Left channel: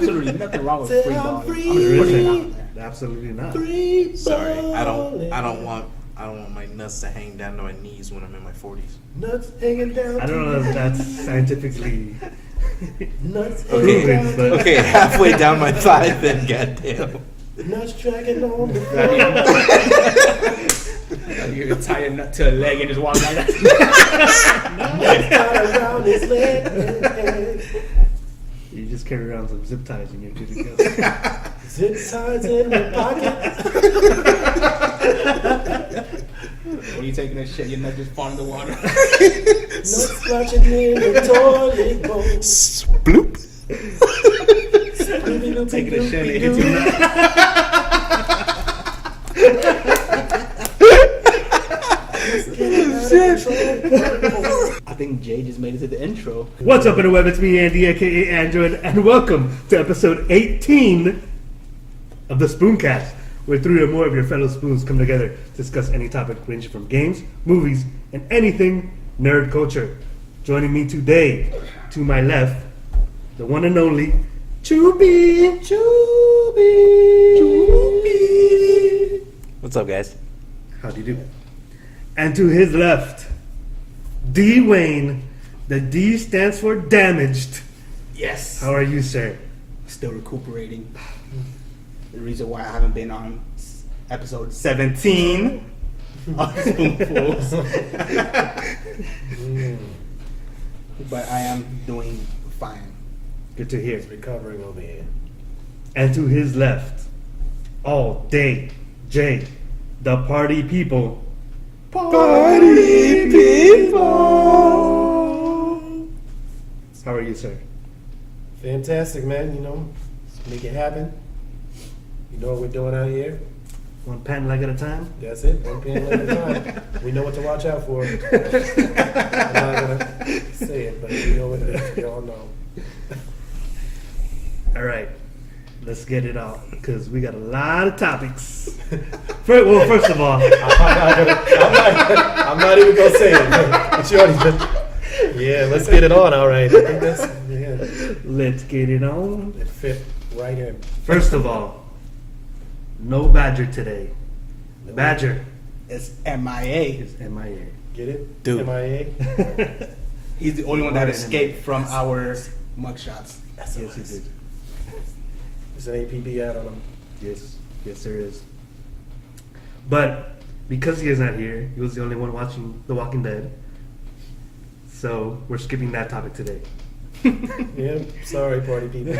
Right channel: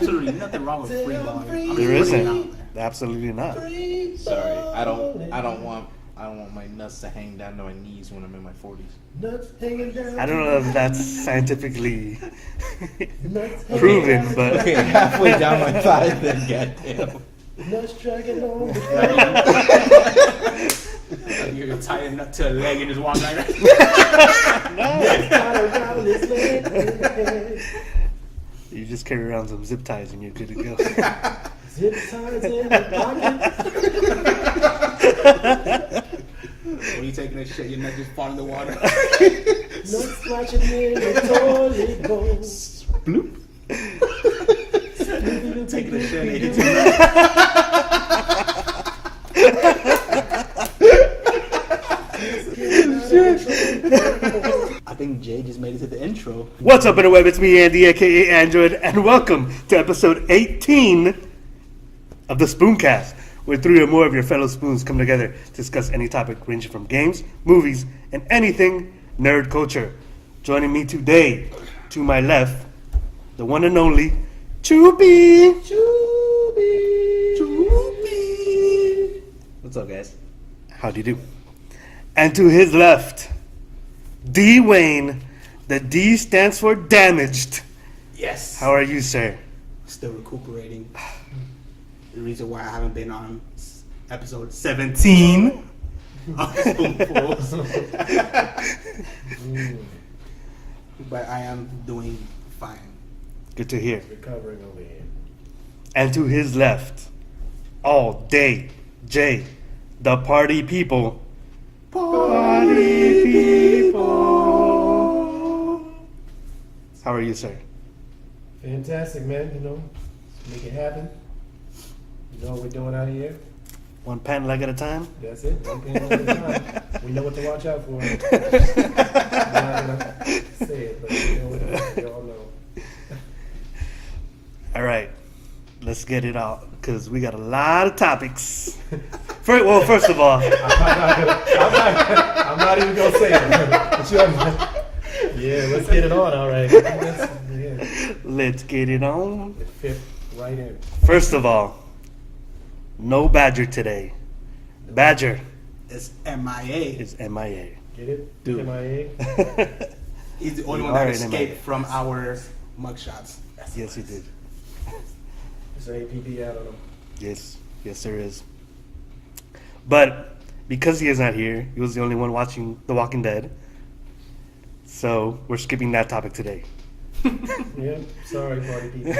Absolutely nothing wrong with free balling. There isn't. Absolutely not. Sorry, I don't want my nuts to hang down to my knees when I'm in my 40s. Nuts hanging down. I don't know if that's scientifically Nuts proven, but Okay, halfway down my thigh, then goddamn. Nuts dragging on the You tie a nut to a leg and just walk like that. Nuts around his leg. you just carry around some zip ties and you're good to go. Zip ties in your pocket. When you taking that shit, your nut just fall in the water. Nuts splashing in the toilet bowl. Bloop. Taking a shit and it hits your nut. I think Jay just made it to the intro. What's up, interweb? It's me, Andy, aka Android, and welcome to episode 18 of the Spooncast, where 3 or more of your fellow spoons come together to discuss any topic ranging from games, movies, and anything nerd culture. Joining me today, to my left, the one and only Choopy. Choopy. What's up, guys? How do you do? And to his left, D. Wayne. The D stands for damaged. Yes. How are you, sir? Still recuperating. The reason why I haven't been on episode 17 of Spoonfuls. But I am doing fine. Good to hear. Recovering over here. And to his left, all day, Jay, the party people. Party people. How are you, sir? Fantastic, man. You know, let's make it happen. You know what we're doing out here? One pant leg at a time? That's it. One pin at a time. We know what to watch out for. I'm not gonna say it, but we know what it is. We all know. All right, let's get it out, because we got a lot of topics. First of all, I'm not even gonna say it. But you already, yeah, let's get it on. All right. I think that's, yeah. let's get it on. It fit right in. First of all, no Badger today. Badger It's MIA. is MIA. Get it? Dude. MIA. He's the only one that escaped from our mugshots. Yes, he did. There's an APB ad on him. Yes, there is. But because he is not here, he was the only one watching The Walking Dead. So we're skipping that topic today. Yeah, sorry, party people.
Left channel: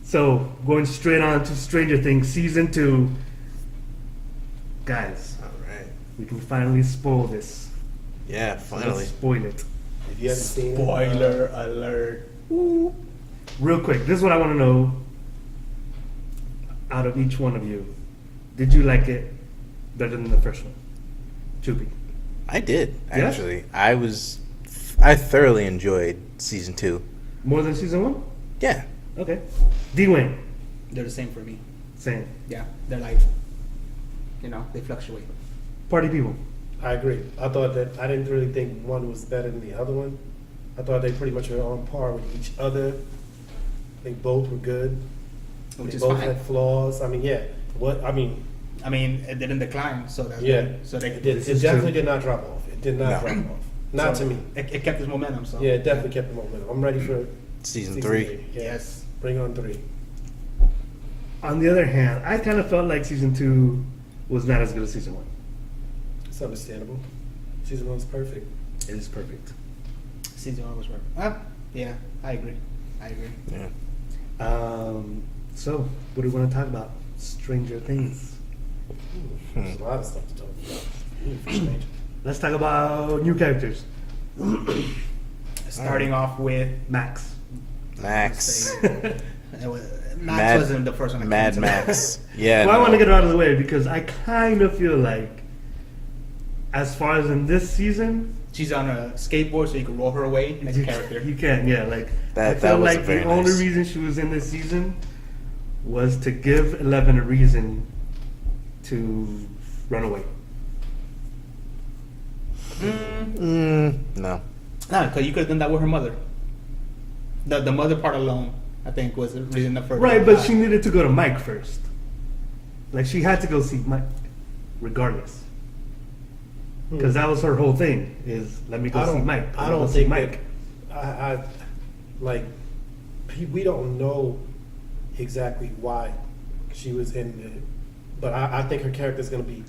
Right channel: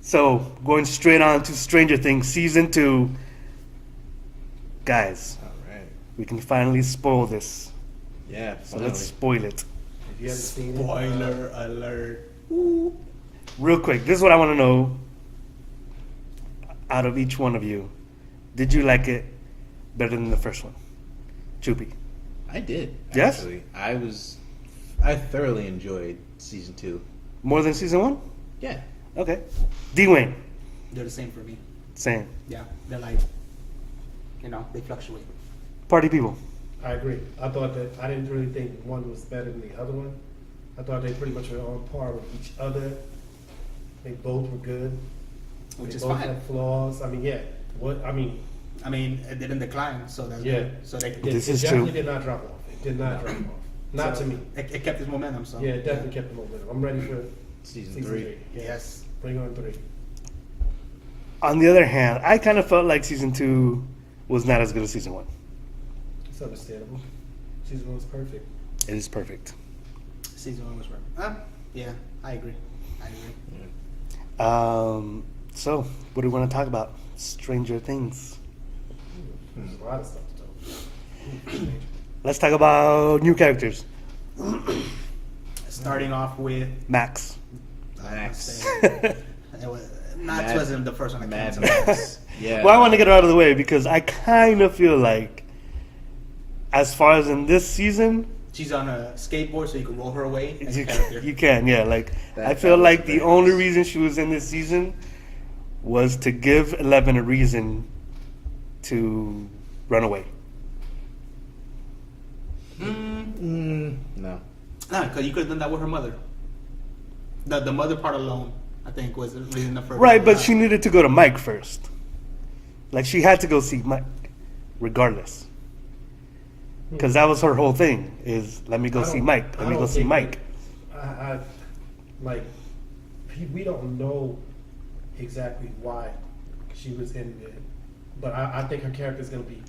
So going straight on to Stranger Things Season 2. Guys, All right. we can finally spoil this. Yeah, So finally. let's spoil it. If you haven't seen it, Spoiler alert. Real quick, this is what I want to know out of each one of you. Did you like it better than the first one? Choopy. I did, Yes? actually. I thoroughly enjoyed season 2. More than season 1? Yeah. Okay. D-Wayne. They're the same for me. Same. Yeah, they're like, they fluctuate. Party people. I agree. I thought that I didn't really think one was better than the other one. I thought they pretty much were on par with each other. They both were good. Which They is both fine. had flaws. I mean, yeah. I mean, it didn't decline, so that's Yeah. good. So It This is definitely true. did not drop off. It did not No. drop off. Not so to me. It kept its momentum. So Yeah, it definitely kept the momentum. I'm ready for Season 3. Yes. Bring on 3. On the other hand, I kind of felt like season 2 was not as good as season 1. It's understandable. Season 1's perfect. It is perfect. Season 1 was perfect. Yeah, I agree. Yeah. So, what do we want to talk about? Stranger Things. There's a lot of stuff to talk about. Let's talk about new characters. Starting off with Max. Max. Max wasn't the first one. that Mad came to mind. Max. Yeah. Well, I want to get it out of the way because I kind of feel like, as far as in this season, She's on a skateboard, so you can roll her away as a you character. can, yeah. Like I That feel was like the very only nice. reason she was in this season was to give 11 a reason to run away. No. Nah, because you could have done that with her mother. The mother part alone I think was reason enough for her. Right, but she needed to go to Mike first. Like, she had to go see Mike, regardless. Because that was her whole thing, is let me go see Mike. Let me go see Mike. We don't know exactly why she was in it, but I think her character is going to be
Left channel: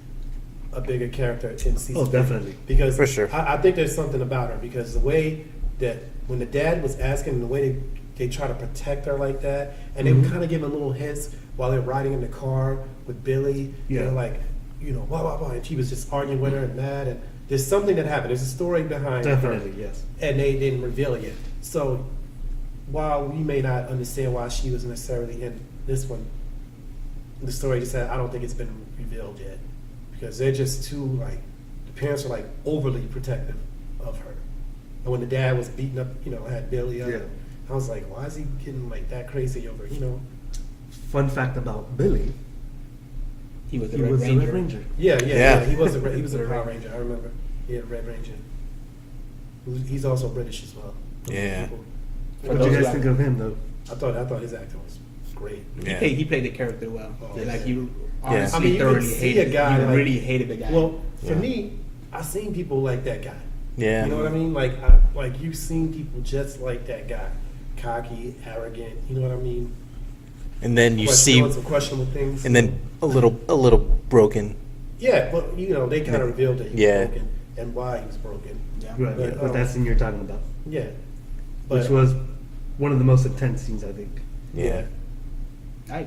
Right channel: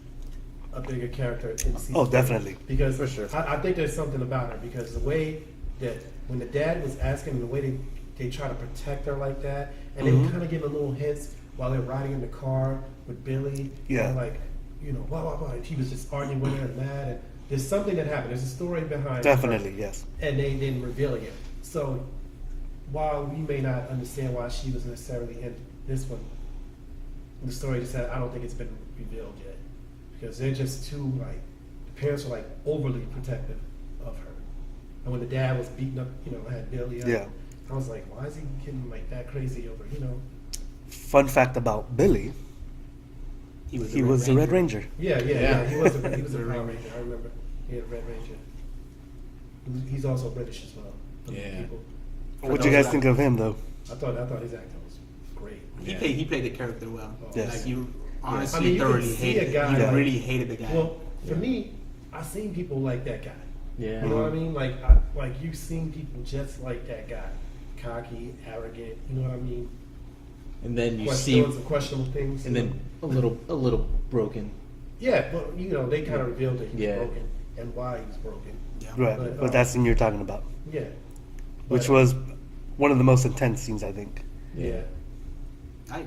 a bigger character in season. Oh, definitely. Because For sure. I think there's something about her, because the way that when the dad was asking, the way they try to protect her like that, and they were kind of giving little hints while they're riding in the car with Billy. Yeah. Blah, blah, blah. And she was just arguing with her and mad. And there's something that happened. There's a story behind Definitely, her, yes. and they didn't reveal it yet. So while we may not understand why she was necessarily in this one, the story just said, I don't think it's been revealed yet. Because they're just too, the parents are, overly protective of her. And when the dad was beating up, had Billy up, Yeah. I was like, why is he getting, that crazy over, Fun fact about Billy, he was he was the Red Ranger. Yeah. Yeah. He was a Red Ranger, I remember. Yeah, Red Ranger. He's also British as well. Yeah. What'd you guys think of him, though? I thought his acting was great. Yeah. He played the character well. Yes. Like you Yeah. honestly I mean, you thoroughly can see hated a guy You like- really hated the guy. Well, for Yeah. me, I seen people like that guy. Yeah. You know what I mean? You've seen people just like that guy, cocky, arrogant. You know what I mean? And then you Doing see, some questionable things. and then a little broken. Yeah, but they kind of revealed that he Yeah. was broken and why he was broken. yeah. Right, But, but that's the scene you're talking about. Yeah, Which But- was one of the most intense scenes, I think. Yeah.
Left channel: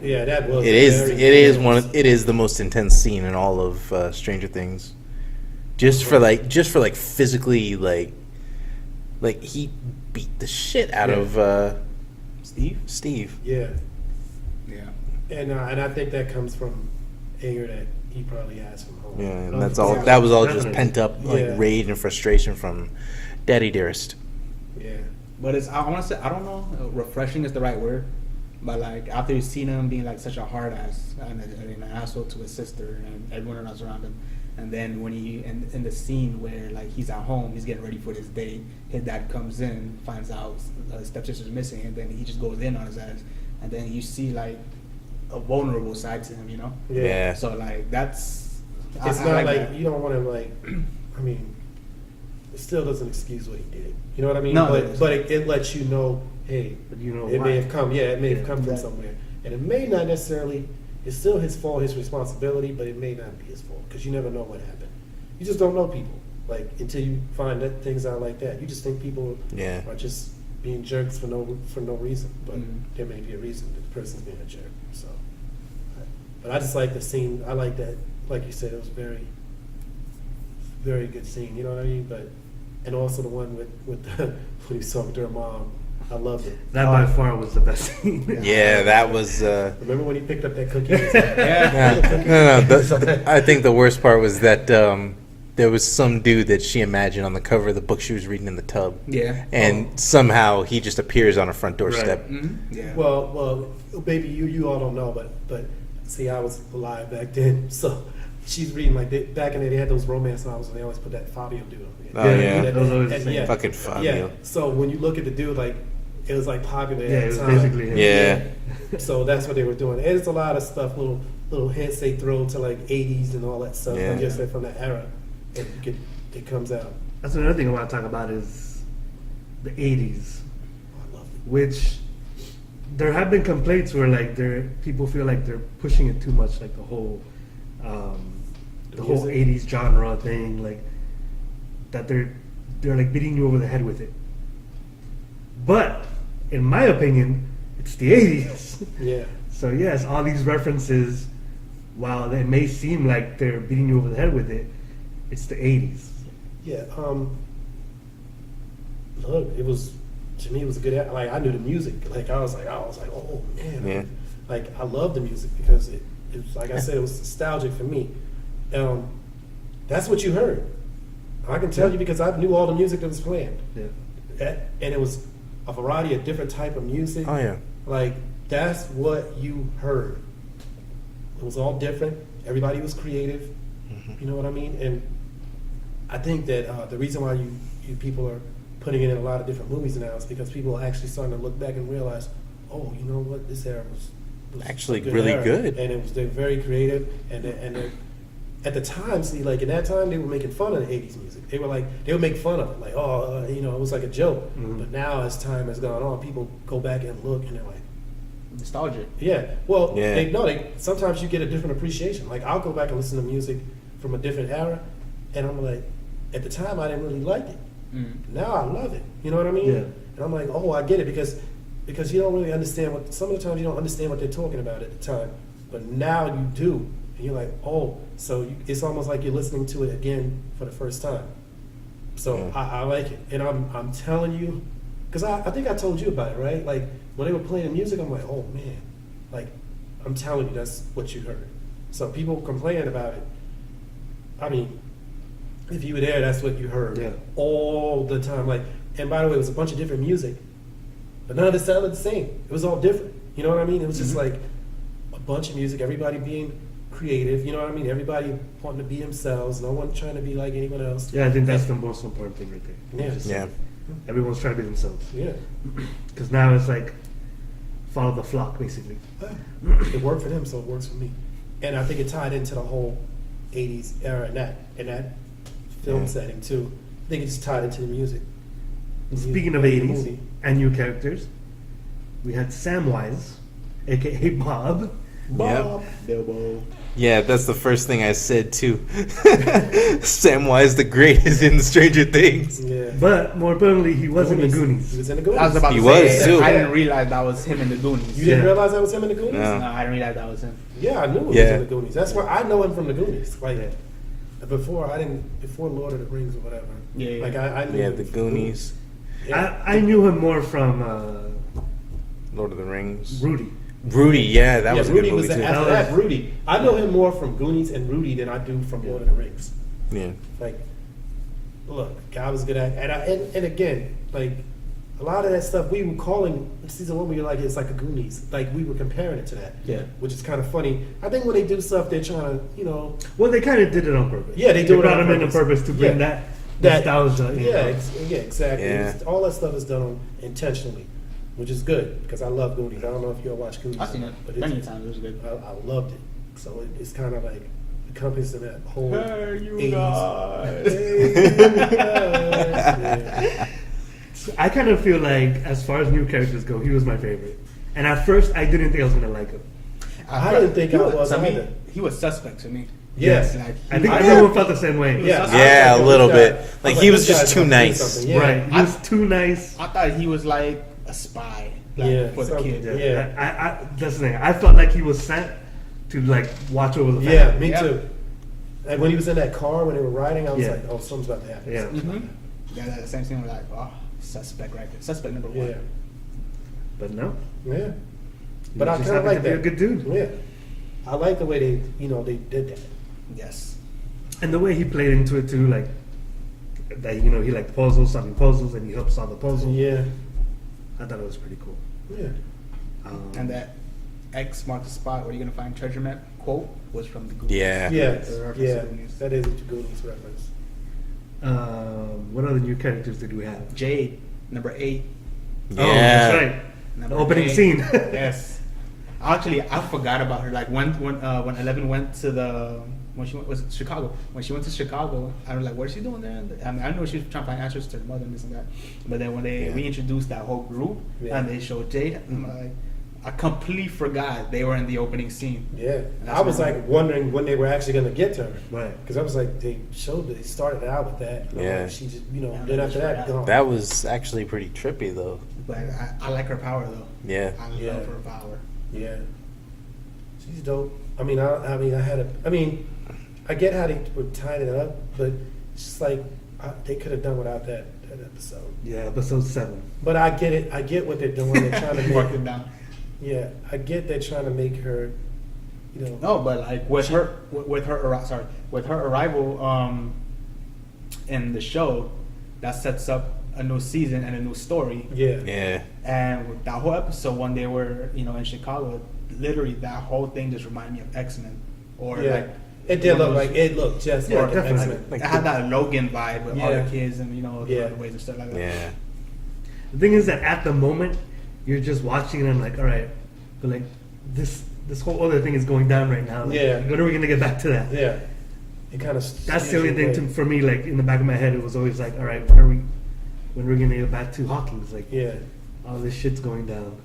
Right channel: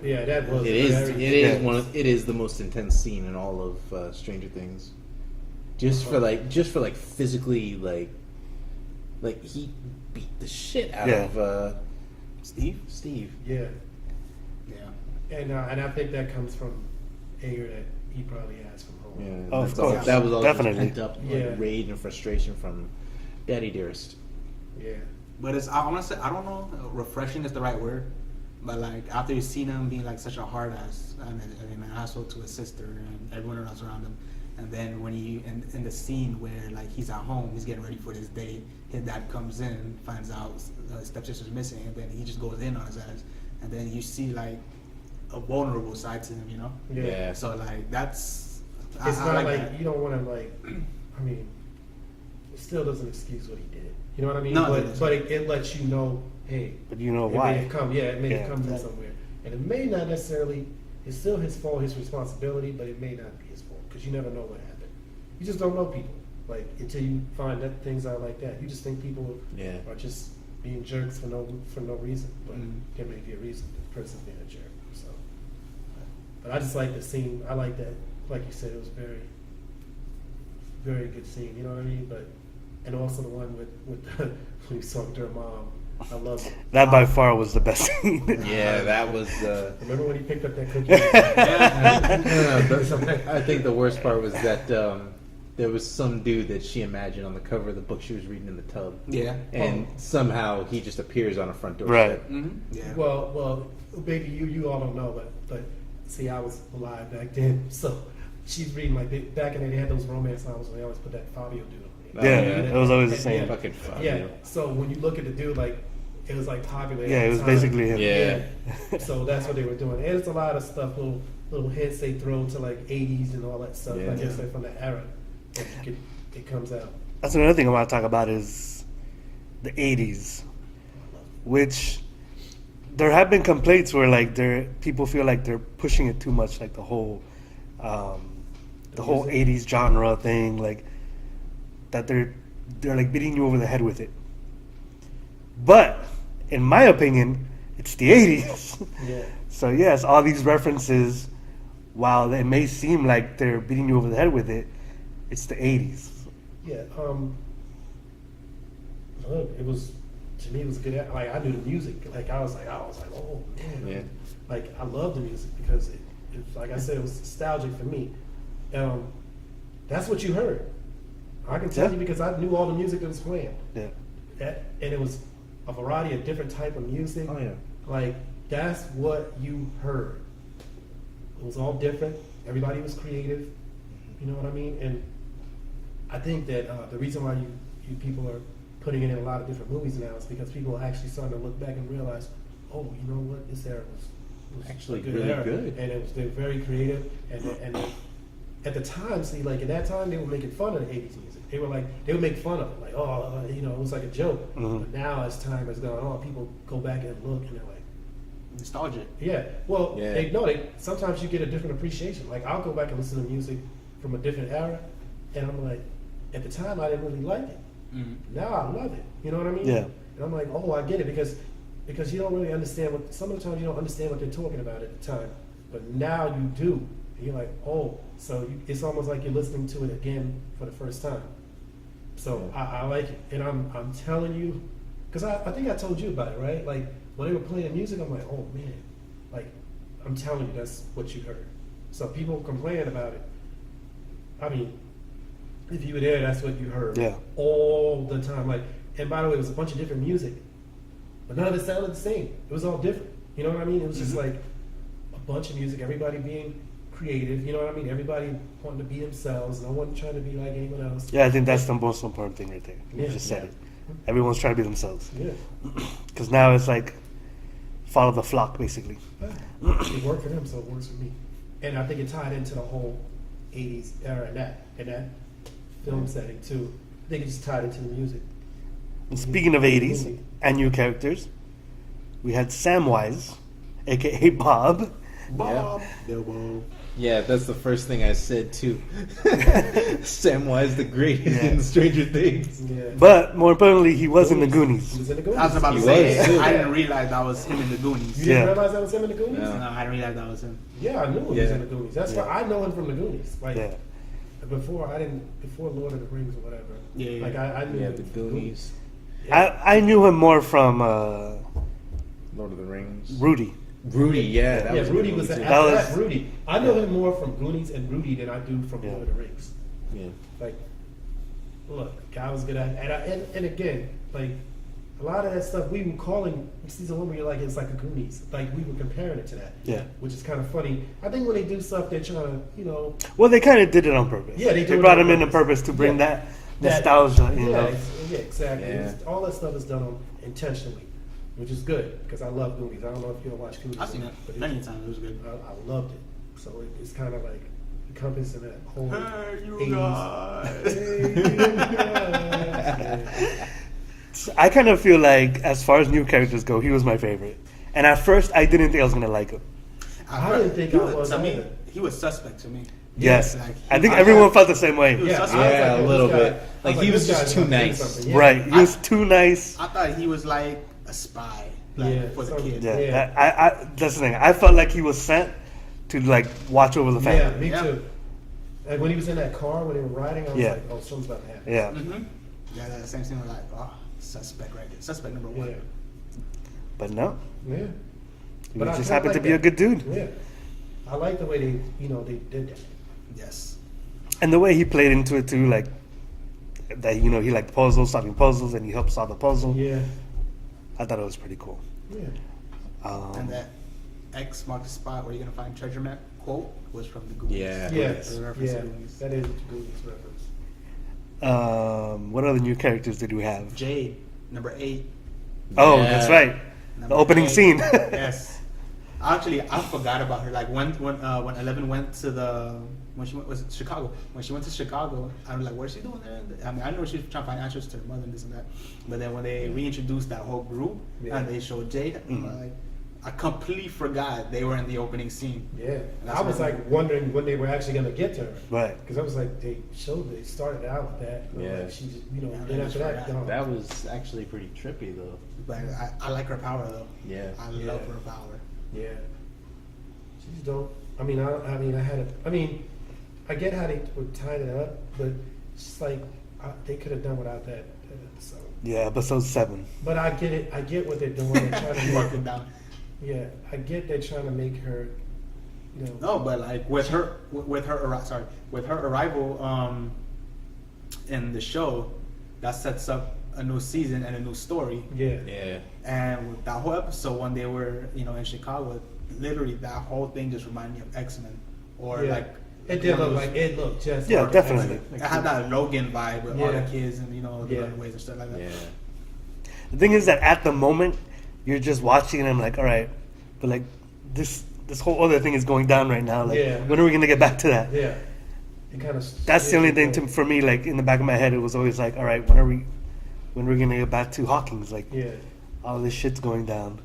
yeah, that was. It is. very- It is one. It is the most intense scene in all of Stranger Things. Just for physically he beat the shit out Yeah. of Steve? Steve. Yeah, Yeah. and I think that comes from anger that he probably has from home. Yeah, and Of that's all. course. That was all Definitely. just pent up Yeah. rage and frustration from Daddy Dearest. Yeah. But I want to say, I don't know, refreshing is the right word. But after you see him being such a hard ass and an asshole to his sister and everyone else around him, and then when he in the scene where he's at home, he's getting ready for this day, his dad comes in, finds out his stepsister's missing, and then he just goes in on his ass, and then you see a vulnerable side to him, Yeah. So that's It's I not like like that. you don't want to I mean, it still doesn't excuse what he did. You know what I mean? No, but it lets you know, hey, But you know it why. may have come. Yeah, it may Yeah. have come from Yeah. somewhere, and it may not necessarily. It's still his fault, his responsibility, but it may not be his fault because you never know what happened. You just don't know people until you find that things out like that. You just think people Yeah. are just being jerks for no reason, but Mhm. there may be a reason that the person's being a jerk. So, but I just like the scene. I like that. Like you said, it was very, very good scene. You know what I mean? And also the one with when he talking to her mom. I love it. That by far was the best scene. Yeah, that was. Remember when he picked up that cookie? No. I think the worst part was that there was some dude that she imagined on the cover of the book she was reading in the tub. Yeah. And somehow he just appears on her front doorstep. Mhm. Yeah. Well, baby, you all don't know, but see, I was alive back then, so she's reading back in the day, they had those romance novels, and they always put that Fabio dude over Oh, here. yeah. That was always the And, same. Fucking Fabio. Yeah. So when you look at the dude, it was popular. Yeah, at it was the time. basically him. Yeah. So that's what they were doing. And it's a lot of stuff, little hints they throw to 80s and all that stuff. Yeah. I guess they're from that era. And it comes out. That's another thing I want to talk about is the 80s, which there have been complaints where people feel like they're pushing it too much, the whole The whole music? 80s genre thing, that they're beating you over the head with it. But in my opinion, it's the 80s. Yeah. So yes, all these references, while they may seem like they're beating you over the head with it, it's the 80s. Yeah. Look, to me, it was a good. I knew the music. I was like, oh man. Yeah. I love the music because it was like I said, it was nostalgic for me. That's what you heard. I can tell you because I knew all the music that was playing. Yeah. And it was a variety of different type of music. Oh, yeah. That's what you heard. It was all different. Everybody was creative. You know what I mean? And I think that the reason why you people are putting it in a lot of different movies now is because people are actually starting to look back and realize, oh, you know what, this era was Actually a good really era. good. And it was they're very creative, and at the time, see, like in that time, they were making fun of the '80s music. They would make fun of it, like, oh, you know, it was like a joke. Mhm. But now, as time has gone on, people go back and look, and they're like, Nostalgic. yeah. Well, Yeah. sometimes you get a different appreciation. Like I'll go back and listen to music from a different era, and I'm like, at the time, I didn't really like it. Now I love it. You know what I mean? Yeah. And I'm like, oh, I get it because you don't really understand what. Some of the times you don't understand what they're talking about at the time, but now you do. And you're like, oh, so it's almost like you're listening to it again for the first time. So Yeah. I like it, and I'm telling you, because I think I told you about it, right? Like when they were playing the music, I'm like, oh man, like I'm telling you, that's what you heard. So people complain about it. I mean, if you were there, that's what you heard all the time. Like, and by the way, it was a bunch of different music, but none of it sounded the same. It was all different. You know what I mean? It was just like a bunch of music, everybody being creative. You know what I mean? Everybody wanting to be themselves. No one trying to be like anyone else. Yeah, I think that's the most important thing right there. Yeah. Just Yeah. everyone's trying to be themselves. Yeah. Because now it's like follow the flock, basically. It worked for them, so it works for me. And I think it tied into the whole '80s era in that film setting too. I think it just tied into the music. Speaking of 80s and new characters, we had Samwise, aka Bob. Bob. Bilbo. Yeah, that's the first thing I said too. Samwise the Greatest in Stranger Things. Yeah. But more importantly, he was in the He Goonies. was in the Goonies. I was about He to say, was, too. I didn't realize that was him in the Goonies. You didn't Yeah. realize that was him in the Goonies? No. No, I didn't realize that was him. Yeah, I knew he was Yeah. in the Goonies. That's where I know him from the Goonies. Like Yeah. before Lord of the Rings or whatever. Yeah. Like I knew Yeah, him the from Goonies, Yeah. I knew him more from Lord of the Rings. Rudy. Rudy, yeah, that was a Rudy good movie was too. after That was- that. Rudy. I know him more from Goonies and Rudy than I do from Lord of the Rings. Yeah. Like, look, guy was good at, and again, like a lot of that stuff we were calling season one. We were like, it's like a Goonies. Like we were comparing it to that. Yeah. Which is kind of funny. I think when they do stuff, they're trying to, you know, Well, they kind of did it on purpose. Yeah, they do it brought on him in on purpose. purpose to bring Yeah. that nostalgia. You yeah, know? yeah, exactly. Yeah. All that stuff is done intentionally, which is good because I love Goonies. I don't know if you all watch Goonies. I've seen it but plenty of times. It was good. I loved it. So it's kind of like encompassing that whole Hey, you 80s. guys. I kind of feel like, as far as new characters go, he was my favorite. And at first, I didn't think I was gonna like him. I didn't think He I was to me, either. he was suspect to me. Yes, Like, I think I everyone thought- felt the same way. Yeah, Yeah, a little this bit. guy- Like, I he was this just guy's too gonna do nice. something. Yeah. Right, he was too nice. I thought he was like a spy. Like, Yeah, for the so- kid. Yeah, Yeah. I that's the thing. I felt like he was sent to like watch over the family. Yeah, me Yeah. too. And when he was in that car when they were riding, I was Yeah. like, oh, something's about to happen. Yeah. Mm-hmm. Yeah, that same thing. Like, oh, suspect right there. Suspect number one. Yeah. But no, Yeah. he But I just kinda happened to like be a that. good dude. Yeah. I like the way they did that. Yes. And the way he played into it too, like that, he liked puzzles, solving puzzles, and he helped solve the puzzle. Yeah. I thought it was pretty cool. Yeah. And that X marks the spot where you're gonna find treasure map quote was from the Goonies. Yeah. Yes. The reference Yeah. to Goonies. That is a Goonies reference. What other new characters did we have? Jade, number 8. Oh, Yeah. that's right. The Number opening 8. scene. Yes. Actually, I forgot about her. Like when Eleven went to when she was Chicago. When she went to Chicago, I was like, "What is she doing there?" I mean, I know she was trying to find answers to her mother and this and that. But then when they reintroduced that whole group and they showed Jade, I'm like, I completely forgot they were in the opening scene. Yeah. That's I was right. like wondering when they were actually going to get to her. Right. Because I was like, they started out with that. Yeah. She just, Yeah, then that's after that, right. you know, That was actually pretty trippy, though. Like I like her power though. Yeah. I Yeah. love her power. yeah. She's dope. I get how they would tie it up, but it's just like, they could have done without that episode. Yeah, episode 7. But I get it. I get what they're doing. They're trying to Mark make it down. Yeah, I get they're trying to make her, No, but like with her arrival in the show, that sets up a new season and a new story. Yeah. Yeah. And with that whole episode when they were in Chicago, literally that whole thing just reminded me of X-Men or Yeah. like It did look like it looked just Yeah, like definitely. X-Men. it had that Logan vibe with all Yeah. the kids and the Yeah. runaways and stuff like that. Yeah. The thing is that at the moment, you're just watching and I'm like, all right, but like this whole other thing is going down right now. Like, Yeah. when are we gonna get back to that? Yeah. It kind of. That's the only thing for me. Like in the back of my head, it was always like, all right, when are we gonna get back to Hawkins? Like, Yeah. all this shit's going down.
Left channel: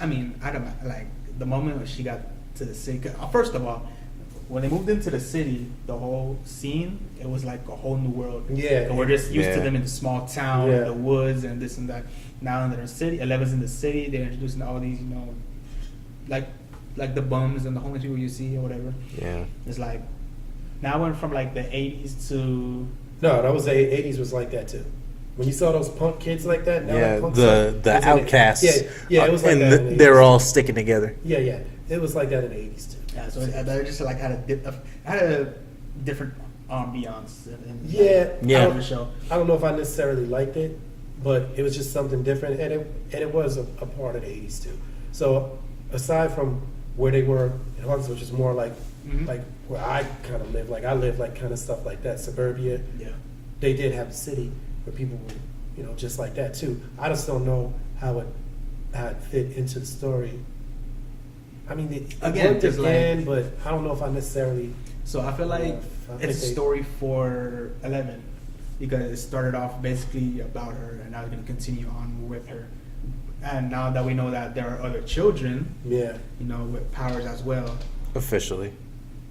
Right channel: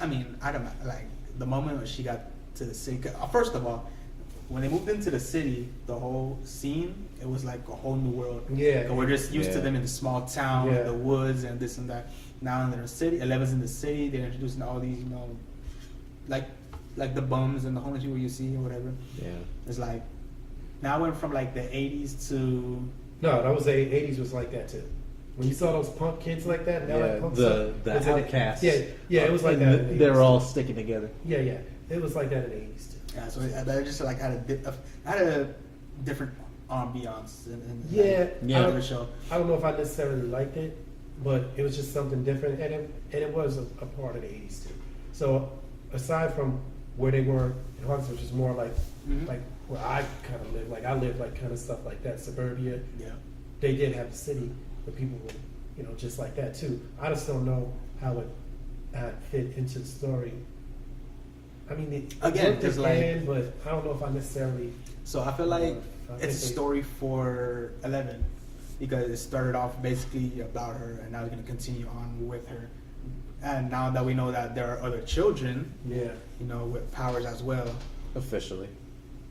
I mean, I don't like the moment she got to the city. First of all, when they moved into the city, the whole scene, it was like a whole new world. Yeah. And we're just used to Yeah. them in the small town, Yeah. the woods, and this and that. Now they're in the city. 11's in the city. They're introducing all these, like the bums and the homeless people you see or whatever. Yeah. It's like now I went from like the 80s to No, that was the 80s was like that too. When you saw those punk kids like that, now Yeah, like punks, the it was in outcasts. Yeah, it was like and that. in the they're 80s. all sticking together. Yeah, yeah. It was like that in the 80s too. yeah. So I just like had a different ambiance and Yeah, Yeah. the show. I don't know if I necessarily liked it, but it was just something different, and it was a part of the 80s too. So aside from where they were in Hawkins, which is more like Mhm. like where I kind of live, like I live like kind of stuff like that, suburbia. Yeah. They did have a city where people were, just like that too. I just don't know how it fit into the story. I mean, it Again, worked just like- again, but I don't know if I necessarily. So I feel like I think it's a they- story for 11 because it started off basically about her and now it's going to continue on with her. And now that we know that there are other children, Yeah. with powers as well. Officially.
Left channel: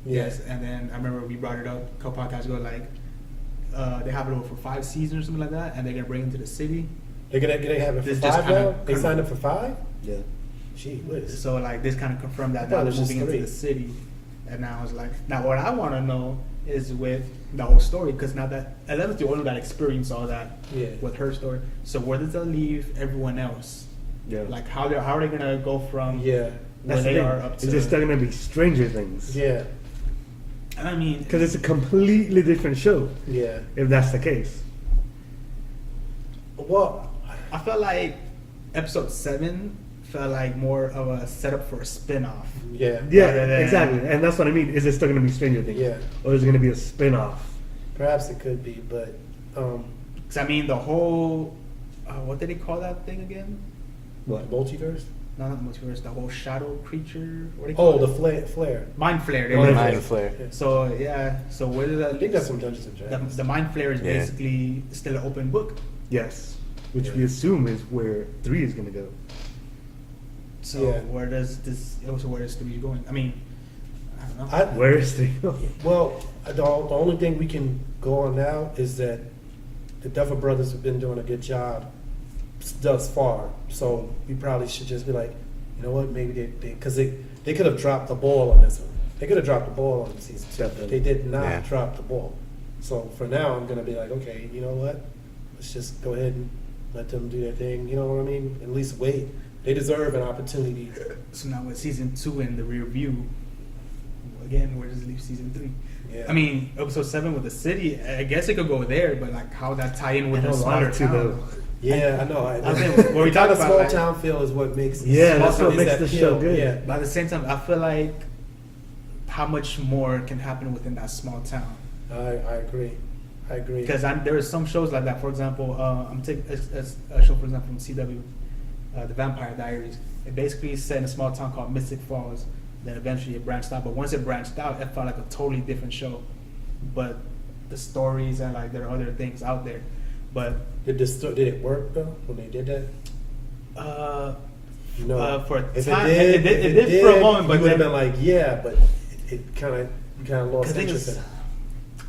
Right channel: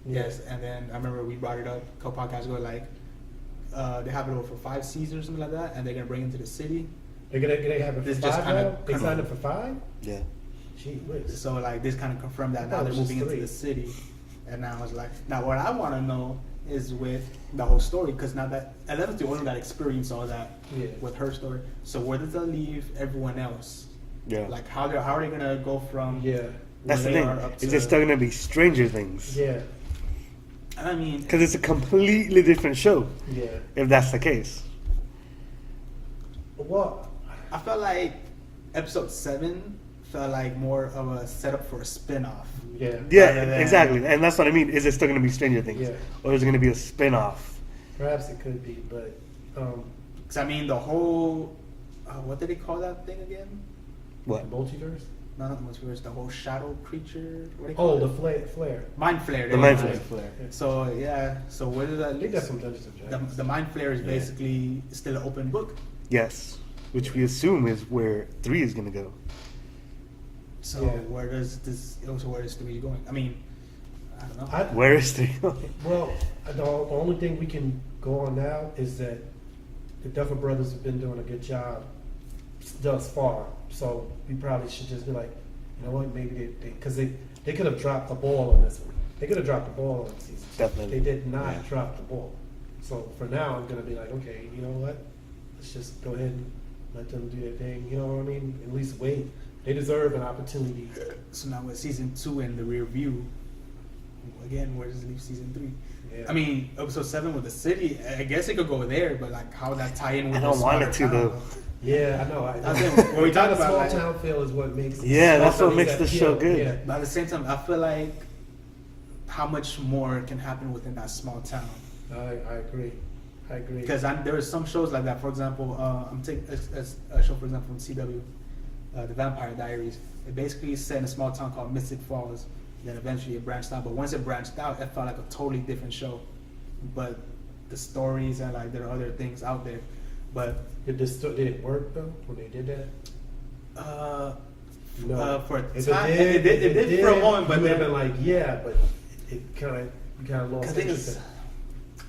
Yeah. Yes, and then I remember we brought it up a couple podcasts ago, like they have it over for 5 seasons or something like that, and they're gonna bring it to the city. They're gonna have it for It's just 5 kinda now. They kind signed of- up for 5. Yeah. Gee whiz. So like this kind of confirmed I that thought now it they're was just moving into 3. the city, and now it's like now what I want to know is with the whole story because now that 11's the only that experienced all that Yeah. with her story. So where does that leave everyone else? Yeah. Like how are they gonna go from Yeah. where That's the they thing. are up to? Is there still gonna be Stranger Things? Yeah. I mean, Because it's a completely different show. Yeah. If that's the case. Well, I felt like episode 7 felt like more of a setup for a spin-off. yeah. Yeah, Rather than- exactly. And that's what I mean. Is it still gonna be Stranger Things? Yeah. Or is it gonna be a spin-off? Perhaps it could be, but Because I mean, the whole what did they call that thing again? What? multiverse. No, not the multiverse. The whole shadow creature. What do you Oh, call the it? flare. Mind flare. The there mind you go. flare. Mind flare. Yeah. So yeah. So where did that? They got some Dungeons and The, Dragons. the mind flare is Yeah. basically still an open book. Yes. Which we assume is where 3 is gonna go. So Yeah. where does this? Also, where is 3 going? I mean, I don't know. Where is 3? Well, the only thing we can go on now is that the Duffer Brothers have been doing a good job thus far. So we probably should just be like, you know what, maybe because they could have dropped the ball on this one. They could have dropped the ball on the season. Definitely. They did not Yeah. drop the ball. So for now, I'm gonna be like, okay, you know what? Let's just go ahead and let them do their thing. You know what I mean? At least wait. They deserve an opportunity. So now with season 2 in the rear view, again, where does it leave season 3? Yeah. I mean, episode 7 with the city, I guess it could go there, but like how that tie in with I the don't want smaller it to, town. though. Yeah, I know. I think when we talk the about, small like- town feel is what makes Yeah, that's what is makes that, the you show know, good. Yeah, But at the same time, I feel like how much more can happen within that small town. I agree. I agree. Because there are some shows like that. For example, I'm taking a show, for example, from CW, The Vampire Diaries. It basically is set in a small town called Mystic Falls. Then eventually it branched out. But once it branched out, it felt like a totally different show. But the stories and like there are other things out there. But Did it work though when they did that? No. for a If time, it did, it did for a moment, but you would have then been like, yeah, but it kind of lost Because interest in it.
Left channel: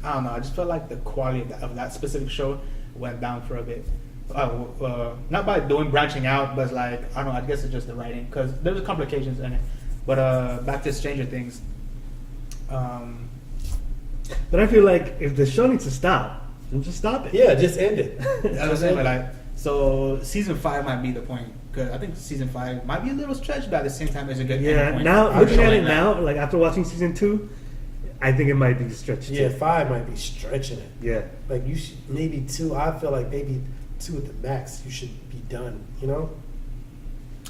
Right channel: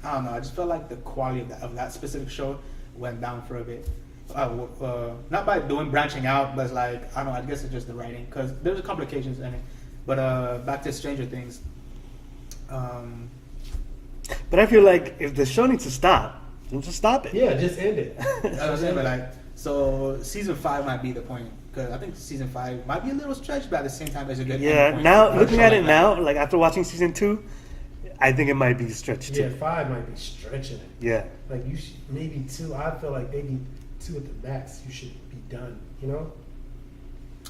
I don't know. I just felt like the quality of that specific show went down for a bit. Not by doing branching out, but like I don't know. I guess it's just the writing because there was complications in it. But back to Stranger Things. But I feel like if the show needs to stop, then just stop it. Yeah, just end it. I was saying, but like, so season 5 might be the point because I think season 5 might be a little stretched, but at the same time, it's a good. Yeah, end point now for a looking show at like it that. now, like after watching season 2, I think it might be stretched. Yeah, too. 5 might be stretching it. Yeah. Like you should maybe 2. I feel like maybe 2 at the max. You should be done. You know,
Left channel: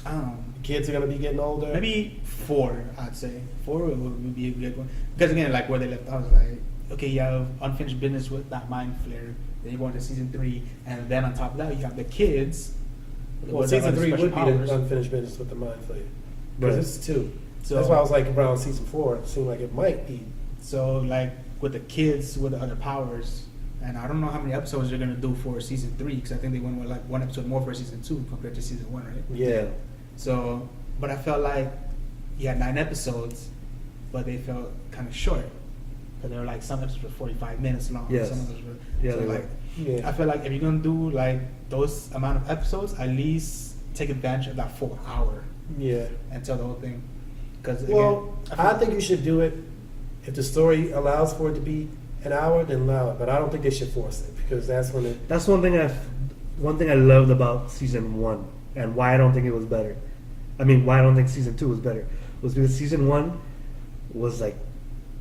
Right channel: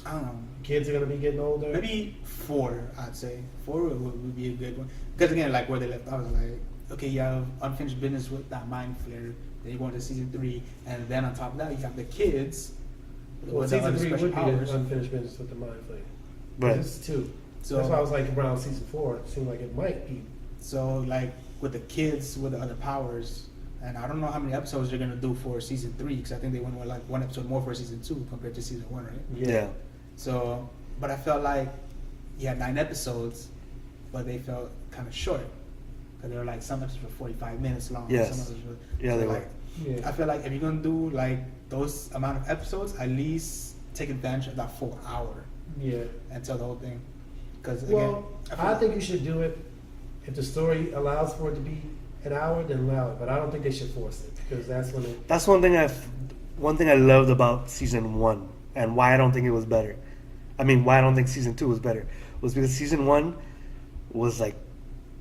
I don't know. kids are gonna be getting older. Maybe 4, I'd say. 4 would be a good one. Because again, like where they left off, I was like, okay, you have unfinished business with that mind flare. Then you go into season 3, and then on top of that, you have the kids Well, with season the 3 special would be powers. the unfinished business with the Mind Flayer. Right. Because it's 2. So- That's why I was like around season 4. It seemed like it might be. So like with the kids with the other powers, and I don't know how many episodes they're gonna do for season 3 because I think they went with like one episode more for season 2 compared to season 1, right? Yeah. So, but I felt like you had 9 episodes, but they felt kind of short because there were like some episodes were 45 minutes long. Yes. Some of those were, Yeah, they were. like, Yeah. I feel like if you're gonna do like those amount of episodes, at least take advantage of that full hour Yeah. and tell the whole thing. Because Well, I think you should do it if the story allows for it to be an hour, then allow it. But I don't think they should force it because that's when it. That's one thing I loved about season 1 and why I don't think it was better. I mean, why I don't think season 2 was better was because season 1 was like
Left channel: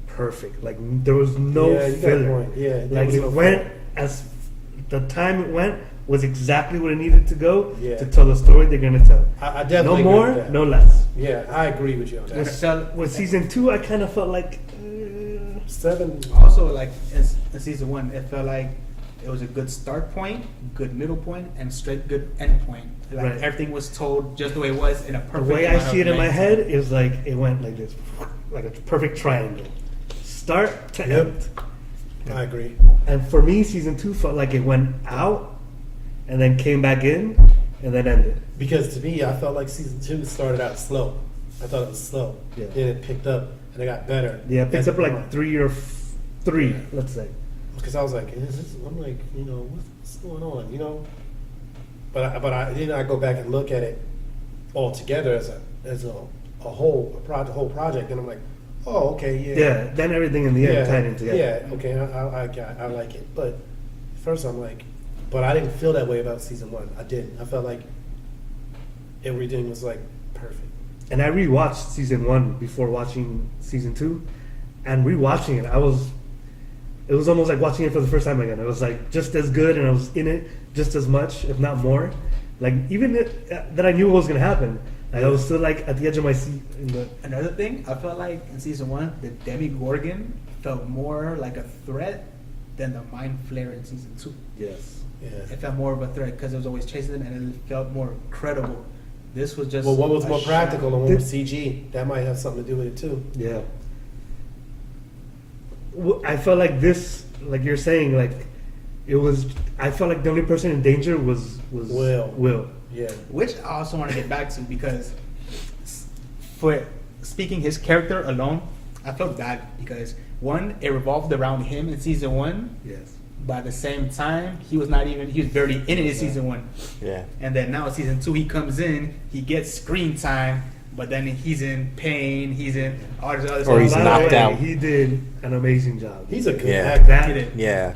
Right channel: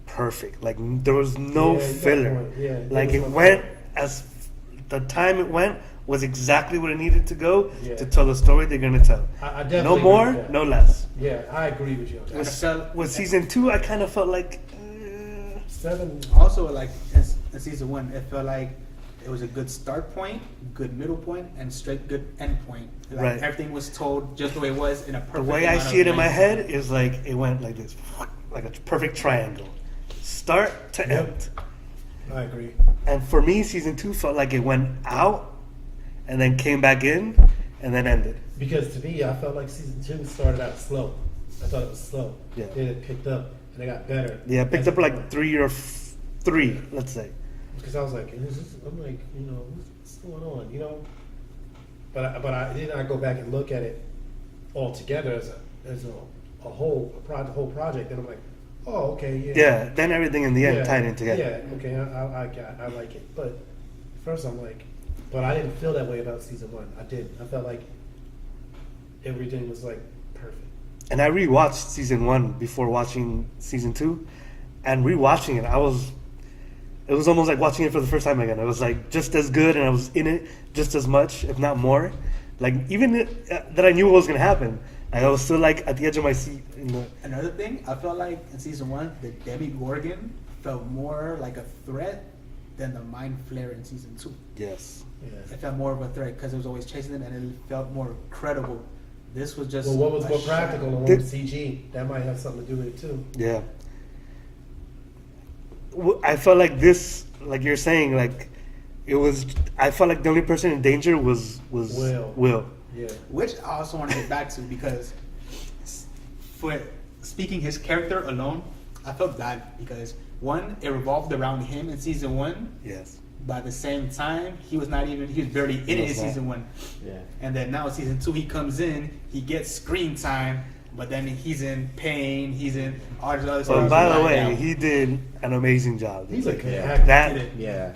perfect. Like there was no Yeah, you got a filler. point. Yeah, there like was it no went filler. as the time it went was exactly what it needed to go Yeah. to tell the story they're gonna tell. I No definitely agree more, with that. no less. Yeah, I agree with you on I that. felt With season 2, I kind of felt like 7. also like in season 1, it felt like it was a good start point, good middle point, and straight good end point. Like Right. everything was told just the way it was in a the perfect. way I amount see of it in my length. head is like it went like this, like a perfect triangle, start to Yep. end. I agree. And for me, season 2 felt like it went out and then came back in and then ended. Because to me, I felt like season 2 started out slow. I thought it was slow. Yeah. Then it picked up and it got better. Yeah, it picked up like 3, let's say. Because I was like, I'm like, what's going on, But then I go back and look at it all together as a whole project, and I'm like, oh, okay, yeah. Yeah, then everything in the end tied in together. Yeah, okay, I like it. But at first I'm like, but I didn't feel that way about season 1. I didn't. I felt like everything was like perfect. And I rewatched season 1 before watching season 2, and rewatching it, it was almost like watching it for the first time again. It was like just as good, and I was in it just as much, if not more. Like even that I knew what was gonna happen. Like I was still like at the edge of my seat. Another thing, I felt like in season 1, the Demogorgon felt more like a threat than the Mind Flayer in season 2. Yes. Yeah. It felt more of a threat because it was always chasing them, and it felt more credible. This was just. Well, what was a more shadow. practical and what was CG? That might have something to do with it too. Yeah. I felt like this, like you're saying, like it was. I felt like the only person in danger was Will. Yeah. Which I also want to get back to because for speaking his character alone, I felt bad because one, it revolved around him in season 1, Yes. but at the same time, he was barely in it in season 1. Yeah. And then now in season 2, he comes in, he gets screen time, but then he's in pain, he's in all this other Or he's stuff. By the knocked way, out. he did an amazing job. He's a good Yeah. actor. That Yeah.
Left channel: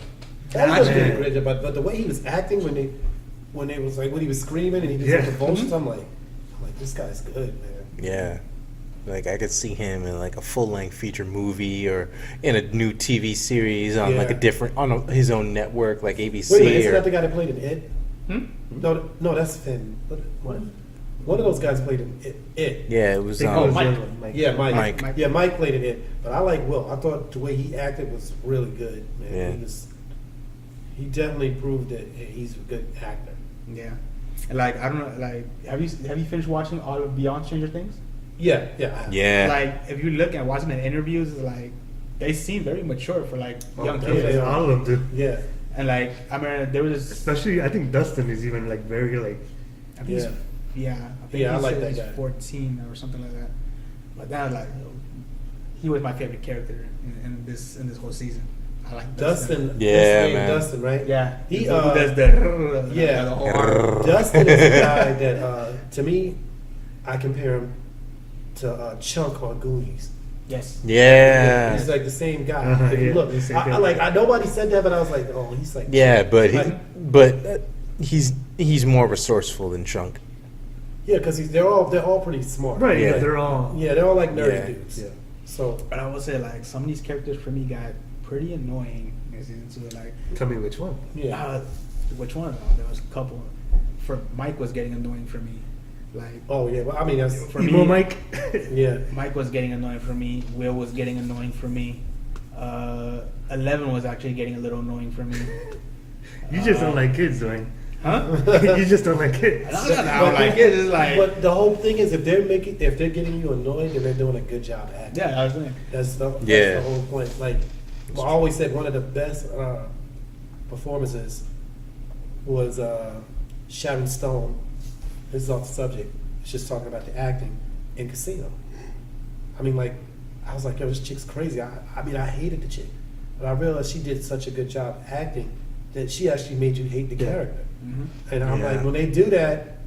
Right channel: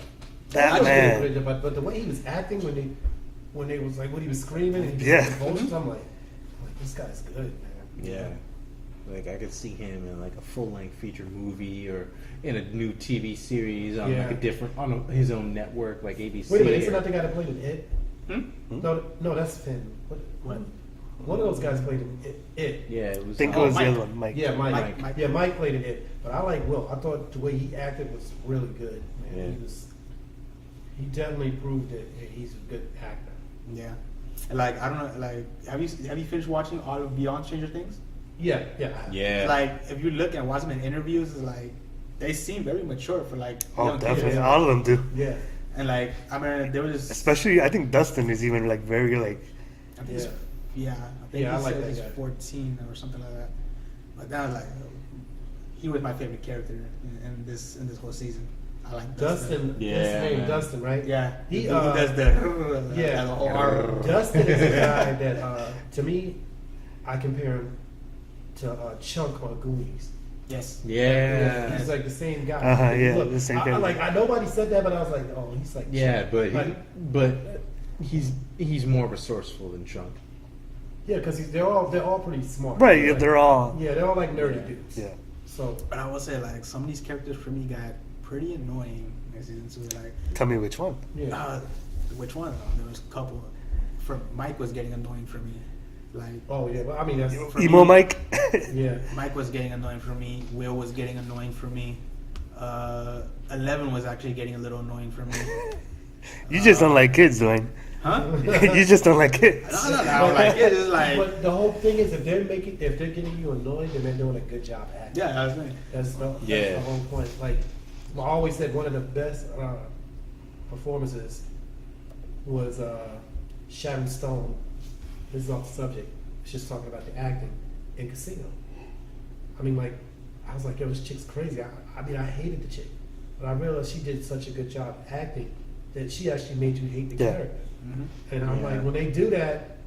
that I just man. didn't agree, but the way he was acting when they was like when he was screaming and he just Yeah. had convulsions, I'm like, this guy's good, man. Yeah. Like I could see him in like a full-length feature movie or in a new TV series on like a Yeah. different his own network like ABC. Wait a minute, isn't or, that the guy that played in It? Hmm? No, that's Finn. What? One of those guys played in It. yeah, it was. I think it was Mike. the other one, Mike. Yeah, Mike. Mike. Yeah, Mike played in It. But I like Will. I thought the way he acted was really good, man. Yeah. He definitely proved that he's a good actor. Yeah. And like, I don't know, like, have you finished watching all of Beyond Stranger Things? Yeah. Yeah. Like, if you look and watch them in interviews, it's like, they seem very mature for like Oh, young definitely. kids. All of them do. Yeah. And like, I mean, there was Especially, I think Dustin is even like very like. I think he's- Yeah. I think Yeah, I he like said that he's guy. 14 or something like that. But then I was like, he was my favorite character in this whole season. I like Dustin. Yeah, his name man. Dustin, right? Yeah, He does the yeah. the whole arm. Dustin is the guy that to me, I compare him to Chunk on Goonies. Yes. Yeah. He's like the same guy. Uh-huh, If you yeah, look, the same I guy. like. Nobody said that, but I was like, oh, he's like. Yeah, Chunk. but he's more resourceful than Chunk. Yeah, because they're all pretty smart. Right, yeah, Like, they're all. Yeah, they're all like nerdy Yeah. dudes. Yeah. So But I will say, like, some of these characters for me got pretty annoying in season 2. Like, Tell me which one. yeah. which one? There was a couple. For Mike was getting annoying for me. Like, Oh yeah. Well, I mean, that's, for Emo me, Mike. yeah. Mike was getting annoying for me. Will was getting annoying for me. 11 was actually getting a little annoying for me. You just don't like kids, Dwayne. Huh? You just don't like it. I don't like it. It's like But the whole thing is, if they're getting you annoyed, then they're doing a good job acting. yeah, I was saying. That's the whole point. Like, I always said one of the best performances was Sharon Stone. This is off the subject. It's just talking about the acting in Casino. I mean, like, I was like, yo, this chick's crazy. I mean, I hated the chick. But I realized she did such a good job acting that she actually made you hate the character. Mm-hmm. And I'm Yeah. like, when they do that,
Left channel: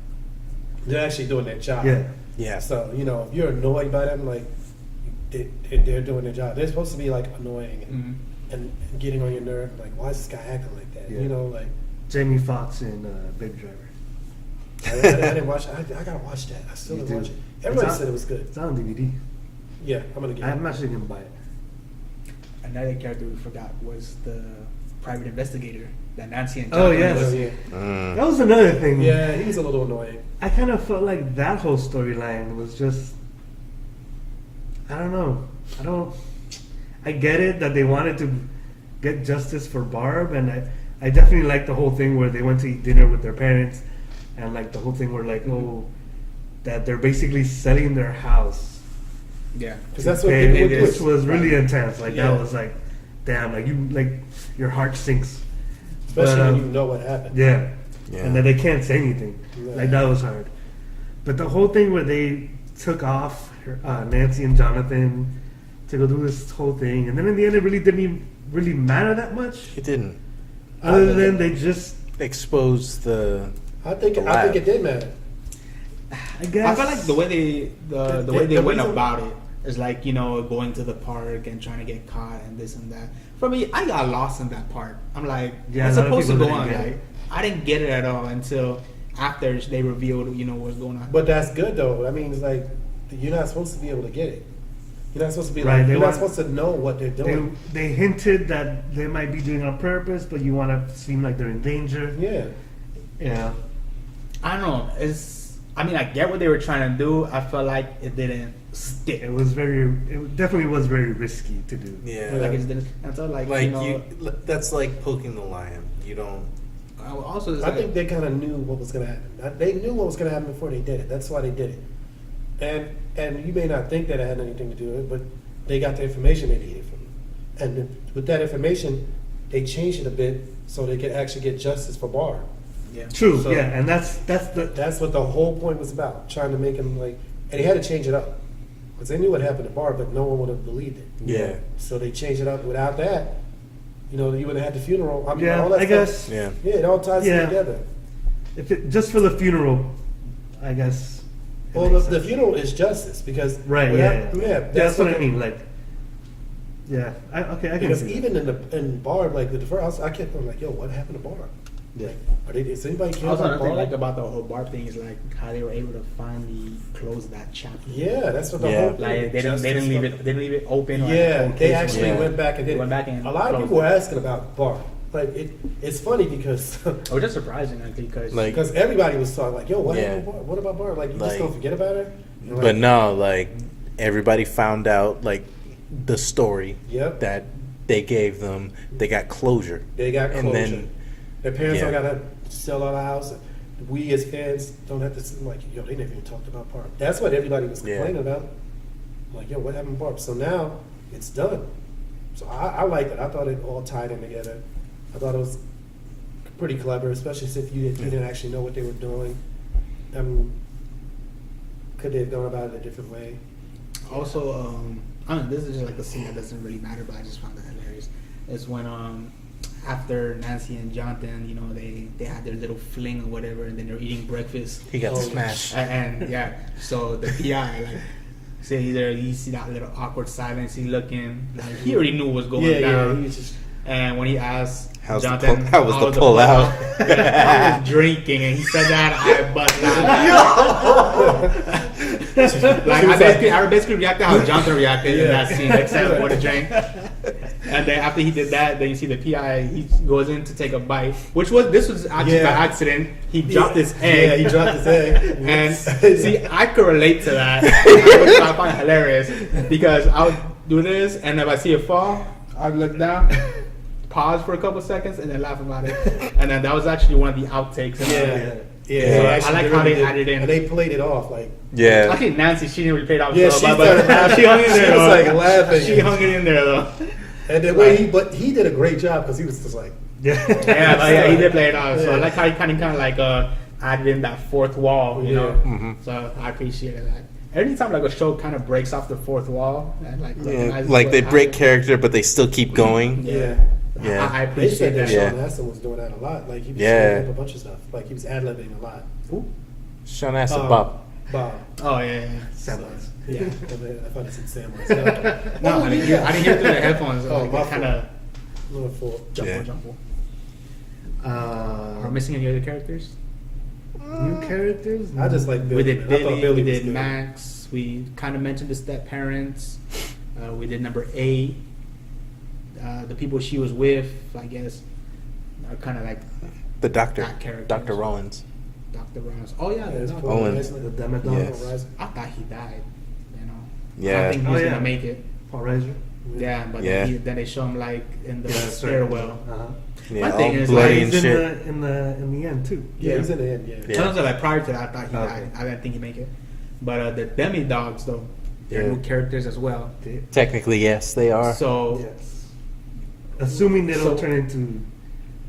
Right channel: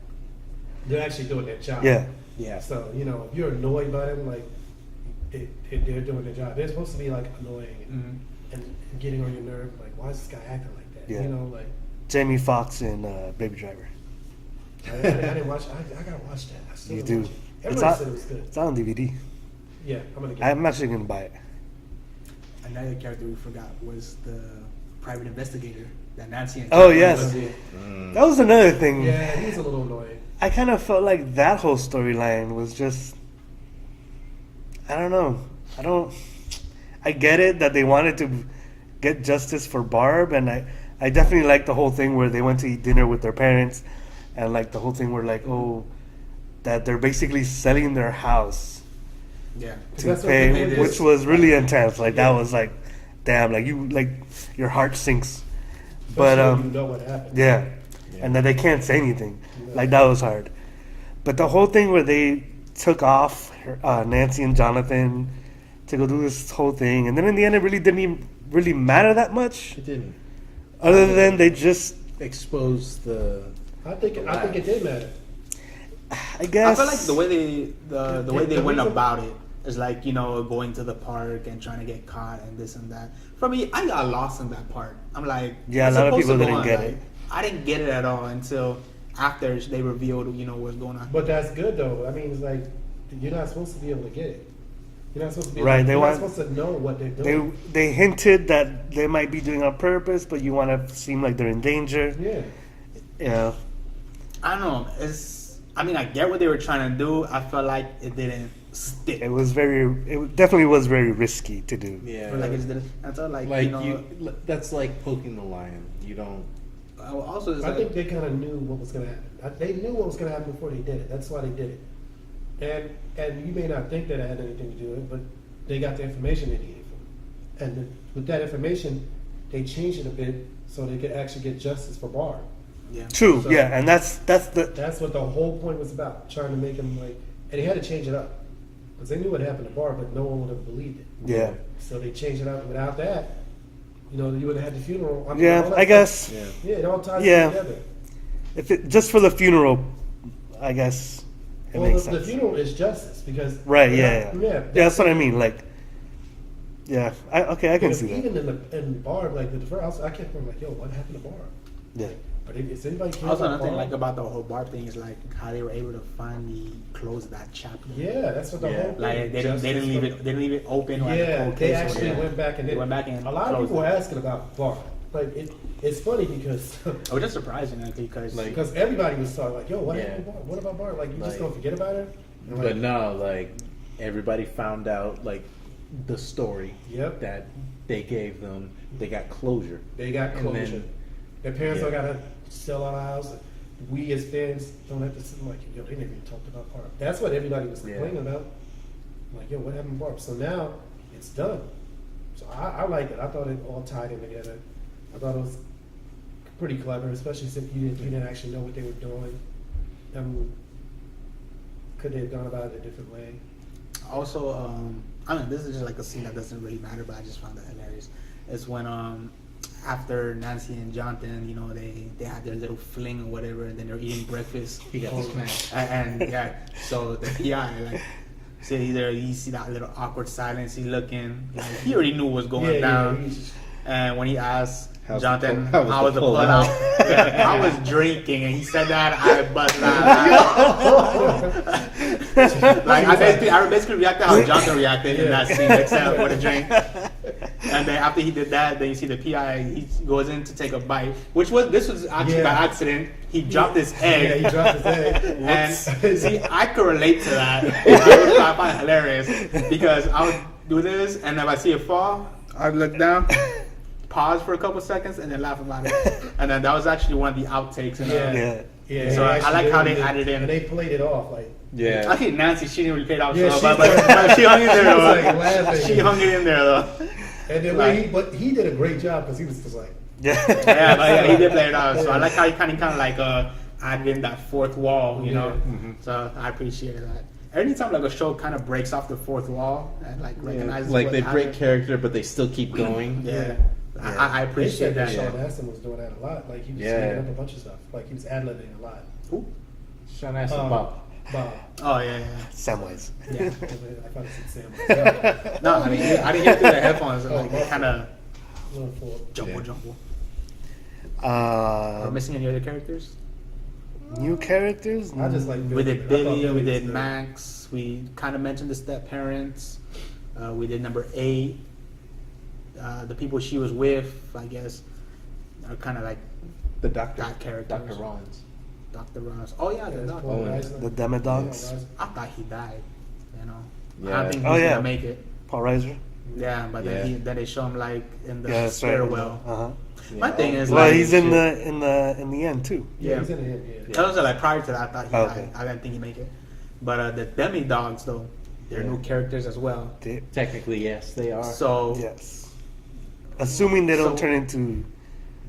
they're actually doing their job. Yeah. Yeah. So, you know, if you're annoyed by them, like, they're doing their job. They're supposed to be, like, annoying and getting on your nerve. Like, why is this guy acting like that? Yeah. You know, like, Jamie Foxx in Baby Driver. I didn't watch I gotta watch that. I still You didn't do. watch it. It's Everybody on- said it was good. It's on DVD. Yeah, I'm gonna get it. I'm actually gonna buy it. Another character we forgot was the private investigator that Nancy and Oh, Jonathan yes. was- Mm. That was another thing. Yeah, he was a little annoying. I kind of felt like that whole storyline was just. I don't know. I get it that they wanted to get justice for Barb, and I definitely like the whole thing where they went to eat dinner with their parents, and like the whole thing where like, oh, that they're basically selling their house Yeah. Because to that's what pay, people do. which was really intense. Like Yeah. that was like, damn, like you like your heart sinks. Especially But when you know what happened. yeah. Yeah. And that they can't say anything. Right. Like that was hard. But the whole thing where they took off Nancy and Jonathan to go do this whole thing, and then in the end, it really didn't even really matter that much. It didn't Other than they just, expose the. I think it did matter. I guess. I feel like the way they the way they went about it is like, you know, going to the park and trying to get caught and this and that. For me, I got lost in that part. I'm like, Yeah, a it's lot of supposed people to go didn't on get that. it. I didn't get it at all until after they revealed, you know, what's going on. But that's good though. I mean, it's like you're not supposed to be able to get it. You're not supposed to be Right, Like, they you're want- not supposed to know what they're They, doing. they hinted that they might be doing it on purpose, but you want to seem like they're in danger. Yeah. Yeah. I don't know. I mean, I get what they were trying to do. I felt like it didn't stick. It definitely was very risky to do. Yeah. Like it just didn't. I felt like, Like you know. that's like poking the lion. You don't. Also, it's I like, think they kind of knew what was going to happen. They knew what was going to happen before they did it. That's why they did it. And you may not think that it had anything to do with it, but they got the information they needed from it. And with that information, they changed it a bit so they could actually get justice for Barb. yeah. True. So- Yeah, and that's the. That's what the whole point was about, trying to make him like, and they had to change it up because they knew what happened to Barb, but no one would have believed it. Yeah. So they changed it up. Without that, you know, you would have had the funeral. I mean, Yeah, all that I stuff. guess Yeah. Yeah, it all ties Yeah. together. if it just for the funeral, I guess. It Well, makes the sense. funeral is justice because Right. Yeah. yeah, That's what I mean. Like. Yeah. I can Because see that. even in Barb, like the first, I kept going like, "Yo, what happened to Barb? Yeah. Is anybody caring Also, about another thing Barb?" like about the whole bar thing is like how they were able to finally close that chapter. Yeah, that's what the Yeah. whole thing. Like they didn't leave it. They didn't leave it open. Or Yeah, like, they okay, actually Yeah. went back and did. Went back and a lot of closed people were it. asking about Barb. Like it's funny because Which is surprising actually because Like- because everybody was talking like, "Yo, what, Yeah. happened to Barb? What about Barb? Like you Like- just gonna forget about her?" And I'm But like, no, like everybody found out like the story Yep. that they gave them. They got closure. they got closure. And then Their parents yeah. don't gotta sell our house. We as fans don't have to sit like, "Yo, they never even talked about Barb." That's what everybody was Yeah. complaining about. Like, "Yo, what happened to Barb?" So now it's done. So I like it. I thought it all tied in together. I thought it was pretty clever, especially if you didn't actually know what they were doing. Could they have gone about it a different way? also I mean, this is just like a scene that doesn't really matter, but I just found that hilarious. It's when after Nancy and Jonathan, you know, they had their little fling or whatever, and then they're eating breakfast. He got So- smashed. And yeah, so the PI like. So either you see that little awkward silence, he looking, like, he already knew what was going down. he was just And when he asked How's the Jonathan, pull- how was the pull out? I was drinking, and he said that I bust out. Like I basically reacted how Jonathan reacted in that scene, except for the drink. And then after he did that, then you see the PI. He goes in to take a bite, this was actually by accident. He dropped his egg. Yeah, he dropped his egg. And Whoops. see, I could relate to that. I find it hilarious because I'll do this, and if I see it fall, I look down, pause for a couple seconds and then laugh about it. And then that was actually one of the outtakes. Yeah. So Actually, I like how they did- added in. And they played it off like. Yeah. I think Nancy, she didn't really play it off. Yeah, so she well, but started- she hung in there. she was, though. like, laughing. She hung it in there though. And the way he did a great job because he was just like. Yeah, he did play it off. So Yeah. I like how he kind of like added in that fourth wall, you know. Mm-hmm. So I appreciated that. Anytime like a show kind of breaks off the fourth wall and like Yeah, recognizes like what they break happened. character, but they still keep going. Yeah. Yeah. I They appreciate said that that. Yeah. Sean Astin was doing that a lot. Like he was Yeah. saying a bunch of stuff. Like he was ad-libbing a lot. Sean Astin, Um, Bob. Bob. Oh yeah. Samwise. Yeah. I thought it said Sam. No, I didn't hear it through the headphones. Oh, Like, my they kind of Little fool. jump Yeah. on. We're missing any other characters? New characters? I just like We Billy. did I thought Billy, Billy we was did good. Max, we kind of mentioned the step parents, we did number 8, the people she was with, I guess, are kind of like The doctor. That character Dr. is- Rollins. Dr. Ross. Oh yeah, Yeah, the it's doctor. Paul Owen, Reiser. The Demodog? Yes. I thought he died, you know. I Yeah. don't think he Oh, was yeah. gonna make it. Paul Reiser? Yeah, but Yeah. then they show him like in the Yeah, that's right. stairwell. Uh-huh. Yeah, My all thing is, Well, bloody he's and in shit. in the end too. Yeah, he's in the end. Yeah. Yeah. Tell us like prior to that, I thought he Okay. died. I didn't think he'd make it. But the demi dogs though, they're Yeah. new characters as well. Okay. Technically, yes, they are. So Yes. Assuming they don't So- turn into.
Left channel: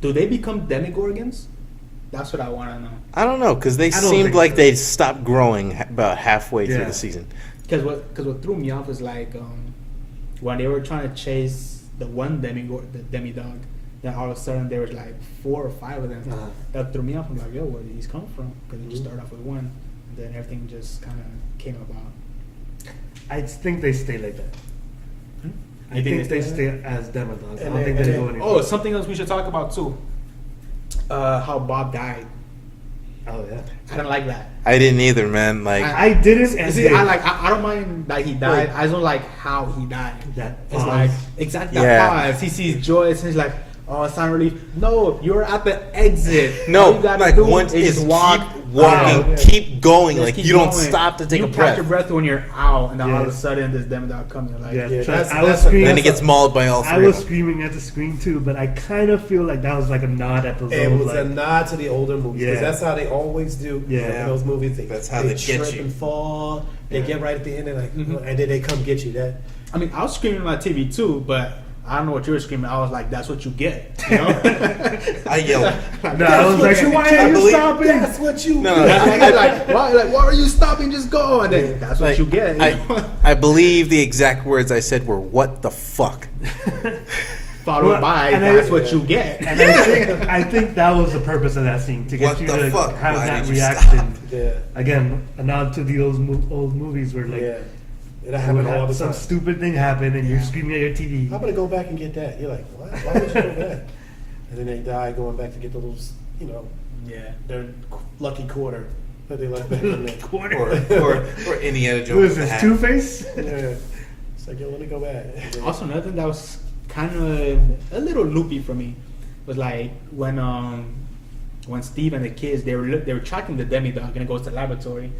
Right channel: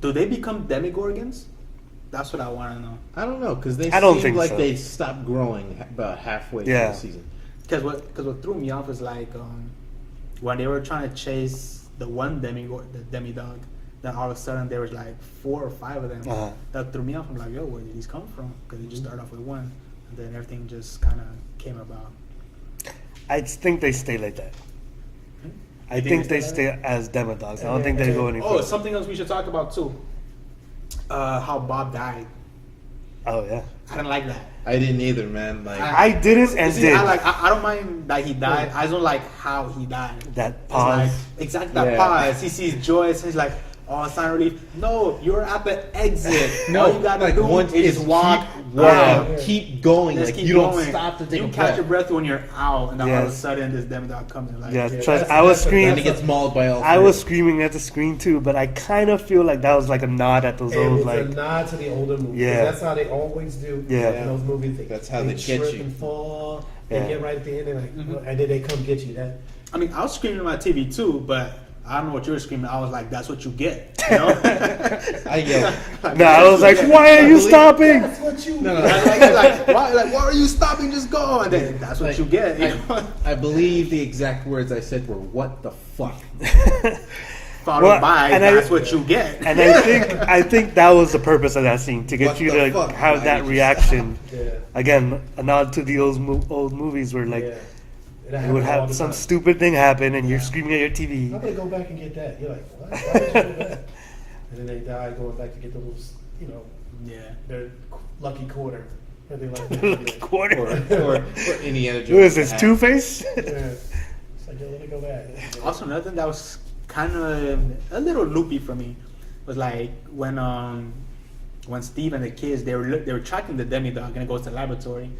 do they become demigorgons? That's what I want to know. I don't know, because they I don't seemed think like so. they stopped growing about halfway through Yeah. the season. Because what threw me off is like when they were trying to chase the one the demi dog, then all of a sudden there was like 4 or 5 of them. Uh-huh. That threw me off. I'm like, yo, where did these come from? Because they just started off with one, and then everything just kind of came about. I think they stay like that. I You think they stay stay as Demodogs. I don't And think they- they go any Oh, further. something else we should talk about too. How Bob died. Oh yeah. I didn't like that. I didn't either, man. Like, I didn't and See, did. I don't mind that he died. Right. I just don't like how he died. That It's pause. like, exactly that Yeah. pause. He sees Joyce and he's like, "Oh, sign relief." No, you're at the exit. no, All you gotta like do once is keep walk, walking, out. keep going. Just Like keep you don't going. stop to take you a catch breath. your breath when you're out, and then all of a Yes. sudden this demodog comes in. Like, Yeah, Yeah, trust. that's- I was that's- screaming. Then he gets mauled by all three. I of was them. screaming at the screen too, but I kind of feel like that was like a nod at those It old was like. a nod to the older movies. 'Cause Yeah. that's how they always do. Yeah. In those movies, That's how they they get trip you. and fall. They Yeah. get right at the end and like, Mhm. and then they come get you. That I mean, I was screaming at my TV too, but I don't know what you were screaming. I was like, "That's what you get." You know? I yelled. No, I was like, why are you stopping? that's what you. No, do. no. why are you stopping? Just go. And then that's what Like, you get. I believe the exact words I said were "What the fuck." Followed Well, by, and that's I- what you get. And I think that was the purpose of that scene to get What you the to fuck? have Why that did you reaction. Yeah. Again, a nod to the old movies where like Yeah. It you happened would all have the some time. stupid thing happen and you're screaming at your TV. I'm gonna go back and get that. You're like, what? Why would you do that? And then they die going back to get the little, Yeah. their lucky quarter that they left back in there. Quarter. or Indiana Jones. Who is this? hat. Two Face? Yeah. It's like, yo, let me go back. Also, another thing that was kind of a little loopy for me was like when Steve and the kids they were tracking the demidog and it goes to the laboratory,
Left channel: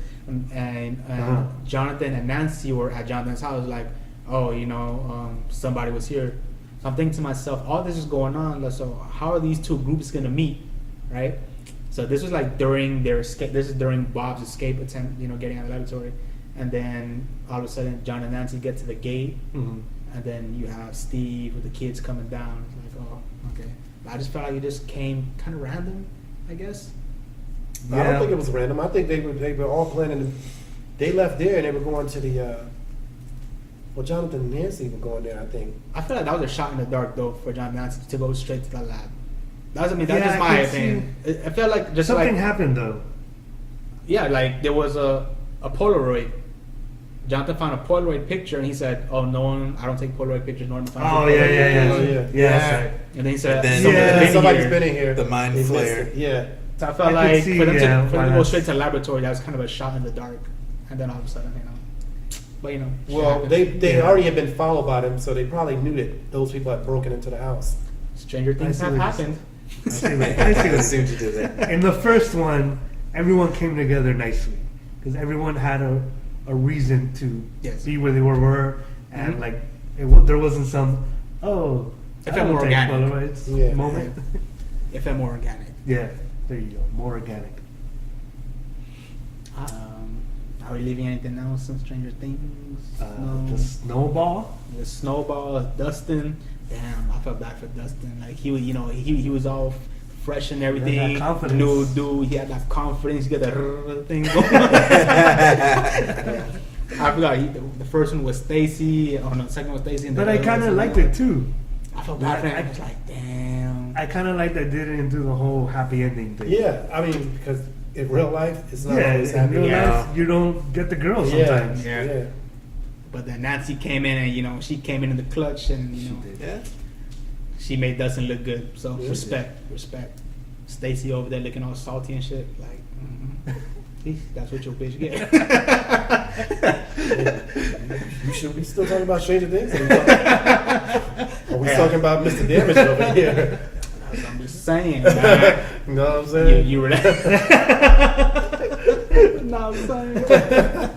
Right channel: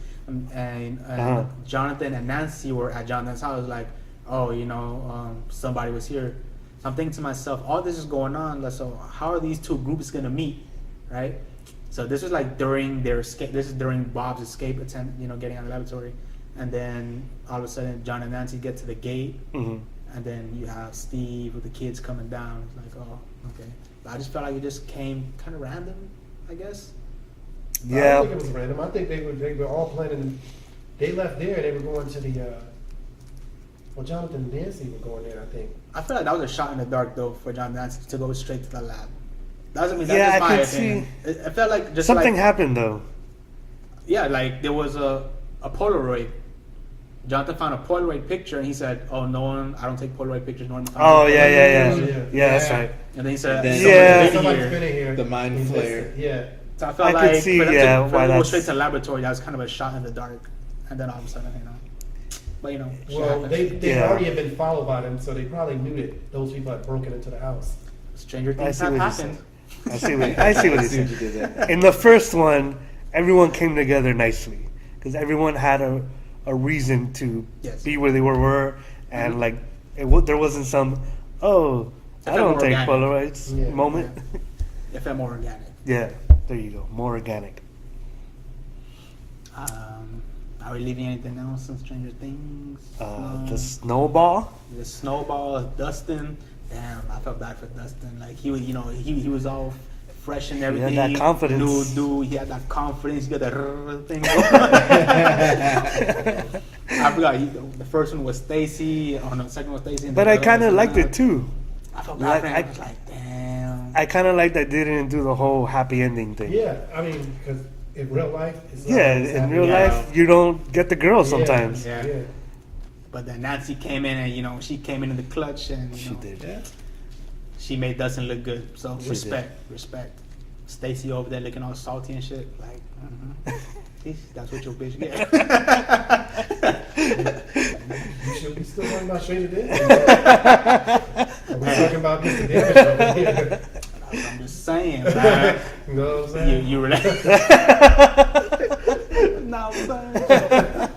and Uh-huh. Jonathan and Nancy were at Jonathan's house like, oh, somebody was here. So I'm thinking to myself, all this is going on. So how are these two groups gonna meet, right? So this was like during their escape. This is during Bob's escape attempt, getting out of the laboratory, and then all of a sudden John and Nancy get to the gate. Mhm. And then you have Steve with the kids coming down. It's like, oh, okay. I just felt like it just came kind of random, I guess. I Yeah. don't think it was random. I think they were all planning. They left there and they were going to the. Jonathan and Nancy were going there. I think. I feel like that was a shot in the dark, though, for John Nancy to go straight to the lab. That's Yeah, I my could opinion. It felt like just Something like, happened though. yeah, like there was a Polaroid. Jonathan found a Polaroid picture and he said, "Oh, no one. I don't take Polaroid pictures. No one." Oh yeah. Oh, yeah. Yeah, that's right. And then he said, And then- Yeah. Somebody's been in here. The mind They missed flare. it. Yeah. So I felt I like could see, for them yeah, to, why for them to go that's- straight to the laboratory. That was kind of a shot in the dark. And then all of a sudden, but Well, they Yeah. already had been followed by them, so they probably knew that those people had broken into the house. stranger I things see have what you're happened. I see what you See what you did. did there. In the first one, everyone came together nicely because everyone had a reason to Yes. be where they were, and Mhm. like there wasn't some I don't take organic. Polaroids Yeah. moment. It felt more organic. Yeah, there you go. More organic. Are we leaving anything else in Stranger Things? The snowball. The snowball, Dustin. Damn, I felt bad for Dustin. Like he was, he was all fresh and everything. He had that confidence. He had that confidence. He got that thing. I forgot. The first one was Stacy. Oh no, the second one was Stacy. But I kind of liked it too. I felt bad for him. I- I was like, damn. I kind of liked that they didn't do the whole happy ending thing. Yeah, I mean, because in real life, it's not. Yeah, always in happy. real Yeah. life, you don't get the girl sometimes. Yeah. Yeah. But then Nancy came in and she came in the clutch and She did. Yeah. she made Dustin look good. So She respect. Stacy over there looking all salty and shit. Like, that's what your bitch get. You should be still talking about Stranger Things. Are we talking about Mr. Damage over here? I'm just saying. You know what I'm saying? You relate. No, I'm saying.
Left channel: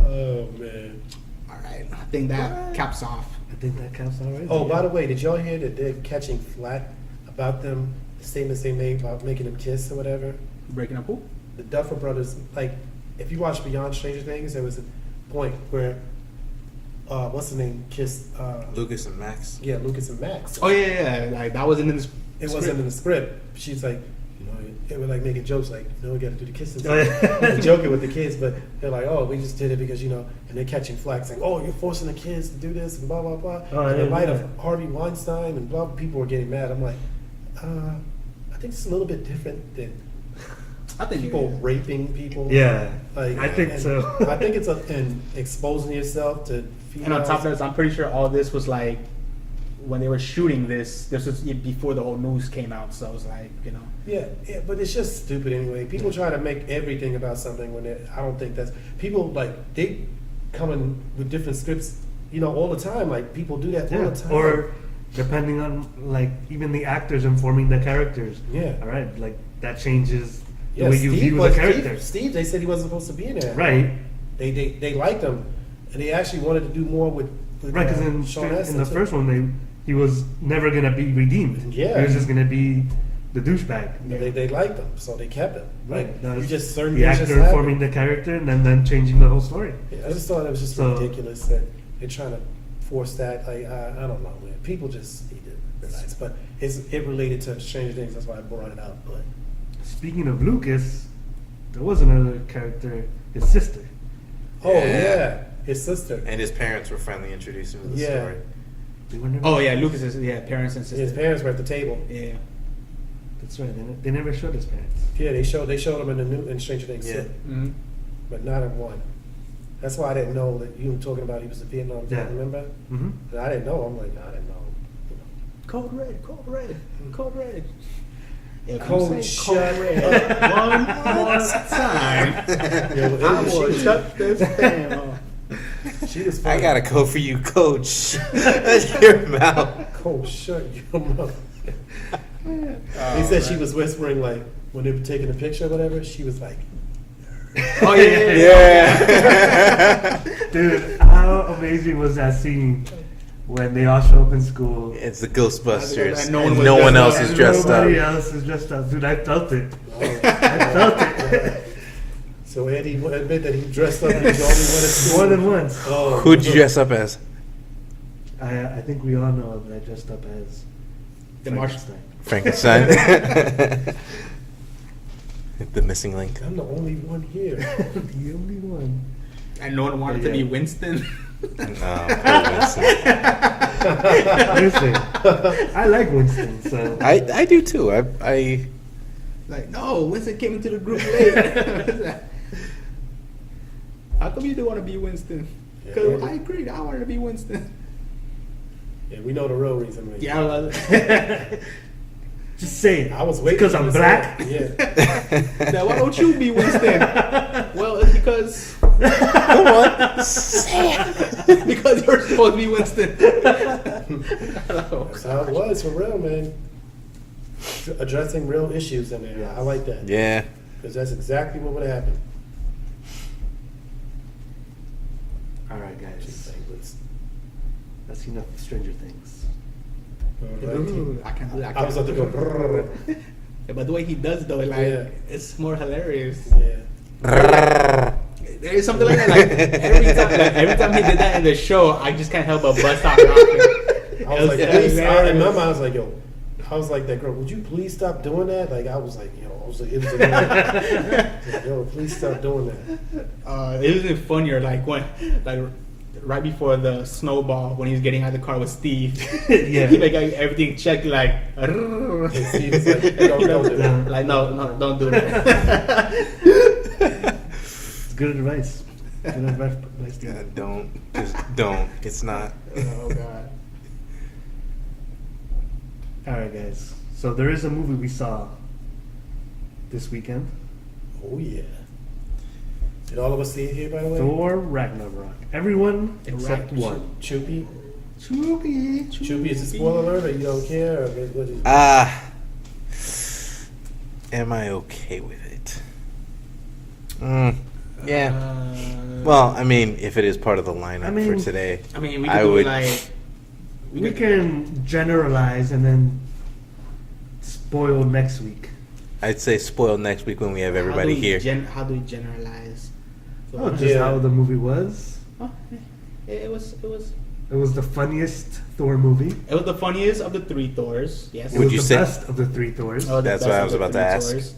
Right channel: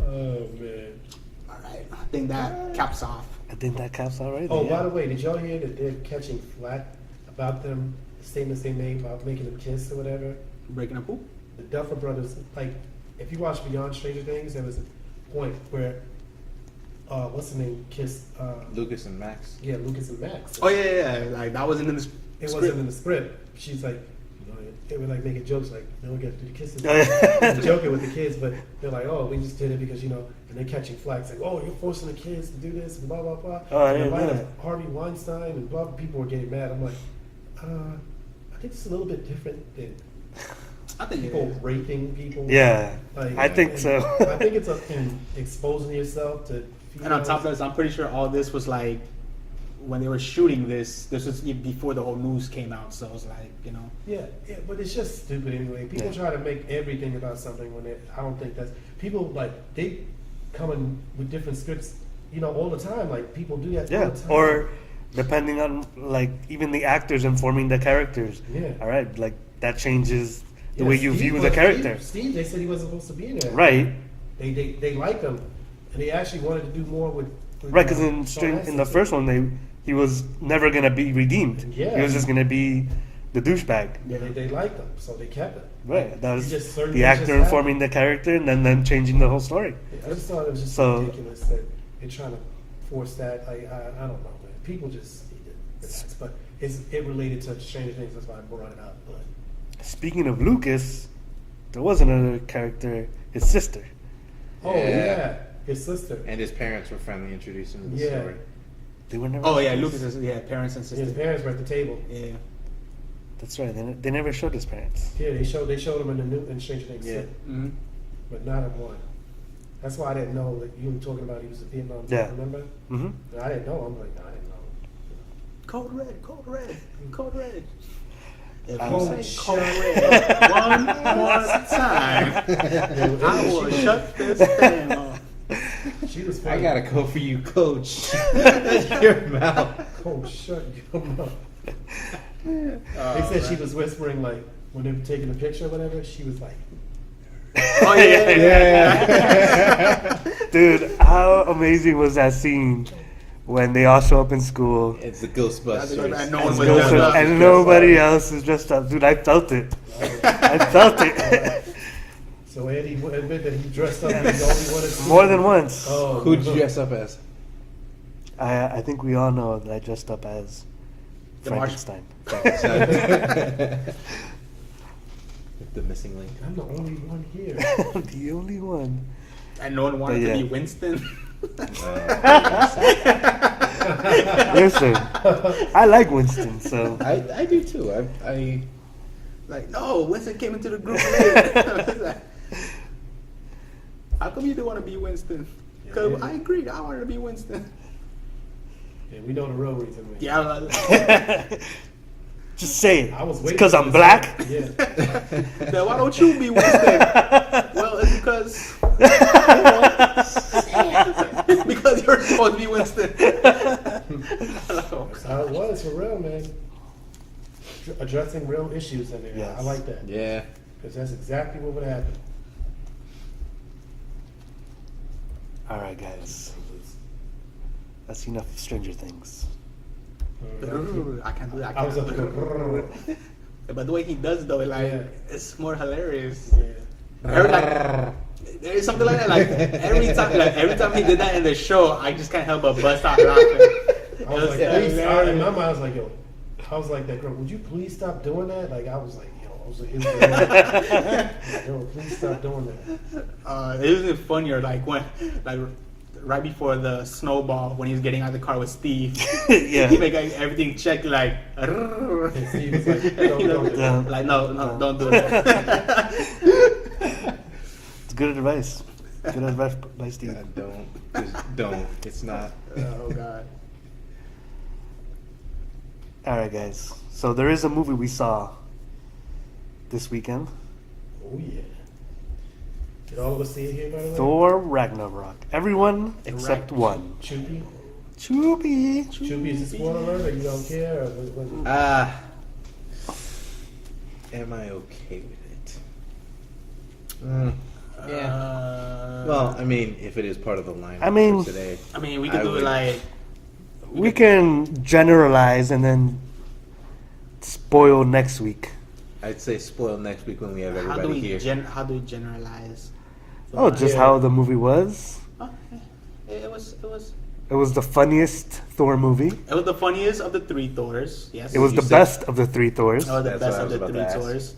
Oh man. All right, I think that caps off. I think that caps out right Oh, there. by the way, did y'all hear that they're catching flack about them statements they made about making them kiss or whatever? Breaking up who? The Duffer Brothers, like, if you watch Beyond Stranger Things, there was a point where, what's the name, kissed, Lucas and Max. yeah, Lucas and Max. Oh yeah. Like that wasn't in the It wasn't in the script. She's like, it was like making jokes like, no, we got to do the kissing. Oh, yeah. They're joking with the kids, but they're like, oh, we just did it because, and they're catching flack saying, oh, you're forcing the kids to do this and blah, blah, blah. Oh, I And in didn't light know of that. Harvey Weinstein and blah, people were getting mad. I'm like, I think it's a little bit different than I think people raping people. Yeah, Like, I think and so. I think it's in exposing yourself to females. And on top of that, I'm pretty sure all this was like when they were shooting this was before the whole news came out. So it's like, Yeah, but it's just stupid anyway. People Yeah. try to make everything about something when I don't think that's people like they come in with different scripts, all the time. Like people do that all Yeah, the time. or depending on like even the actors informing the characters. Yeah. All right, like that changes the Yeah, way you Steve view was- the character. Steve, they said he wasn't supposed to be in there. Right, They liked him, and they actually wanted to do more with right. Because Sean in Astin, the too. first one, he was never gonna be redeemed. Yeah. He was just gonna be the douchebag. They liked him, so they kept him. Right. That was You just certain the things actor just happen. informing the character and then changing the whole story. Yeah, I just thought it was just So- ridiculous that they're trying to force that. Like I don't know, man. People just need to relax. But it related to Stranger Things. That's why I brought it up. But Speaking of Lucas, there was another character, his sister. oh Yeah. yeah, his sister. And his parents were finally introduced into the Yeah. story. They were never. oh yeah, Lucas's parents and His sisters. parents were at the table. Yeah. That's right. They never showed his parents. Yeah, they showed him in Stranger Things Yeah. too, Mm-hmm. but not in one. That's why I didn't know that you were talking about he was a Vietnam vet. Yeah. Remember? Mm-hmm. And I didn't know. I'm like, I didn't know. Code red, code red, code red. Code shut. One more time. Yo, I she will was- shut this down. She was. I funny. gotta go for you, coach. Your mouth. Oh, shut your mouth. They said she was whispering like when they were taking a picture or whatever. She was like, Oh yeah. Yeah. Dude, how amazing was that scene when they all show up in school It's the Ghostbusters, And no and one no was one dressed else is and dressed nobody up. else is dressed up? Dude, I felt it. I felt it. so Eddie would admit that he dressed up and he only wanted to More than once. Oh, Who'd you dress up as? I think we all know that I dressed up as The Martian. Frankenstein. Frankenstein. The missing link. I'm the only one here. The only one. And no one wanted But to yeah. be Winston. Listen, I like Winston, so I do too. I Like, no, Winston came into the group later. How come you didn't want to be Winston? Because Yeah. I agree, I wanted to be Winston. Yeah, we know the real reason. Man. Yeah, I was just say it. I was It's waiting because for I'm this black. one. Yeah. like, why don't you be Winston? Well, it's because because you're supposed to be Winston. That's how it was for real, man. Addressing real issues in there. Yes. I like that. yeah. Because that's exactly what would happen. All right, guys. I've seen enough of Stranger Things. I can't do that. I was about to go. Yeah, but the way he does though, like Yeah. it's more hilarious. Yeah. There is something like that. Like, every time he did that in the show, I just can't help but bust out laughing. I was like, please, in my mind, I was like, yo, I was like, that girl, would you please stop doing that? Like, I was like, it was yo, please stop doing that. It was even funnier, like when, like right before the snowball, when he was getting out of the car with Steve. Yeah. He like everything checked, like. And Steve was like, don't do that. Like no, don't do that. It's good advice. Good advice, Steve. Yeah, don't. Just don't. It's not. Oh God. All right, guys. So there is a movie we saw this weekend. Oh, yeah. Did all of us see it here, by the way? Thor Ragnarok. Everyone except one. Choopy? Choopy. Choopy, is it spoiler alert, or you don't care? Or what is it? Am I okay with it? Yeah. Well, I mean, if it is part of the lineup I mean- for today, I mean, we I could do would- like. We can generalize and then spoil next week. I'd say spoil next week when we have everybody here. How do we generalize? Oh, just Yeah. how the movie was. Oh, it was. It was the funniest Thor movie. It was the funniest of the three Thors. Yes. It was you the say- best of the three Thors. It was the That's best what I of was the about to three ask. Thors.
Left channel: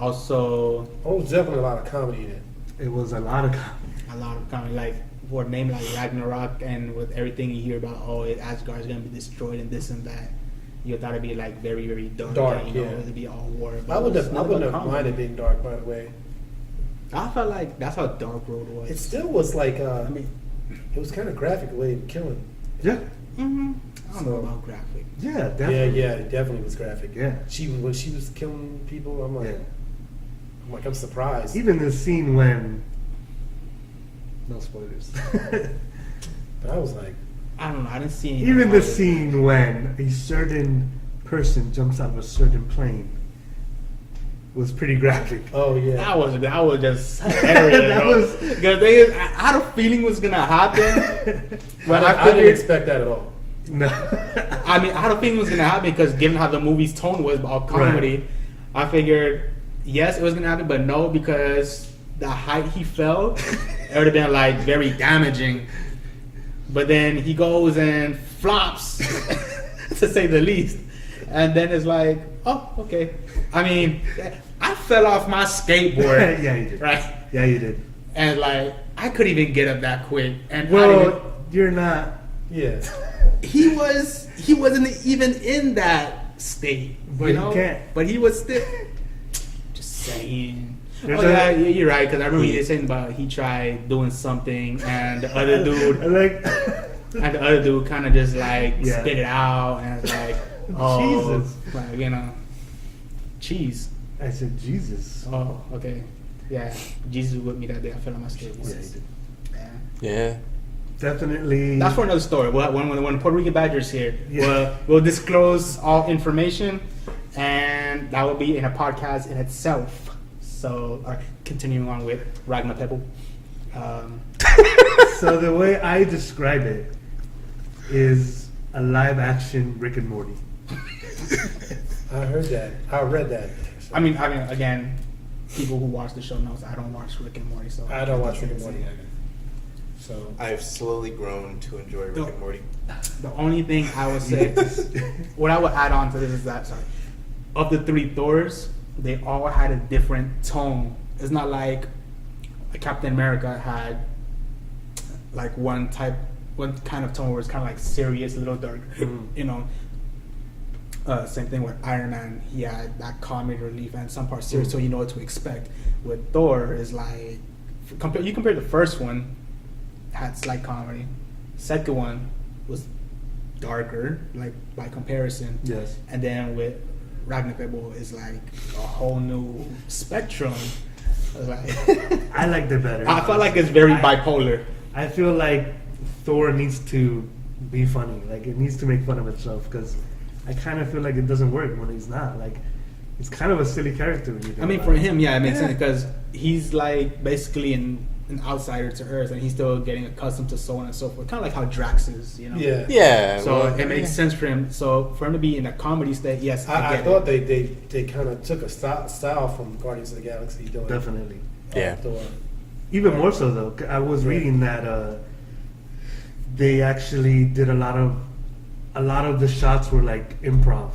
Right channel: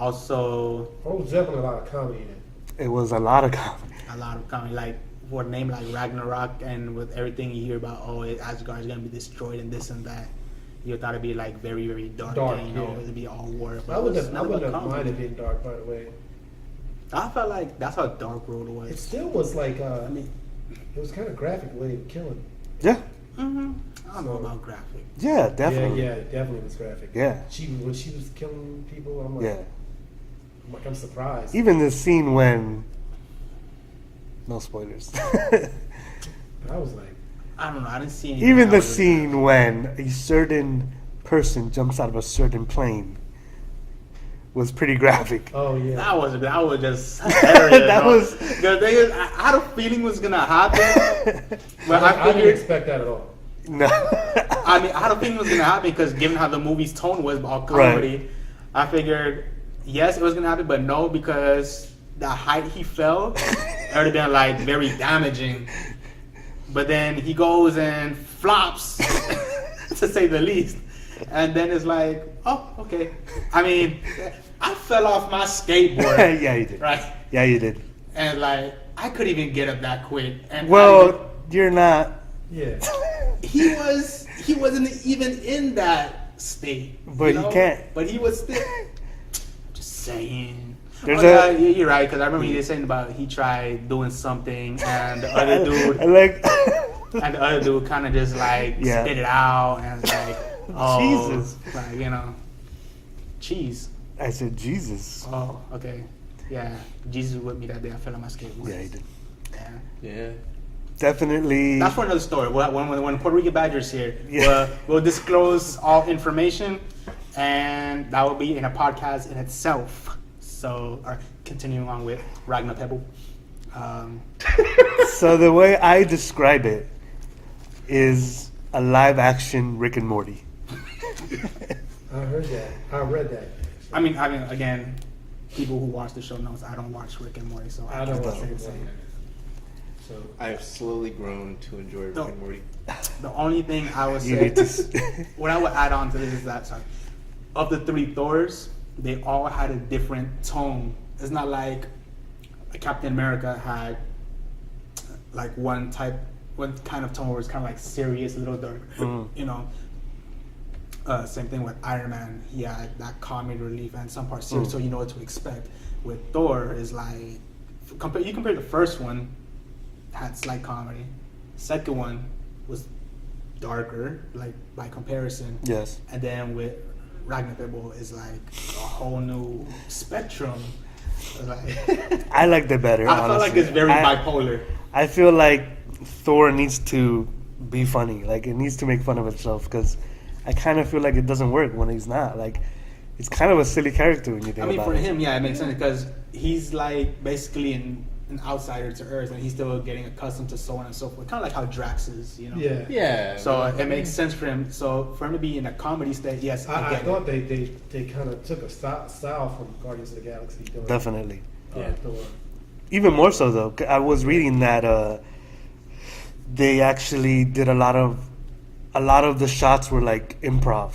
Also, Oh, definitely a lot of comedy in it. It was a lot of comedy. a lot of comedy, like for a name like Ragnarok, and with everything you hear about, Asgard's gonna be destroyed and this and that. You thought it'd be like very, very dark. Dark, and, you know, yeah. it'd be all war. I wouldn't have comedy. minded being dark, by the way. I felt like that's how Dark Road was. It still was like, I mean, it was kind of graphic the way they kill him. Yeah. Mm-hmm. I don't know about graphic. Yeah, definitely. Yeah, it definitely was graphic. Yeah. When she was killing people, I'm like, Yeah. I'm surprised. Even the scene when. No spoilers. I was like, I don't know. I didn't see anything Even about the it. scene when a certain person jumps out of a certain plane was pretty graphic. oh yeah. That was just hilarious. That bro. was- because I had a feeling it was gonna happen, but I I didn't figured. expect that at all. No. I mean, I had a feeling it was gonna happen because given how the movie's tone was all Right. comedy, I figured yes, it was gonna happen, but no, because the height he fell, it would have been like very damaging. But then he goes and flops, to say the least, and then it's like, oh, okay. I mean, I fell off my skateboard, Yeah, you did. right? Yeah, you did. And like, I couldn't even get up that quick. And Well, you're not. Yeah. he wasn't even in that state. But he can't. But he was still. Just saying. There's Well, a- you're right, because I remember you saying about he tried doing something and the other dude, I like. and the other dude kind of just like Yeah. spit it out, and it's like, oh, Jesus. like, you know, cheese. I said Jesus. Oh, okay, yeah. Jesus was with me that day. I fell on my skateboard. Yeah, he did. Yeah. Yeah. Definitely. That's for another story. When Puerto Rican Badger's here, Yeah. we'll disclose all information, and that will be in a podcast in itself. So, continuing on with Ragnar Pebble. So the way I describe it is a live action Rick and Morty. I heard that. I read that. I mean, again, people who watch the show knows I don't watch Rick and Morty, so I don't watch Rick and Morty. So I've slowly grown to enjoy Rick No. and Morty. the only thing I would You say, need to. what I would add on to this is that, sorry, of the three Thors, they all had a different tone. It's not like Captain America had like one kind of tone where it's kind of like serious, a little dark, you know. Same thing with Iron Man. He had that comic relief and some parts serious, so you know what to expect. With Thor, is like you compare the first one, had slight comedy. Second one was darker, like by comparison. Yes. And then with Ragnarok is like a whole new spectrum. Like, I liked it better. I feel like honestly. it's very bipolar. I feel like Thor needs to be funny. Like, it needs to make fun of itself because I kind of feel like it doesn't work when he's not. Like, he's kind of a silly character when you think I mean, about for it. him, yeah, it makes sense because he's like basically in an outsider to Earth, and he's still getting accustomed to so on and so forth. Kind of like how Drax is, you know. Yeah. Yeah. So well, it makes sense for him. So for him to be in a comedy state, yes, I get thought it. they kind of took a style from Guardians of the Galaxy. Doing, Definitely. Yeah. Thor. Even more so though, I was reading that they actually did a lot of the shots were like improv.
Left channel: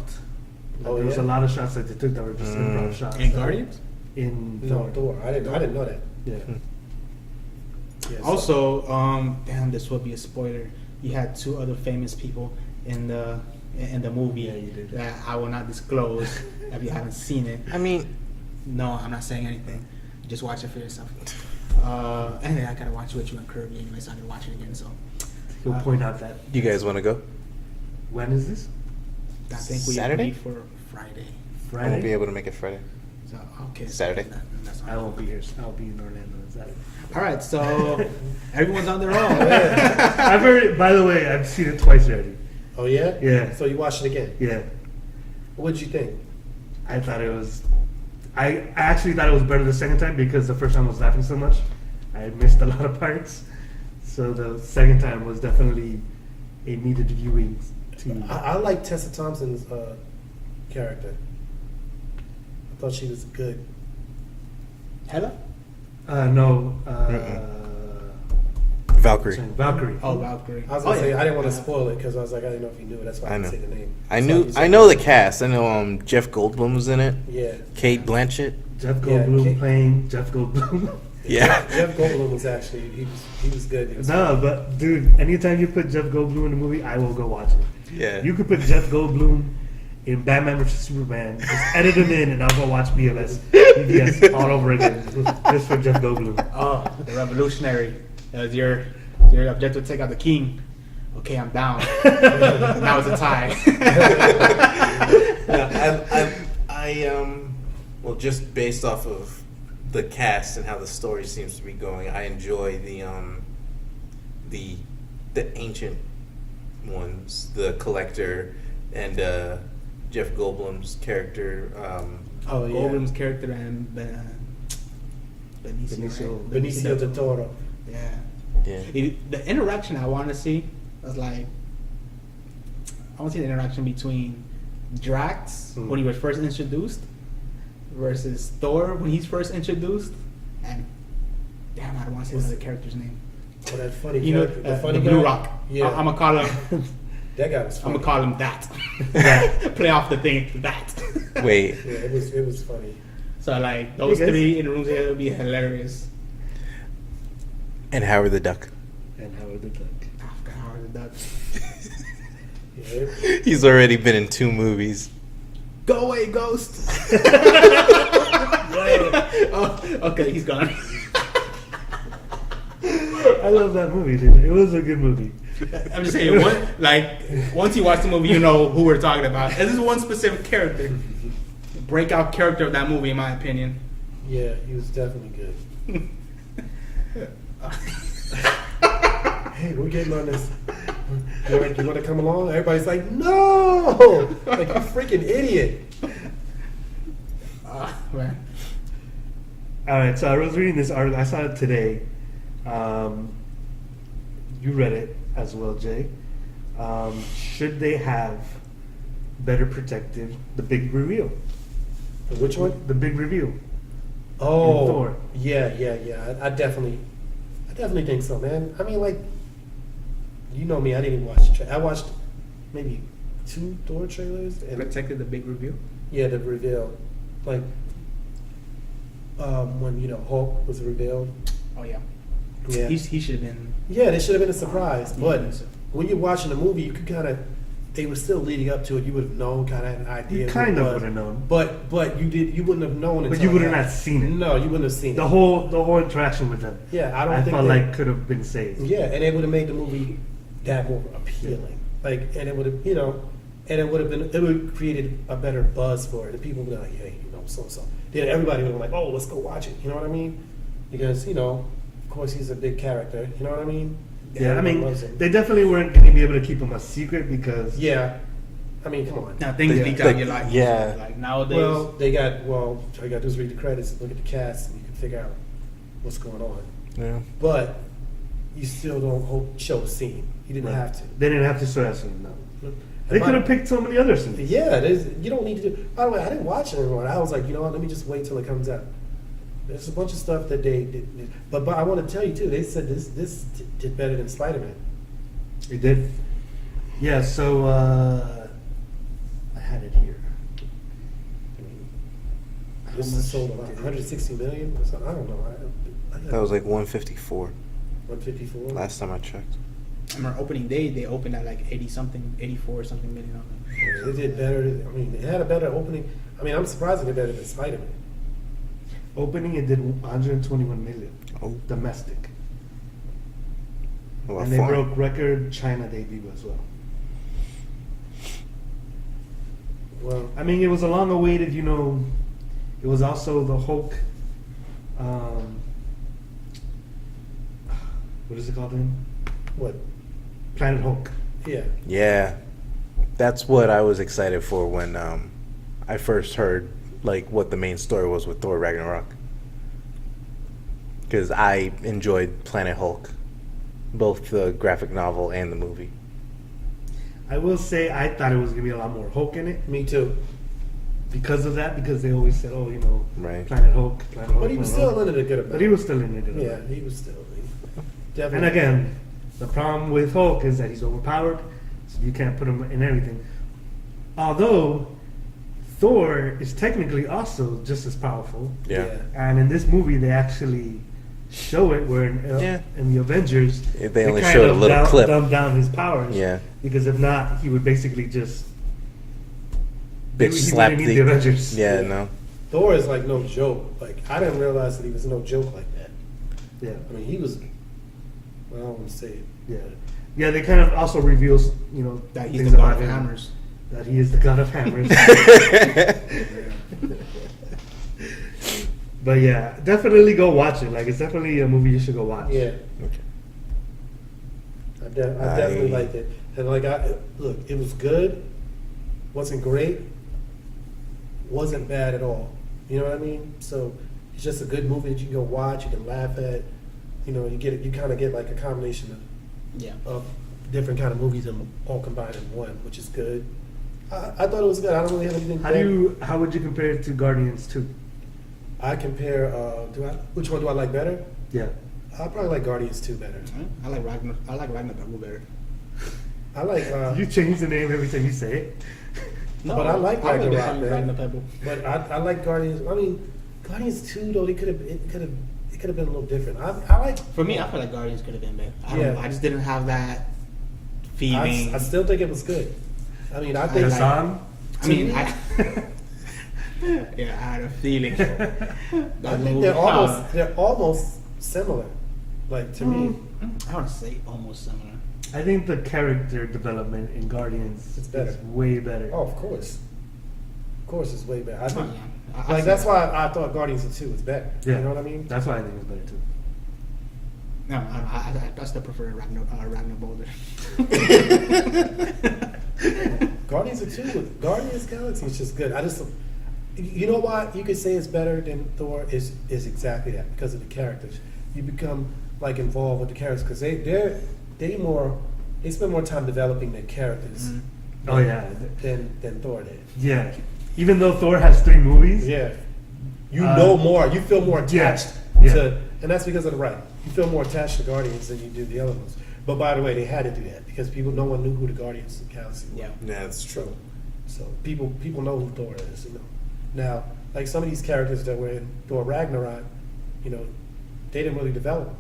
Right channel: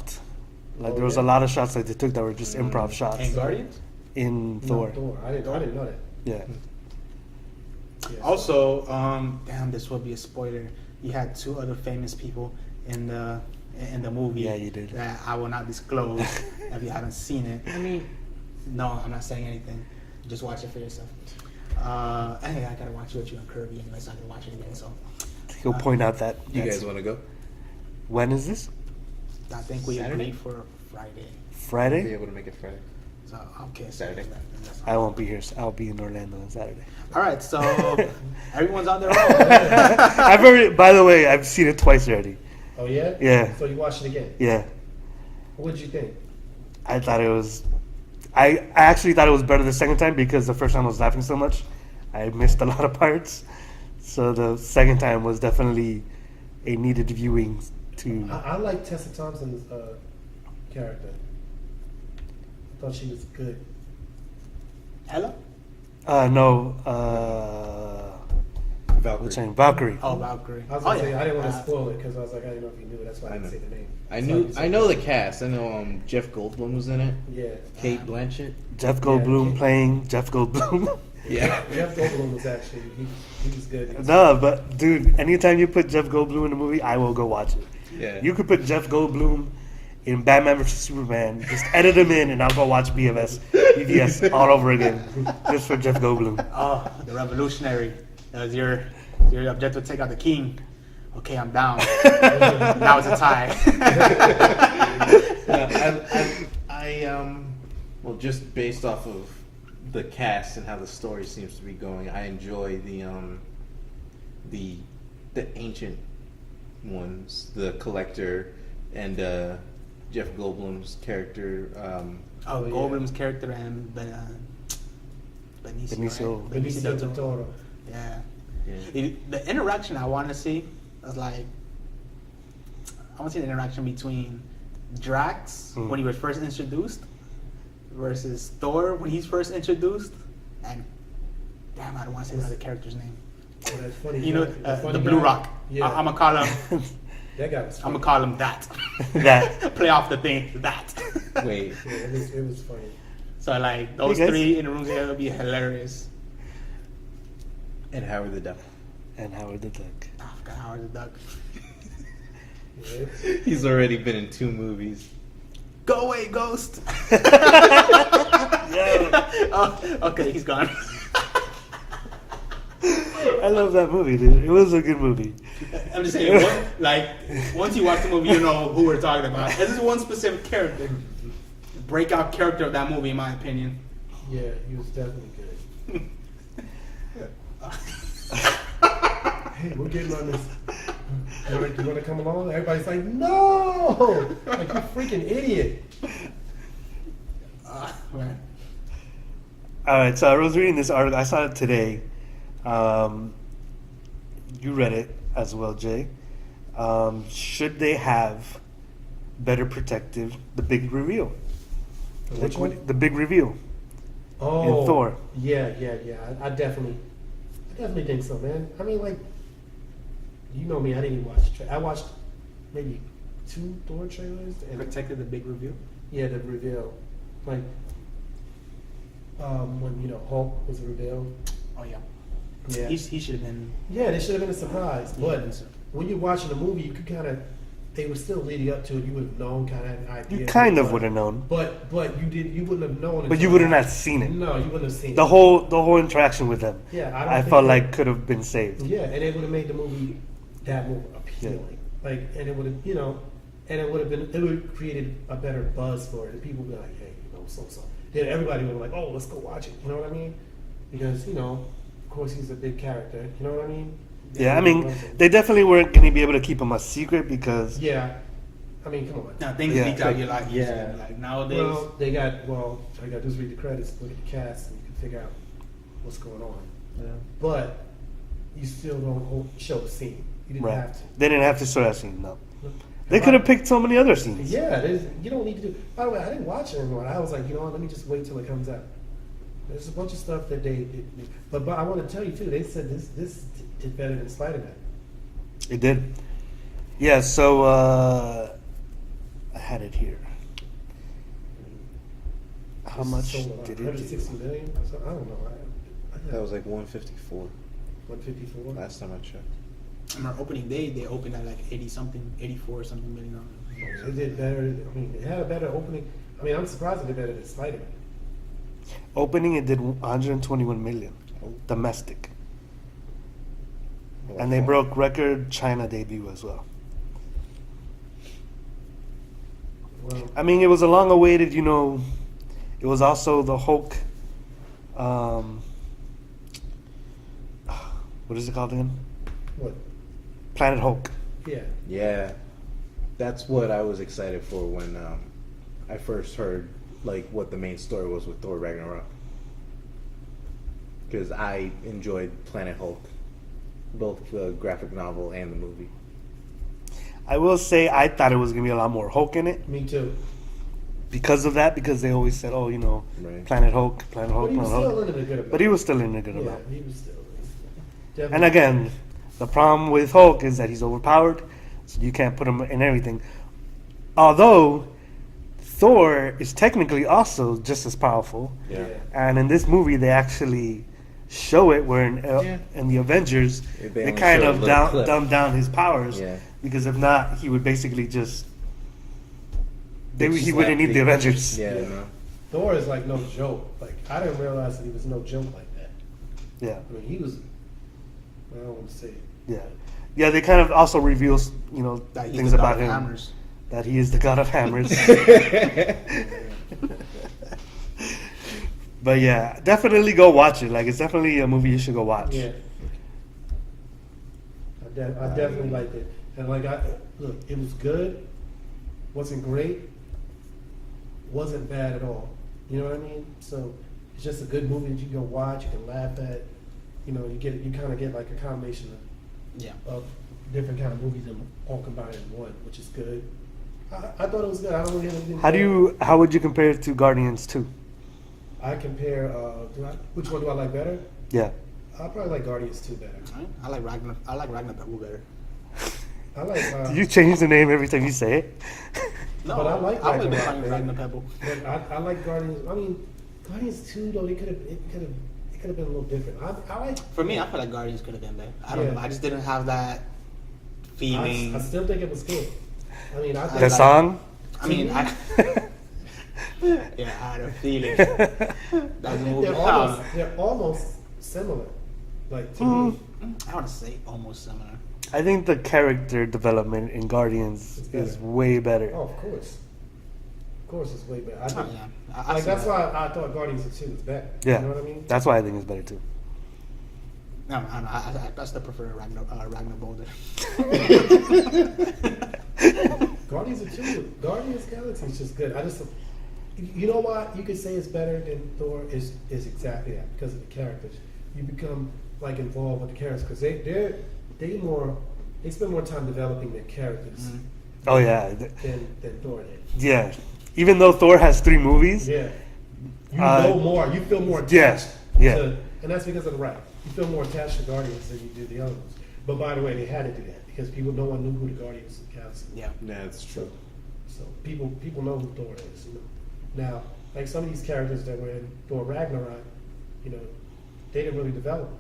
Like Oh, there was yeah? a lot of shots that they took that were just improv shots And Guardians. in No, Thor. I didn't know that. Yeah. Yeah, so- Also, damn, this would be a spoiler. You had two other famous people in the movie. Yeah, you did. That I will not disclose if you haven't seen it. I mean, No, I'm not saying anything. Just watch it for yourself. Anyway, I gotta watch it with you and Kirby anyway, so I can watch it again. So He'll point out that. you guys want to go? When is this? I think we Saturday? agree for Friday. Won't be Friday? able to make it Friday. So okay. Saturday? That's I won't be here. I'll be in Orlando on Saturday. All right, so everyone's on their own. I've already. By the way, I've seen it twice already. Oh yeah. Yeah. So you watched it again. Yeah. What did you think? I thought it was. I actually thought it was better the second time because the first time I was laughing so much, I missed a lot of parts. So the second time was definitely a needed viewing. To I like Tessa Thompson's character. I thought she was good. Hello. no. Valkyrie. what's her name? Valkyrie. Oh, Valkyrie. I was gonna say yeah. I didn't want to spoil it because I was like I didn't know if you knew it. That's why I I didn't know. say the name. I know the cast. I know Jeff Goldblum was in it. Yeah. Kate Blanchett. Jeff Goldblum Kate- playing Jeff Goldblum. Yeah. Jeff Goldblum was actually he was good. He was No, but dude, anytime you put Jeff Goldblum in a movie, I will go watch it. Yeah. You could put Jeff Goldblum in Batman vs Superman, just edit him in, and I'll go watch BVS all over again, just for Jeff Goldblum. Oh, the revolutionary. Your objective: take out the king. Okay, I'm down. Now it's a tie. Well, just based off of the cast and how the story seems to be going, I enjoy the ancient ones, the Collector and Jeff Goldblum's character. Oh, yeah. Goldblum's character and Benicio. Benicio. Benicio del Toro. Yeah. Yeah. The interaction I want to see is like, I want to see the interaction between Drax when he was first introduced versus Thor when he's first introduced, and damn, I don't want to say What's another the- character's name. Oh, that funny. You know, character, the funny Blue guy? Rock. Yeah. I'm gonna call him. That guy was I'm funny. gonna call him that. That. Play off the thing that. Wait. Yeah, it was funny. So like those You guys- three in the room together would be hilarious. And Howard the Duck. And Howard the Duck. Oh, I forgot Howard the Duck. Yeah. He's already been in 2 movies. Go away, ghost. Oh, okay, he's gone. I love that movie, dude. It was a good movie. I'm just saying, once you watch the movie, you know who we're talking about. And this is one specific character, breakout character of that movie, in my opinion. Yeah, he was definitely good. Hey, we're getting on this. You want to come along? Everybody's like, no! Like, you freaking idiot. Right. All right, so I was reading this article. I saw it today. You read it as well, Jay. Should they have better protective? The big reveal. Which one? The big reveal. Oh, Thor. Yeah. I definitely think so, man. I mean, like, you know me. I didn't even watch the trailer. I watched maybe 2 Thor trailers. And Protected the big reveal. yeah, the reveal, like, when Hulk was revealed. Oh yeah. Yeah. He should have been. Yeah, they should have been a surprise. But when you're watching the movie, you could kind of, they were still leading up to it. You would have known, kind of an idea. You of kind what of it would was. have known. But you wouldn't have known. But until you would have now. not seen it. No, you wouldn't have seen The it. whole interaction with them. Yeah, I don't. I think felt they- like could have been saved. Yeah, and it would have made the movie that more appealing. Like, and it would have, and it would have been, it would have created a better buzz for it. And people would be like, hey, so. Then everybody would be like, oh, let's go watch it. You know what I mean? Because, of course, he's a big character. You know what I mean? Yeah, I Everybody mean, loves him. they definitely weren't going to be able to keep him a secret because Yeah. I mean, come on. Now things Yeah. leak out. You're like, Yeah. Like nowadays. Well, all you got to do is read the credits, look at the cast, and you can figure out what's going on. Yeah. but you still don't show a scene. You didn't Right. have to. They didn't have to show that scene. No, Yep. they could have picked so many other scenes. Yeah, you don't need to do. By the way, I didn't watch it anymore. I was like, you know what? Let me just wait till it comes out. There's a bunch of stuff that they did, but I want to tell you too. They said this did better than Spider-Man. It did. Yeah. So I had it here. How This much? sold did it 160 million. Or something. I don't know. That was like 154 154. last time I checked. I remember opening day, they opened at like 80 something, 84 something million dollars. It did better. I mean, it had a better opening. I mean, I'm surprised it did better than Spider-Man. Opening, it did 121 million Oh. domestic, Well, and they fun. broke record China debut as well. Well, I mean, it was a long-awaited. You know, it was also the Hulk. What is it called again? what? Planet Hulk. Yeah. Yeah, that's what I was excited for when I first heard like what the main story was with Thor Ragnarok. Because I enjoyed Planet Hulk, both the graphic novel and the movie. I will say I thought it was gonna be a lot more Hulk in it Me too. because of that. Because they always said, "Oh, you know, Right. Planet Hulk, Planet Hulk, But he was Planet still Hulk." in it a good amount. But he was still in a good Yeah, amount. he was still. Definitely. And again, the problem with Hulk is that he's overpowered, so you can't put him in everything. Although Thor is technically also just as powerful, Yeah. and in this movie they actually show it where Yeah. in the Avengers Yeah, they only kind showed a of little clip. dumb down his powers. Yeah. Because if not, he would basically just maybe he slap wouldn't need the Avengers. Yeah, no. Thor is like no joke. Like I didn't realize that he was no joke like that. Yeah. I mean, he was. I don't want to say it. Yeah. Yeah, they kind of also reveals, you know, That he's things the god about of him. hammers. That he is the god of hammers. But yeah, definitely go watch it. Like, it's definitely a movie you should go watch. Yeah, Okay. I definitely liked it. And like, look, it was good. Wasn't great. Wasn't bad at all. You know what I mean? So it's just a good movie that you can go watch. You can laugh at. You know, you kind of get like a combination Yeah. of different kind of movies and all combined in one, which is good. I thought it was good. I don't really have anything. How would you compare it to Guardians 2? I compare. Which one do I like better? Yeah. I probably like Guardians 2 better. I like Ragnarok better. I like. You change the name every time you say it. No, But I like I would Ragnarok, man. Ragnarok. But I like Guardians. I mean, Guardians 2 though it could have been a little different. I like. For me, I feel like Guardians could have been better. I don't Yeah. know. I just didn't have that feeling. I still think it was good. I mean, I think The song? I mean, yeah, I had a feeling. I think they're almost similar. Like to me, I would say almost similar. I think the character development in Guardians It's better. is way better. oh, of course, it's way better. I Oh, think, yeah. I like see that's that. why I thought Guardians 2 was better. Yeah. You know what I mean? That's why I think it's better too. No, I still prefer Ragnar Boulder. Guardians 2, Guardians Galaxy is just good. I just, you know what you could say is better than Thor is exactly that because of the characters. You become like involved with the characters because they spend more time developing their characters Oh yeah. than Thor did. Yeah. Even though Thor has 3 movies, Yeah, you Uh, know more. You feel more attached. yeah. To, and that's because of the right. You feel more attached to Guardians than you do the other ones. But by the way, they had to do that because no one knew who the Guardians of the Galaxy were. Yeah. Yeah, that's true. So people know who Thor is. You know. Now, like some of these characters that were in Thor Ragnarok, you know, they didn't really develop.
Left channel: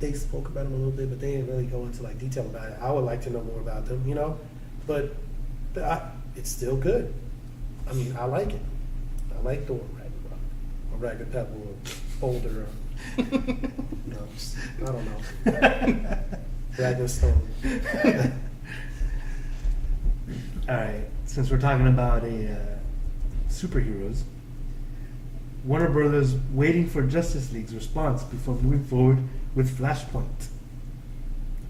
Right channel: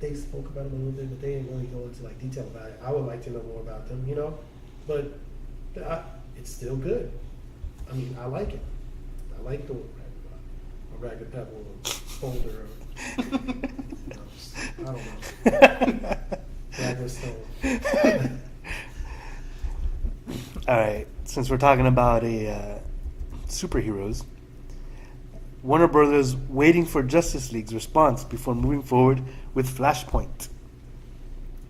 They spoke about them a little bit, but they didn't really go into like detail about it. I would like to know more about them. You know, but it's still good. I mean, I like it. I like Thor Ragnarok. A Ragnarok holder. I don't know. Ragnar Stone. All right, since we're talking about superheroes, Warner Brothers waiting for Justice League's response before moving forward with Flashpoint.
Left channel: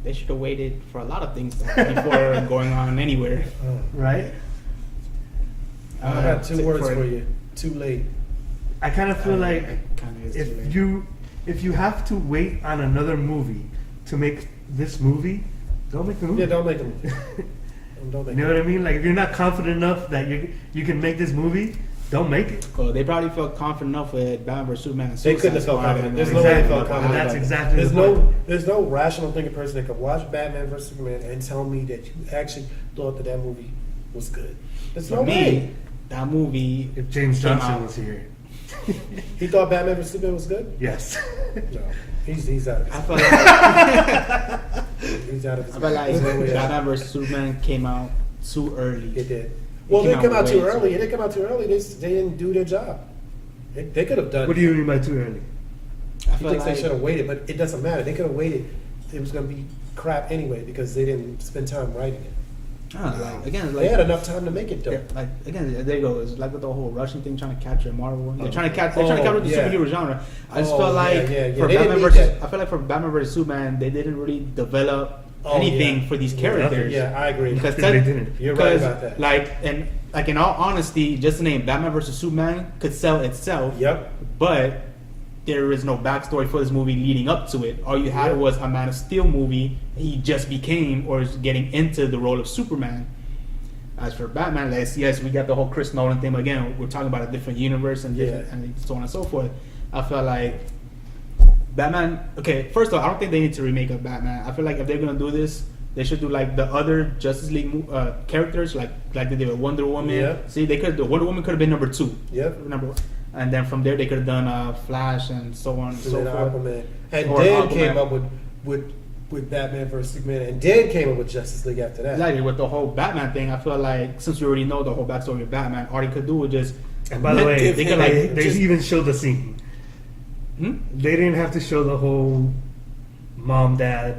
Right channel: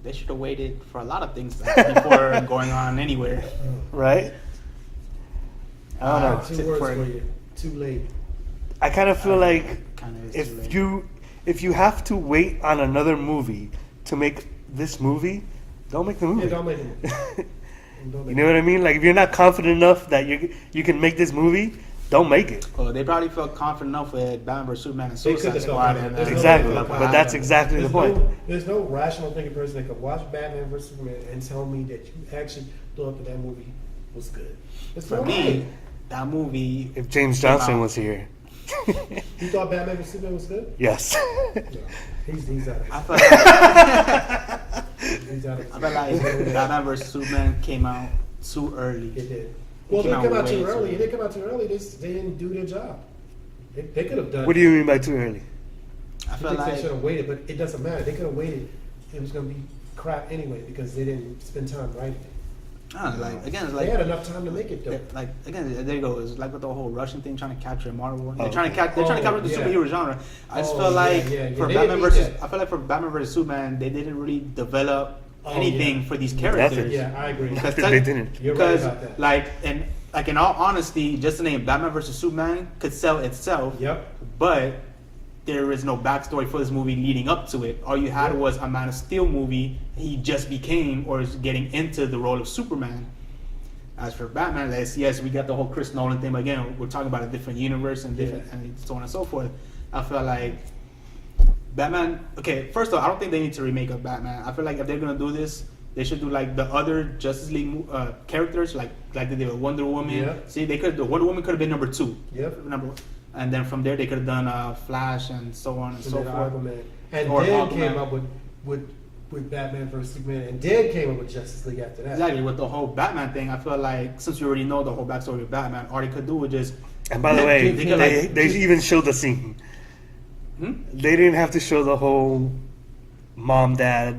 They should have waited for a lot of things before going on anywhere. Right? I I don't have know. 2 words for you. Too late. I kind of feel like Kinda is if too if you have to wait on another movie to make this movie, don't make the movie. Yeah, don't make them. Don't You make know what I mean? Like if you're not confident enough that you can make this movie, don't make it. Well, they probably felt confident enough with Batman vs Superman. And They couldn't have Suicide felt Squad, confident. and There's then- no Exactly, way they felt but that's confident. exactly the point. There's no rational thinking person that could watch Batman vs Superman and tell me that you actually thought that movie was good. There's For no me, way. that movie. If James Johnson was here, He thought Batman vs Superman was good? yes. No, he's out. I feel like, He's out. I feel like Batman vs Superman came out too early. It did. Well, came they out come out way too too early. early. They come out too early. They didn't do their job. They could have done. What do you mean by too early? I He feel thinks they like should have waited, but it doesn't matter. They could have waited. It was going to be crap anyway because they didn't spend time writing it. I don't know. Again, it's like, They had enough time to make it though. yeah, like again, there you go. It's like with the whole Russian thing, trying to capture Marvel. They're Oh. trying to capture the yeah. superhero genre. I just Oh, feel like yeah. for They didn't Batman need versus, that. I feel like for Batman vs Superman, they didn't really develop Oh, anything yeah. for these Yeah. characters. Yeah, I agree. Because They didn't. You're right because, about that. Like in all honesty, just the name Batman vs Superman could sell itself. Yep. But there is no backstory for this movie leading up to it. All you had Yep. was a Man of Steel movie. He just became or is getting into the role of Superman. As for Batman, yes, we got the whole Chris Nolan thing. But again, we're talking about a different universe and different, and so on and so forth. I feel like Batman. Okay, first of all, I don't think they need to remake a Batman. I feel like if they're gonna do this, they should do like the other Justice League characters, like they did with Wonder Woman. Yeah. See, they could. The Wonder Woman could have been number 2. Yep. Number 1. And then from there, they could have done Flash and so on and And so then forth. Aquaman. And Or then Aquaman. came up with Batman vs Superman, and then came up with Justice League after that. Exactly, with the whole Batman thing, I feel like since we already know the whole backstory of Batman, all they could do was just. And by the way, they could, they like, just- even showed the scene. Hmm? They didn't have to show the whole mom dad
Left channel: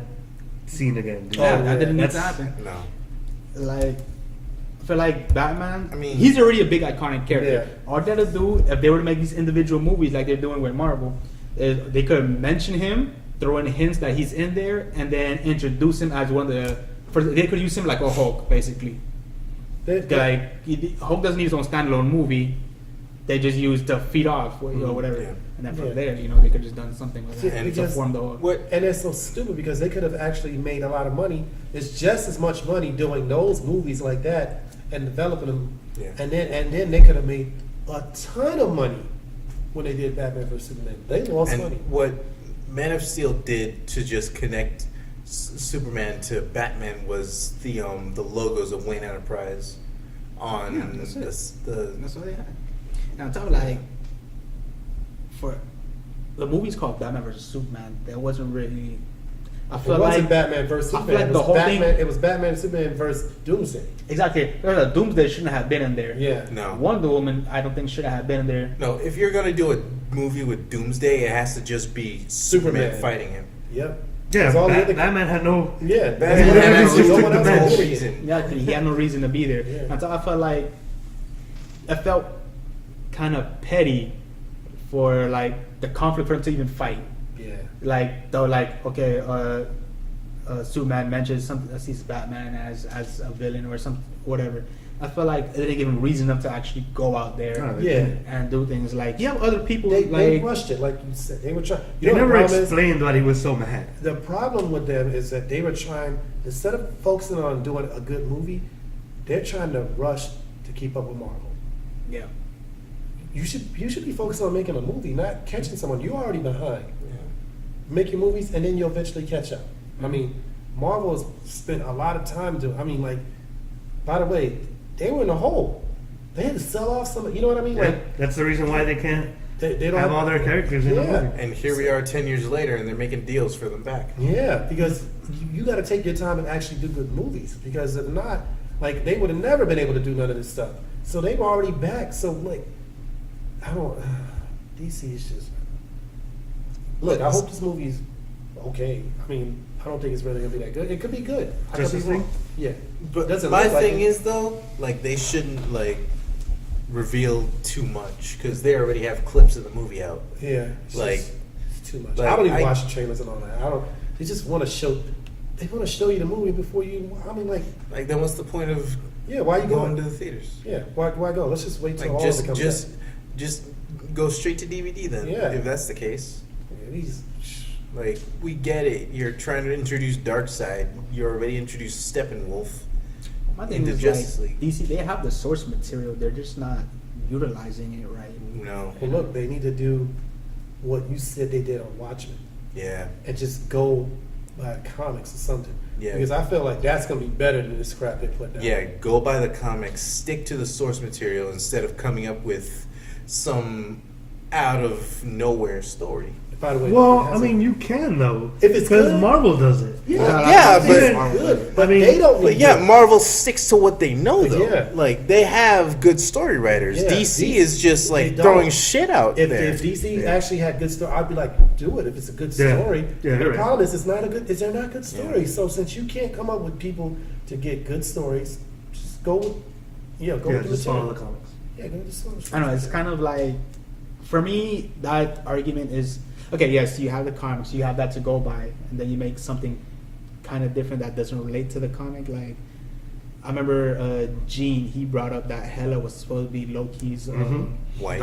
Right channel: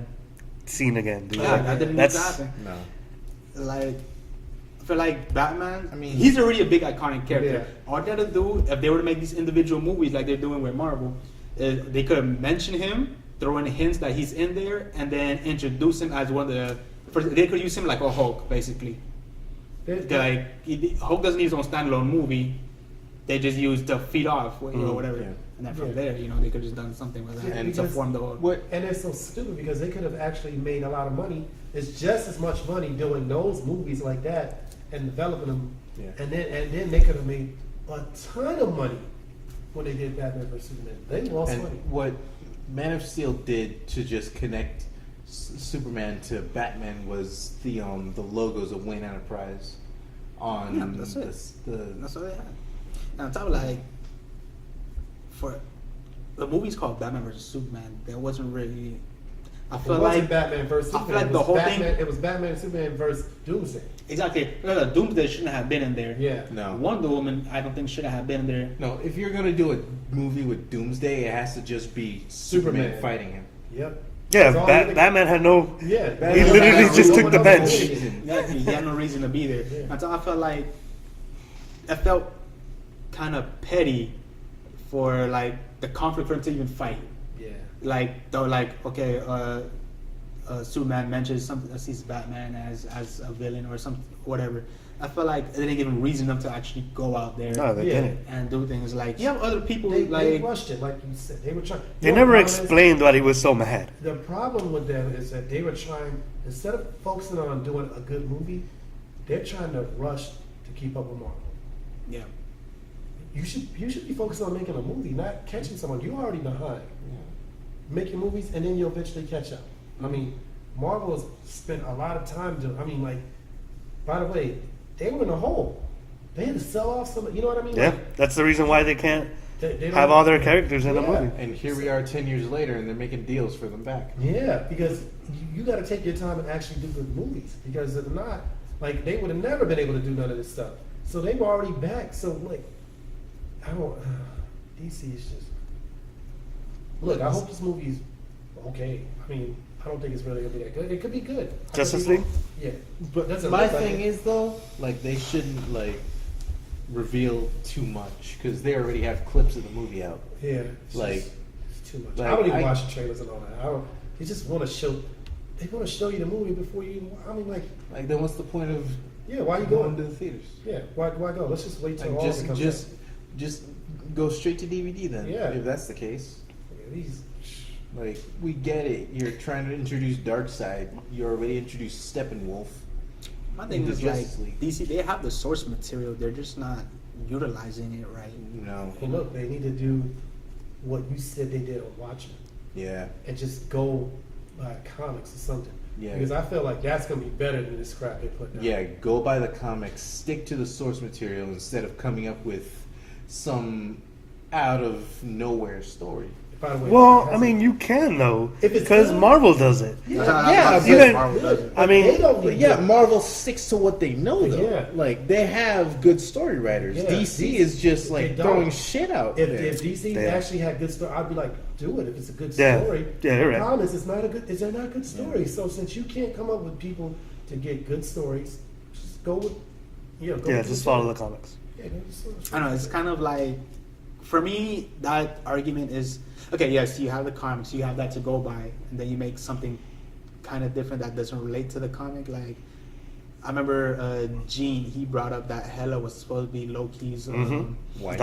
scene again. Dude. Yeah, Oh, that didn't need to That's happen. No. Like, I feel like Batman. I mean- he's already a big iconic character. Yeah. All they gotta do, if they were to make these individual movies like they're doing with Marvel, is they could mention him, throw in hints that he's in there, and then introduce him as one of the. They could use him like a Hulk, basically. Like Hulk doesn't need his own standalone movie. They just use to feed off or whatever, Yeah. and then from Yeah. there, they could just done something with that Yeah, and to because form the whole. What? And it's so stupid because they could have actually made a lot of money. It's just as much money doing those movies like that and developing them. Yeah. And then they could have made a ton of money when they did Batman vs Superman. They lost And money. what Man of Steel did to just connect Superman to Batman was the logos of Wayne Enterprise on Yeah, that's it. the That's all they had. And on top of like, for the movie's called Batman vs Superman, there wasn't really. I It feel wasn't like Batman vs I Superman. feel like it, was the whole Batman, thing- it was Batman and Superman versus Doomsday. exactly Doomsday shouldn't have been in there. Yeah. no. Wonder Woman, I don't think should have been there. No, if you're gonna do a movie with Doomsday, it has to just be Superman Superman. fighting him. Yep. yeah. That's all they- Batman had no. Yeah. Batman literally had just no took one the else bench. for reason. Yeah, he had no reason to be there. Yeah. And so I felt like I felt kind of petty for like the conflict for him to even fight. Yeah. Like they were like, okay, Superman mentions something, sees Batman as a villain or some whatever. I felt like they didn't give him reason enough to actually go out there No, they Yeah. didn't. and do things like you have other people They like rushed it, like you said. They were trying. They never explained why he was so mad. The problem with them is that they were trying, instead of focusing on doing a good movie, they're trying to rush to keep up with Marvel. yeah. You should be focused on making a movie, not catching someone. You're already behind. Yeah. Make your movies, and then you'll eventually catch up. I mean, Marvel has spent a lot of time doing. I mean, like, by the way, they were in a hole. They had to sell off some. You know what I mean? Yeah, Like, that's the reason why they can't they don't have all their characters in the Yeah. movie. And here we are 10 years later, and they're making deals for them back. Yeah, because you got to take your time and actually do good movies. Because if not, like they would have never been able to do none of this stuff. So they were already back. So like, I don't. DC is just. Look, I hope this movie's okay. I mean, I don't think it's really gonna be that good. It could be good. I could Justice be wrong. League? Yeah, But doesn't my look like thing it. is though, like they shouldn't like reveal too much because they already have clips of the movie out. Yeah, it's Like- just- it's too much. like, I don't even I- watch the trailers and all that. I don't. They just want to show. They want to show you the movie before you. I mean, like, Like then what's the point of yeah, why you going going? to the theaters? Yeah, why go? Let's just wait till Like all of it comes just go straight to DVD then. Yeah. If that's the case. out. we just. Like, we get it. You're trying to introduce Darkseid. You already introduced Steppenwolf I in think the it's Justice like League. DC, they have the source material. They're just not utilizing it right. You know? Well, look, they need to do what you said they did on Watchmen Yeah. and just go by comics or something. Yeah. Because I feel like that's going to be better than this crap they put down. Yeah, go by the comics. Stick to the source material instead of coming up with some out of nowhere story. By the way, Well, it I has mean, you can though, If it's because good. Marvel does it. Yeah, it's but- good. I mean, they don't But need yeah, to. Marvel sticks to what they know, though. Yeah. Like, they have good story writers. Yeah, DC DC is just, they like, don't. throwing shit out If there. DC Yeah. actually had good story, I'd be like, do it if it's a good Yeah. story. Yeah, you're the right. problem is, they're not good stories. So since you can't come up with people to get good stories, just go with, Yeah, with just follow the comics. Yeah, go with the source. I don't know. It's kind of like, for me, that argument is okay. Yes, you have the comics, you have that to go by, and then you make something kind of different that doesn't relate to the comic. Like, I remember Gene. He brought up that Hela was supposed to be Loki's Mhm. Wife.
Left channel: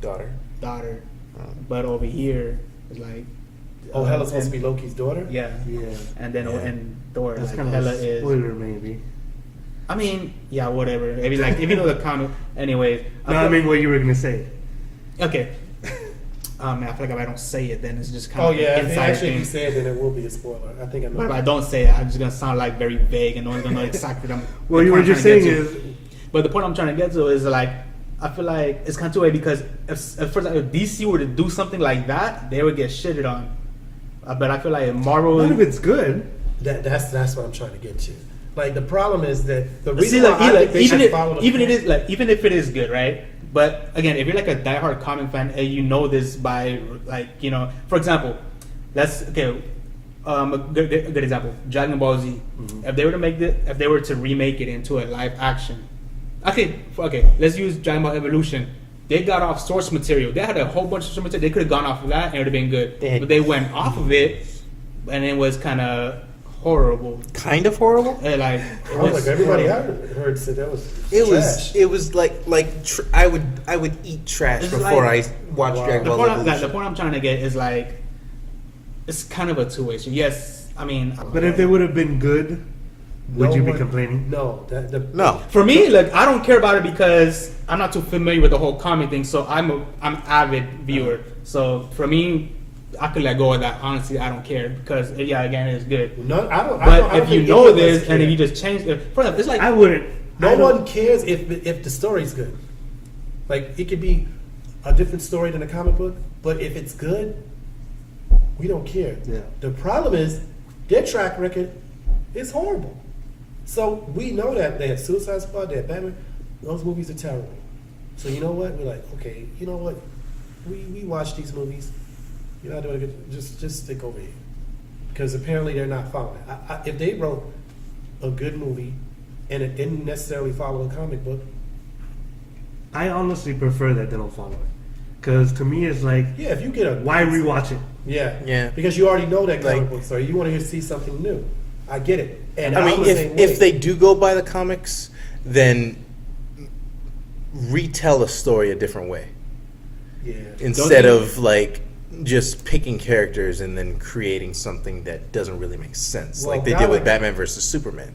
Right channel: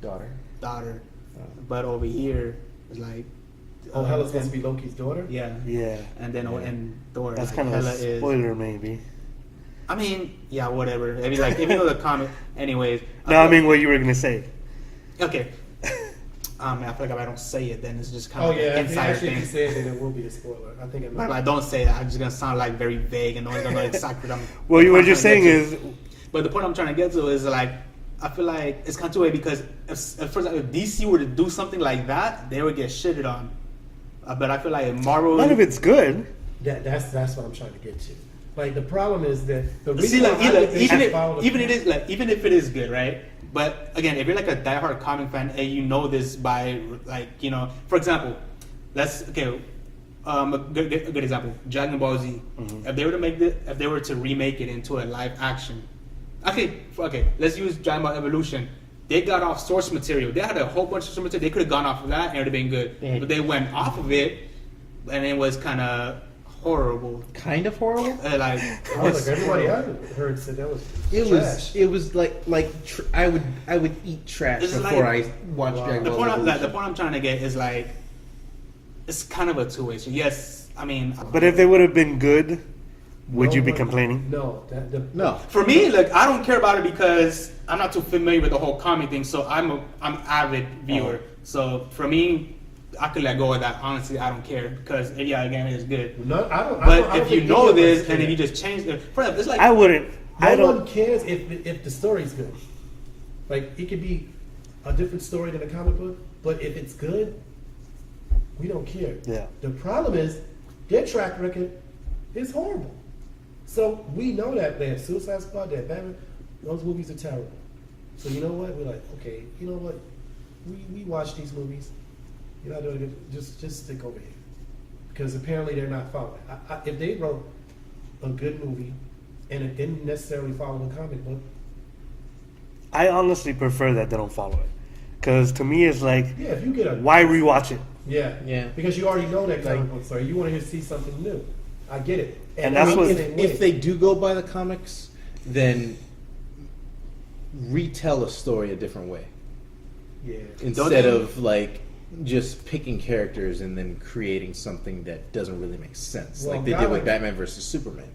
Daughter. daughter, Oh. but over here it's like Oh, Hela's supposed to and- be Loki's daughter? Yeah, Yeah, and then Yeah. and Thor. that's like, kind of Hela a spoiler, maybe. I mean, yeah, whatever. Maybe like if you know the comic, anyways. No, I mean what you were gonna say. Okay. I feel like if I don't say it, then it's just kind Oh, of yeah. inside Actually, if thing. you say it, then it will be a spoiler. I think I know. But if I don't say it, I'm just gonna sound like very vague and no one's gonna know exactly what I'm. Well, what what I'm you're trying saying to get to. is, But the point I'm trying to get to is like, I feel like it's kind of two-way because if DC were to do something like that, they would get shitted on. But I feel like Marvel. none of it's good. That's what I'm trying to get to. Like, the problem is that the But see, reason like, why I think they even should if, follow the even if it is good, right? But again, if you're like a diehard comic fan and you know this by like, you know, for example, that's okay. A good example, Dragon Ball Z. Mhm. If they were to remake it into a live action, okay, let's use Dragon Ball Evolution. They got off source material. They had a whole bunch of source material. They could have gone off of that and it would have been good. But they went off of it, and it was kind of horrible. Kind of horrible? And like, Oh, like everybody I heard said that was trash. It was like I would eat trash It's before like- I watched Wow. Dragon the Ball point, Evolution. the point I'm trying to get is like, it's kind of a two-way street. Yes, I mean, But if they would have been good, would No you be one- complaining? No. No. for me, like, I don't care about it because I'm not too familiar with the whole comic thing. So I'm avid viewer. So for me, I could let go of that. Honestly, I don't care because yeah, again, it's good. No, I don't. But I don't if you think know any of this us and if care. you just change it, for example, it's like I wouldn't. I No don't. one cares if the story's good. Like, it could be a different story than a comic book, but if it's good, we don't care. Yeah. The problem is their track record is horrible. So we know that they had Suicide Squad, they had Batman. Those movies are terrible. So you know what? We're like, okay, you know what? We watch these movies. You're not doing good. Just stick over here, because apparently they're not following. If they wrote a good movie and it didn't necessarily follow a comic book, I honestly prefer that they don't follow it, because to me it's like, yeah, if you get a why rewatch it? yeah, because you already know that comic Like- book story, you want to see something new. I get it, and I I that's mean, what if they they do go by the comics, then retell a story a different way yeah. instead you- of like just picking characters and then creating something that doesn't really make sense, Well, like they God, did with like- Batman versus Superman.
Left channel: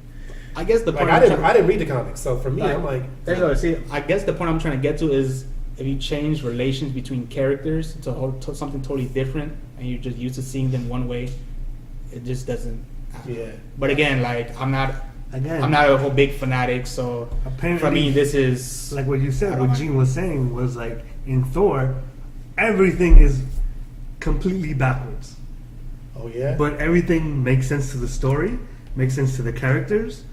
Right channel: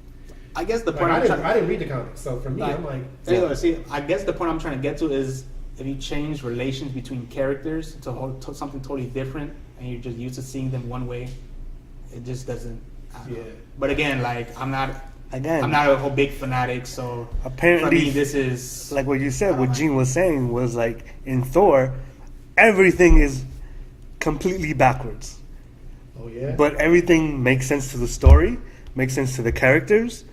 I guess the Like, point I I'm didn't trying- read the comics, so for me, I'm like, See, I guess the point I'm trying to get to is if you change relations between characters to something totally different, and you're just used to seeing them one way, it just doesn't. I don't know. Yeah. But again, like I'm not Again, a whole big fanatic, so Apparently- for me this is like what you I said, don't what know. Gene was saying was like in Thor, everything is completely backwards, oh yeah, but everything makes sense to the story, makes sense to the characters.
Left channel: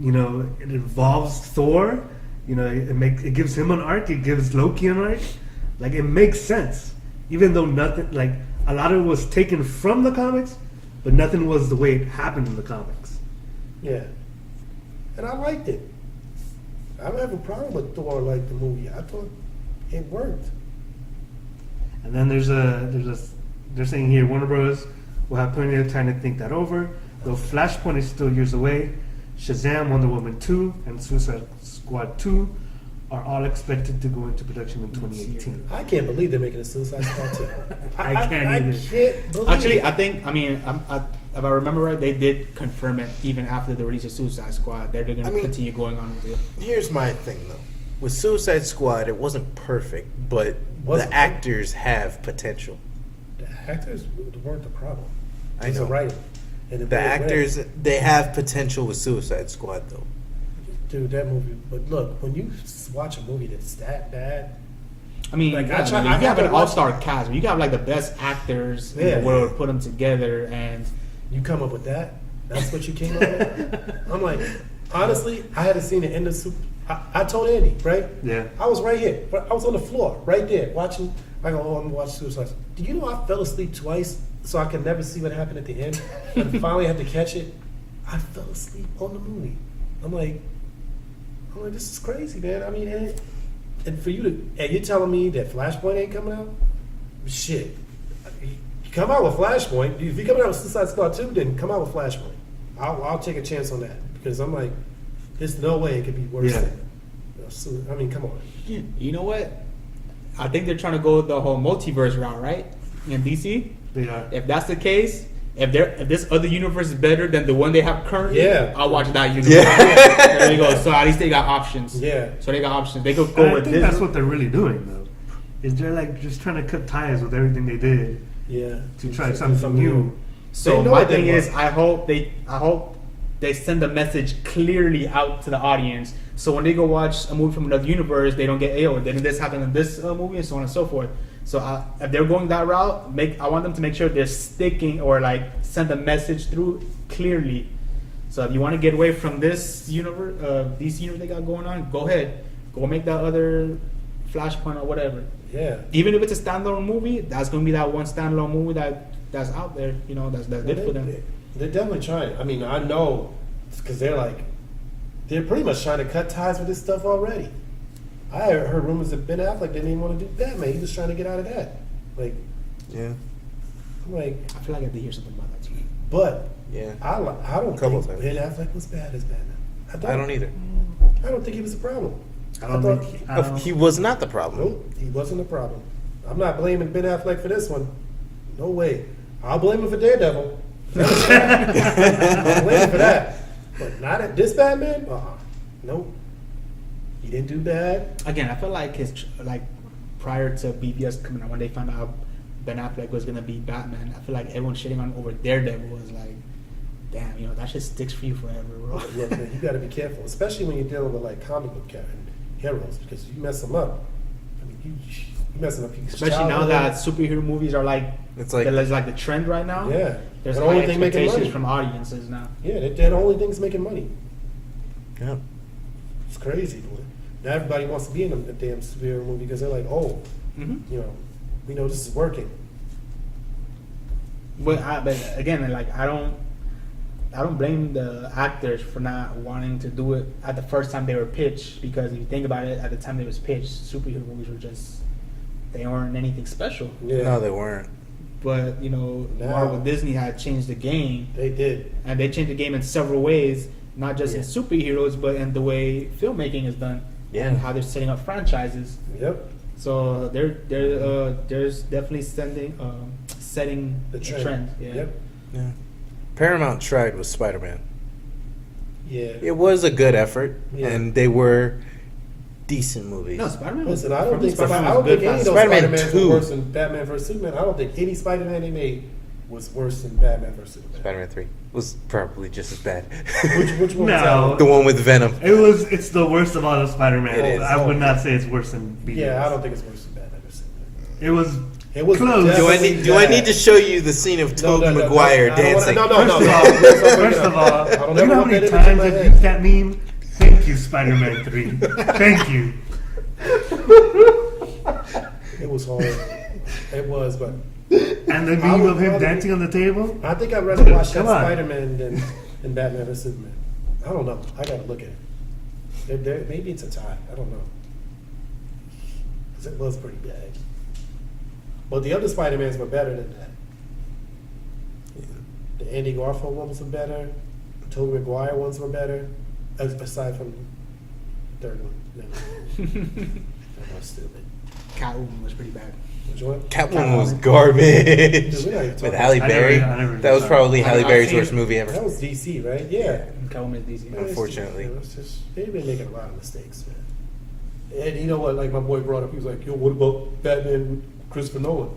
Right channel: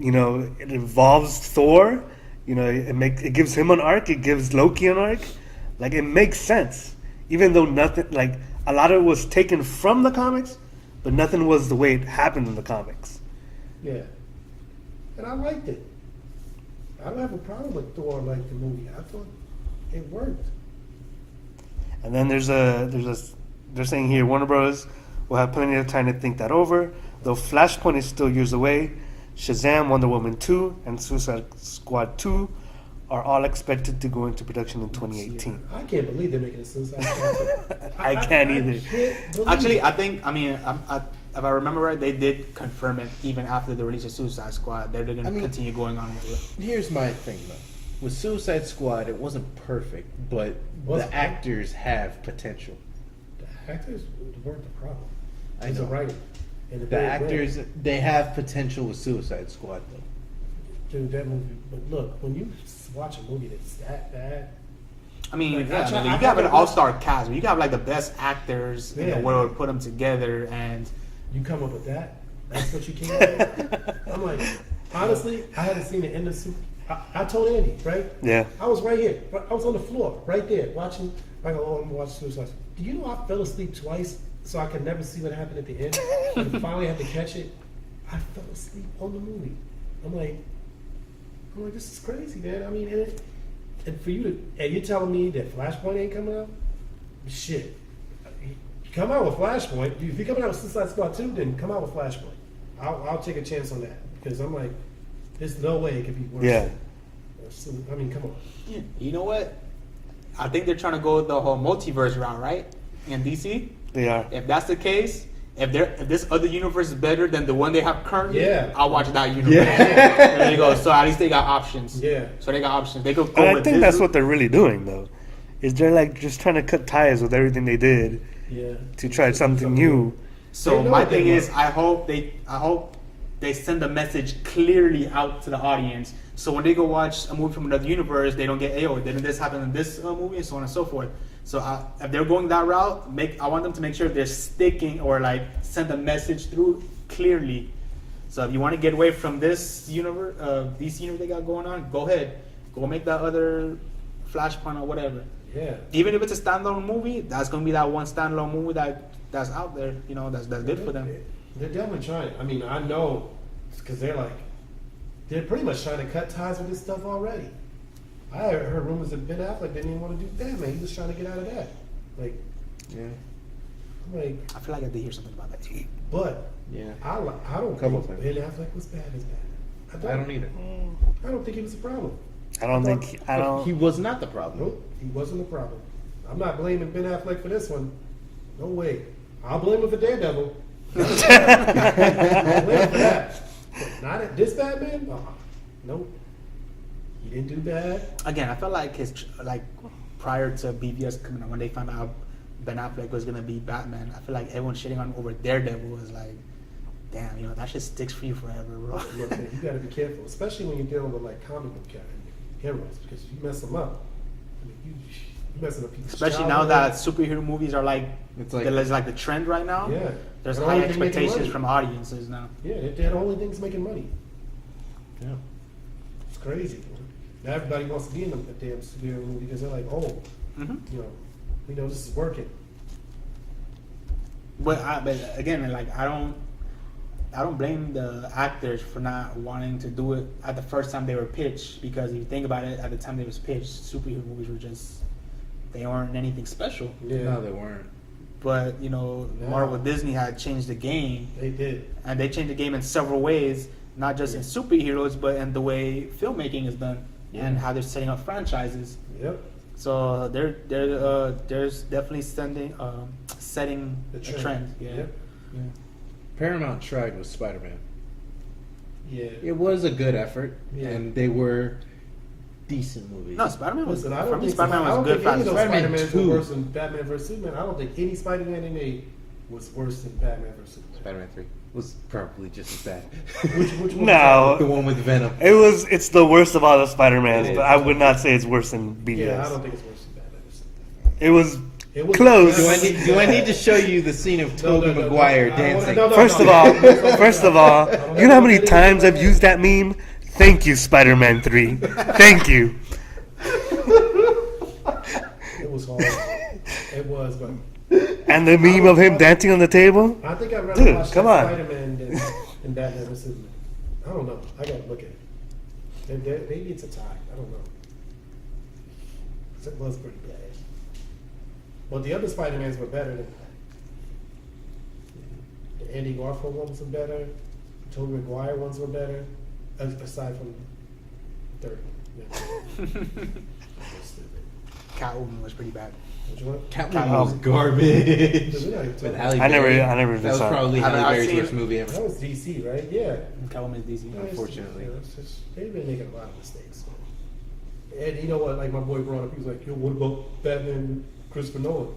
You know, it involves Thor. You know, it gives him an arc. It gives Loki an arc. Like, it makes sense, even though nothing, like, a lot of it was taken from the comics, but nothing was the way it happened in the comics. yeah, and I liked it. I don't have a problem with Thor, like the movie. I thought it worked. And then they're saying here Warner Bros. Will have plenty of time to think that over. Though Flashpoint is still years away, Shazam, Wonder Woman 2, and Suicide Squad 2 are all expected to go into production in 2018. I can't believe they're making a Suicide Squad 2. I can't either. Can't believe Actually, it. I think, if I remember right, they did confirm it even after the release of Suicide Squad. They're going to continue going on with it. Here's my thing though. With Suicide Squad, it wasn't perfect, but Wasn't the actors have potential. The actors weren't the problem. I It's the know. writing. And The actors, they have potential with Suicide Squad though. Dude, that movie. But look, when you watch a movie that's that bad, I mean, Like, you I have haven't an watched- all-star cast. You got like the best actors in Yeah. the world, put them together, and you come up with that. That's what you came up with. I'm like, honestly, I hadn't seen the end of Super. I told Andy, right? Yeah. I was right here. I was on the floor, right there, watching. I go, I'm gonna watch Suicide. Do you know I fell asleep twice so I could never see what happened at the end? And finally had to catch it. I fell asleep on the movie. I'm like, this is crazy, man. I mean, and for you to, and you're telling me that Flashpoint ain't coming out? Shit. You come out with Flashpoint. If you come out with Suicide Squad 2, then come out with Flashpoint. I'll take a chance on that because I'm like, there's no way it could be worse. Yeah. I mean, come on. you know what? I think they're trying to go the whole multiverse route, right? In DC. They are. If that's the case, if this other universe is better than the one they have currently, Yeah. I'll watch that universe. Yeah. There you go. So at least they got options. Yeah. So they got options. They could go And I with think this. that's what they're really doing, though. Is they're like just trying to cut ties with everything they did Yeah. to try something new. So They know my it didn't thing is, work. I hope they send the message clearly out to the audience. So when they go watch a movie from another universe, they don't get, then this happened in this movie, and so on and so forth. So if they're going that route, I want them to make sure they're sticking or like send the message through clearly. So if you want to get away from this universe, DC universe they got going on, go ahead, go make that other Flashpoint or whatever. Yeah. Even if it's a standalone movie, that's gonna be that one standalone movie that's out there. You know, that's good for them. They're definitely trying. I mean, I know because they're pretty much trying to cut ties with this stuff already. I heard rumors that Ben Affleck didn't even want to do Batman. He was trying to get out of that. Like, Yeah. I'm like, I feel like I have to hear something about that. but Yeah. I don't Couple think times. Ben Affleck was bad as Batman. I don't either. I don't think he was a problem. I don't thought- think. I don't. He was not the problem. Nope, he wasn't a problem. I'm not blaming Ben Affleck for this one. No way. I'll blame him for Daredevil. I'll blame him for that. But not at this Batman? Nope. He didn't do bad. Again, I felt like prior to BVS coming out, when they found out Ben Affleck was gonna be Batman, I feel like everyone shitting on over Daredevil was like, damn, that shit sticks for you forever, bro. Look, man, you got to be careful, especially when you're dealing with like comic book heroes, because you mess them up. You messing up people's Especially now childhood. that superhero movies are like It's like the trend right now. Yeah. There's The high only thing making expectations money. from audiences now. Yeah, they're the only things making money. yeah. It's crazy. Now everybody wants to be in a damn superhero movie because they're like, oh, Mm-hmm. we know this is working. But again, like I don't blame the actors for not wanting to do it at the first time they were pitched, because if you think about it, at the time they was pitched, superhero movies were they weren't anything special. Yeah, No, they weren't. But Now- Marvel Disney had changed the game, they did. and they changed the game in several ways, not just in Yeah. superheroes, but in the way filmmaking is done Yeah. and how they're setting up franchises. Yep. So there's definitely setting The the trend. trend. Yeah. Yep. Yeah. Paramount tried with Spider-Man. Yeah. It was a good effort, Yeah. and they were decent movies. No, Spider-Man. Listen, I don't think Spider-Man I don't was a think good any of those Spider-Man Spider-Mans 2. were worse than Batman vs Superman. I don't think any Spider-Man they made was worse than Batman vs Superman. Spider-Man 3 was probably just as bad. Which one? No. The one with Venom. It's the worst of all the Spider-Man. It is. I would not say it's worse than BVS. Yeah, I don't think it's worse than Batman vs Superman. It was It was close. definitely Do I need to show you the scene of Tobey no, Maguire I don't wanna- dancing? First of all, I don't you know how many know times what I've that used that meme? Thank you, Spider-Man 3. Thank you. It was hard. It was, but And the meme of him dancing on the table? I think I'd rather Dude, watch that come on. Spider-Man than Batman vs Superman. I don't know. I gotta look at it. Maybe it's a tie. I don't know. 'Cause it was pretty bad. But the other Spider-Mans were better than that. The Andy Garfield ones were better. The Tobey Maguire ones were better. Aside from Third one. No. That's stupid. Catwoman was pretty bad. Which one? Catwoman was garbage. Dude, we gotta talk With about Halle I never- Berry. I never That was saw it. probably Halle I've Berry's seen worst it. movie ever. That was DC, right? Yeah. Catwoman is DC. Unfortunately. They've been making a lot of mistakes, man. And you know what? Like my boy brought up, he was like, "Yo, what about Batman, Christopher Nolan?"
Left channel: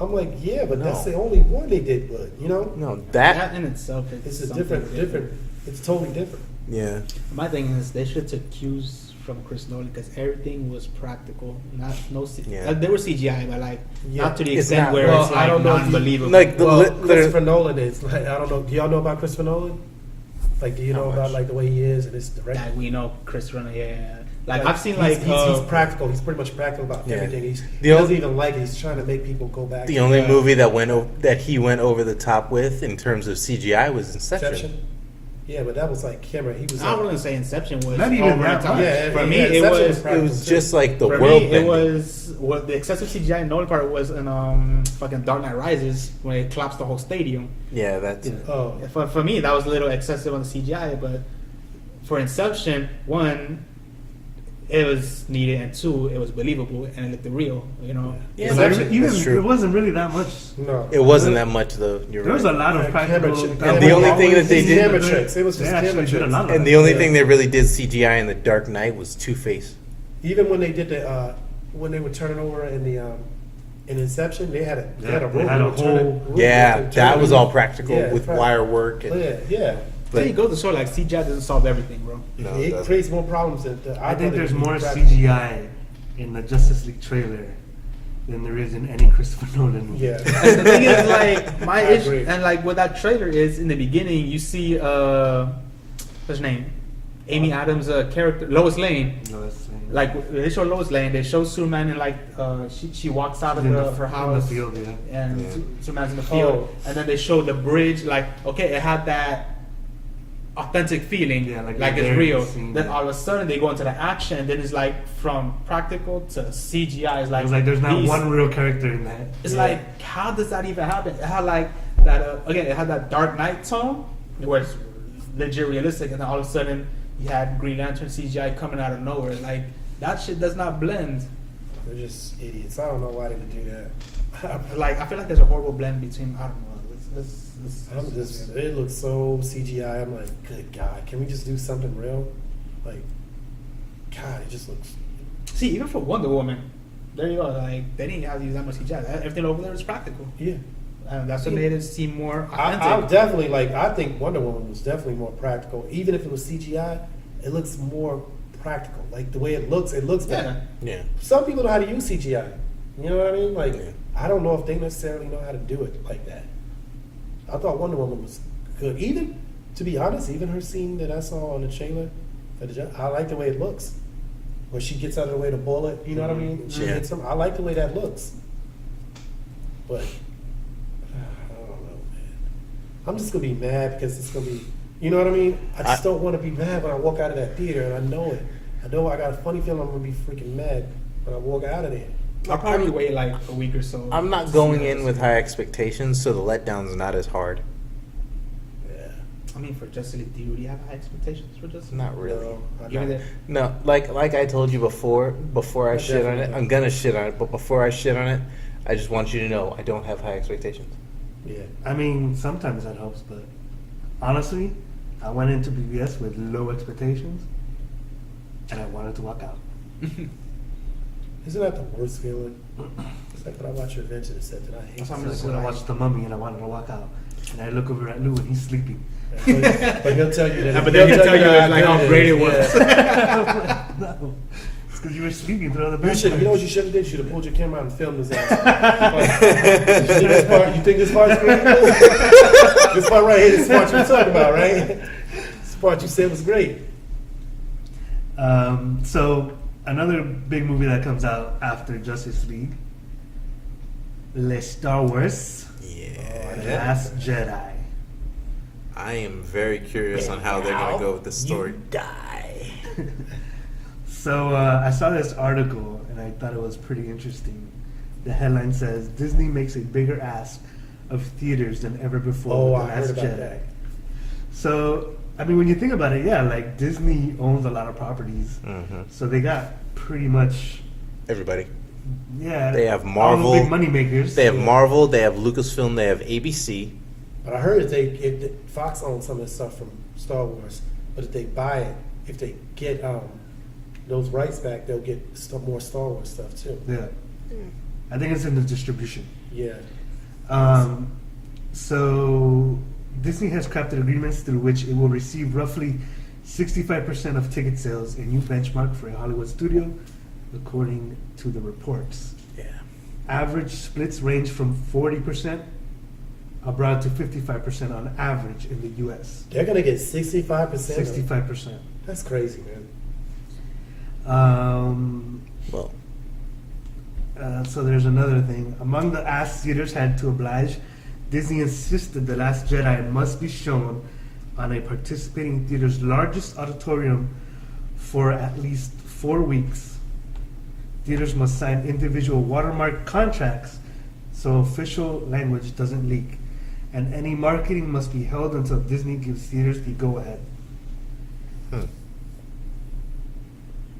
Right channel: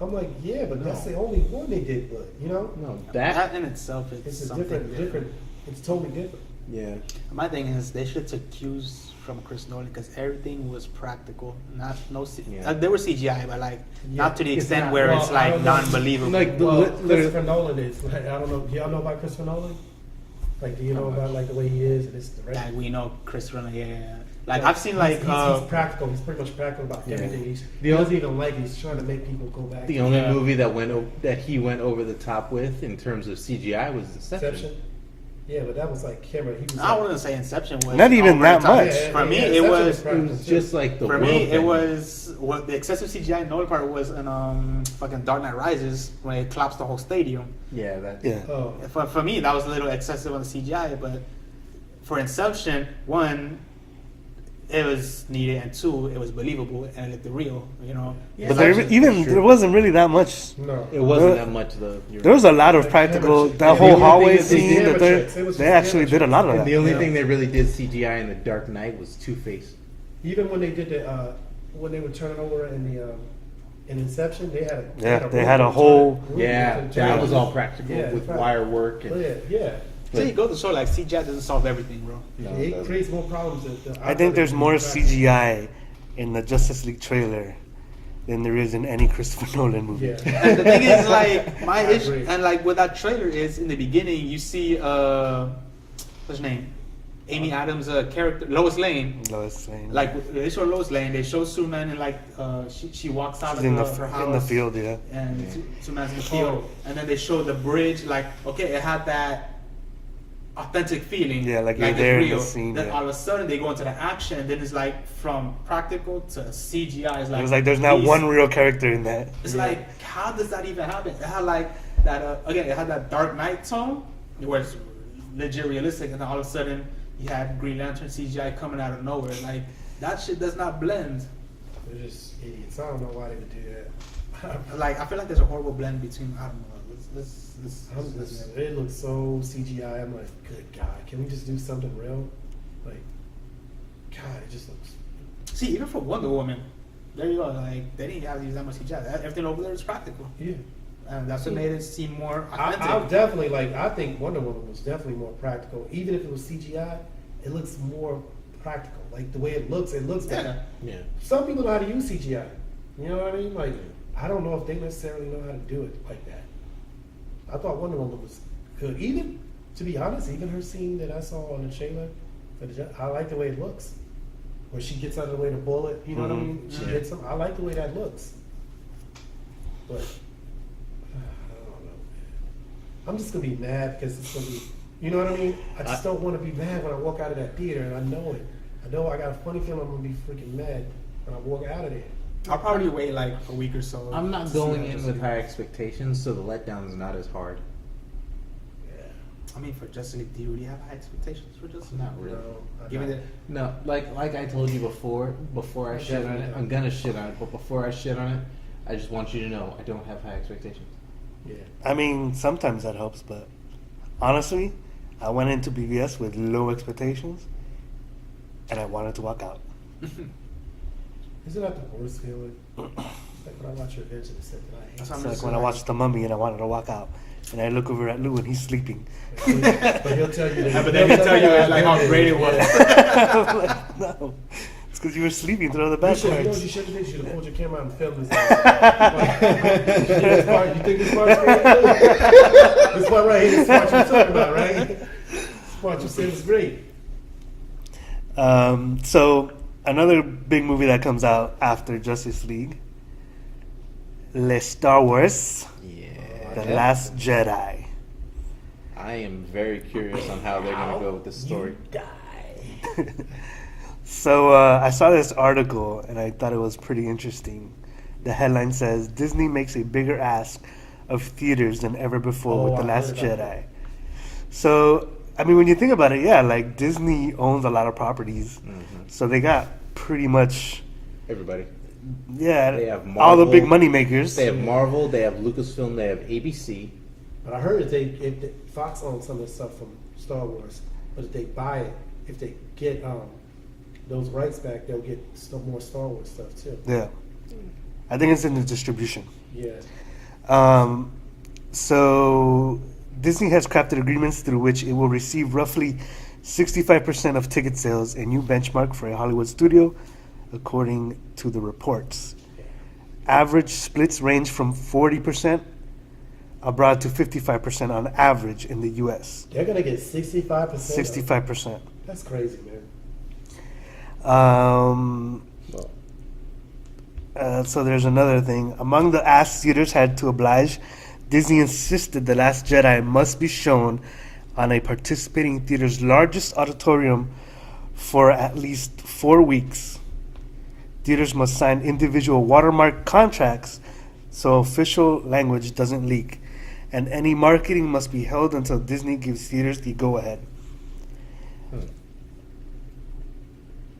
I'm like, "Yeah, but that's No. the only one they did good." You know, No, That that. in itself it's is a something different. It's totally different. Yeah. My thing is they should have took cues from Chris Nolan because everything was practical. Not no. Yeah. There was CGI, but like Yeah. not to the It's extent not- where well, it's I like don't know if you- non-believable. Like the, Well, the Christopher Nolan is like, I don't know. Do y'all know about Christopher Nolan? Like, do you Not know much. about like the way he is and his direction? like we know Chris Nolan, yeah. Like I've seen like he's practical. He's pretty much practical about Yeah. everything. He The doesn't only- even like it. He's trying to make people go back. the to, only movie that he went over the top with in terms of CGI was Inception. Inception. Yeah, but that was like camera. He was. I Like, wouldn't say Inception was Not even over that the top. much. Yeah, For me, yeah, it Inception was. is It was just like the For world me, it bending. was what the excessive CGI in Nolan part was in fucking Dark Knight Rises when it collapsed the whole stadium. Yeah, that's Yeah. Oh, For me, that was a little excessive on the CGI, but for Inception, one, it was needed, and two, it was believable and it looked real. You know, Yeah, But there, Inception, even that's true. there wasn't really that much. no. It wasn't that much though. You're There was a right. lot of Yeah, practical. camera That trick. whole The only thing hallway that they scene, did- Camera they- tricks. It was they just actually camera did a tricks. lot of And that. the only Yeah. thing they really did CGI in the Dark Knight was Two-Face. Even when they did the when they would turn it over in the in Inception, they had a Yeah, they room had a to turn whole- it- room Yeah, to turn that it was over. all practical Yeah, with right. wire work and. Yeah. there you go to show like CGI doesn't solve everything, bro. No, it it doesn't. creates more problems. I think there's more CGI in the Justice League trailer than there is in any Christopher Nolan movie. Yeah. And the thing is, like my I issue, agree. and like what that trailer is in the beginning, you see what's her name, Amy Adams' character Lois Lane. Lois Lane. Like they show Lois Lane, they show Superman, and like she walks out of in her house in the field, yeah. and Yeah. Superman's in the field, and then they show the bridge. Like okay, it had that authentic feeling, Yeah, like like you're there it's in the real. scene, Then yeah. all of a sudden they go into the action, and then it's like from practical to CGI. It's like It was like there's not these- one real character in that. It's like, how does that even happen? It had like that, again, it had that Dark Knight tone, where it's legit realistic, and then all of a sudden you had Green Lantern CGI coming out of nowhere. Like, that shit does not blend. They're just idiots. I don't know why they would do that. Like, I feel like there's a horrible blend between, I don't know. I'm just, it looks so CGI. I'm like, good God, can we just do something real? Like, God, it just looks. See, even for Wonder Woman, there you go. Like, they didn't have to use that much CGI. Everything over there is practical. Yeah. And that's what made it seem more authentic. I definitely like. I think Wonder Woman was definitely more practical. Even if it was CGI, it looks more practical. Like the way it looks better. Yeah. Some people know how to use CGI. You know what I mean? Like, Yeah. I don't know if they necessarily know how to do it like that. I thought Wonder Woman was good. Even, to be honest, even her scene that I saw on the trailer, I like the way it looks. Where she gets out of the way of the bullet, you know what I mean? She Yeah. hits him. I like the way that looks. But I don't know, man. I'm just gonna be mad because it's gonna be, you know what I mean? I just don't want to be mad when I walk out of that theater, and I know it. I know I got a funny feeling I'm gonna be freaking mad when I walk out of there. I'll probably wait like a week or so. I'm not going in with high expectations, so the letdown's not as hard. Yeah. I mean, for Justice League, do you really have high expectations for Justice League? Not really. Even the, No, like I told you before I shit on it, I'm gonna shit on it, but before I shit on it, I just want you to know I don't have high expectations. Yeah. I mean, sometimes that helps, but honestly, I went into BVS with low expectations, and I wanted to walk out. Isn't that the worst feeling? It's like when I watch Revenge of the Sith and I hate That's It's I'm like just when I like- watched The Mummy and I wanted to walk out, and I look over at Lou and he's sleeping. it. But he'll tell you that. Yeah, but then he'll tell you like how great it was. I'm like, no, it's because you were sleeping through the You best should, you know what parts. you should have did? You should have pulled your camera out and filmed this. You see this part? You think this part's great? This part right here, this part you're talking about, right? This part you said was great. So another big movie that comes out after Justice League, Star Wars, Yeah. The Last Jedi. I am very curious on how they're gonna go with the story. Die. So I saw this article and I thought it was pretty interesting. The headline says Disney makes a bigger ask of theaters than ever before Oh, with The I heard Last about Jedi. that. So I mean, when you think about it, yeah, like Disney owns a lot of properties, so they got pretty much Everybody. yeah. They have all Marvel. the big money makers. They have Marvel. They have Lucasfilm. They have ABC. But I heard if Fox owns some of this stuff from Star Wars, but if they buy it, if they get those rights back, they'll get more Star Wars stuff too. Yeah, I think it's in the distribution. Yeah. So Disney has crafted agreements through which it will receive roughly 65% of ticket sales, a new benchmark for a Hollywood studio, according to the reports. Yeah. Average splits range from 40% abroad to 55% on average in the U.S. They're gonna get 65%. 65%. That's crazy, man. Well, So there's another thing. Among the asks theaters had to oblige, Disney insisted The Last Jedi must be shown on a participating theater's largest auditorium for at least 4 weeks. Theaters must sign individual watermark contracts so official language doesn't leak. And any marketing must be held until Disney gives theaters the go-ahead.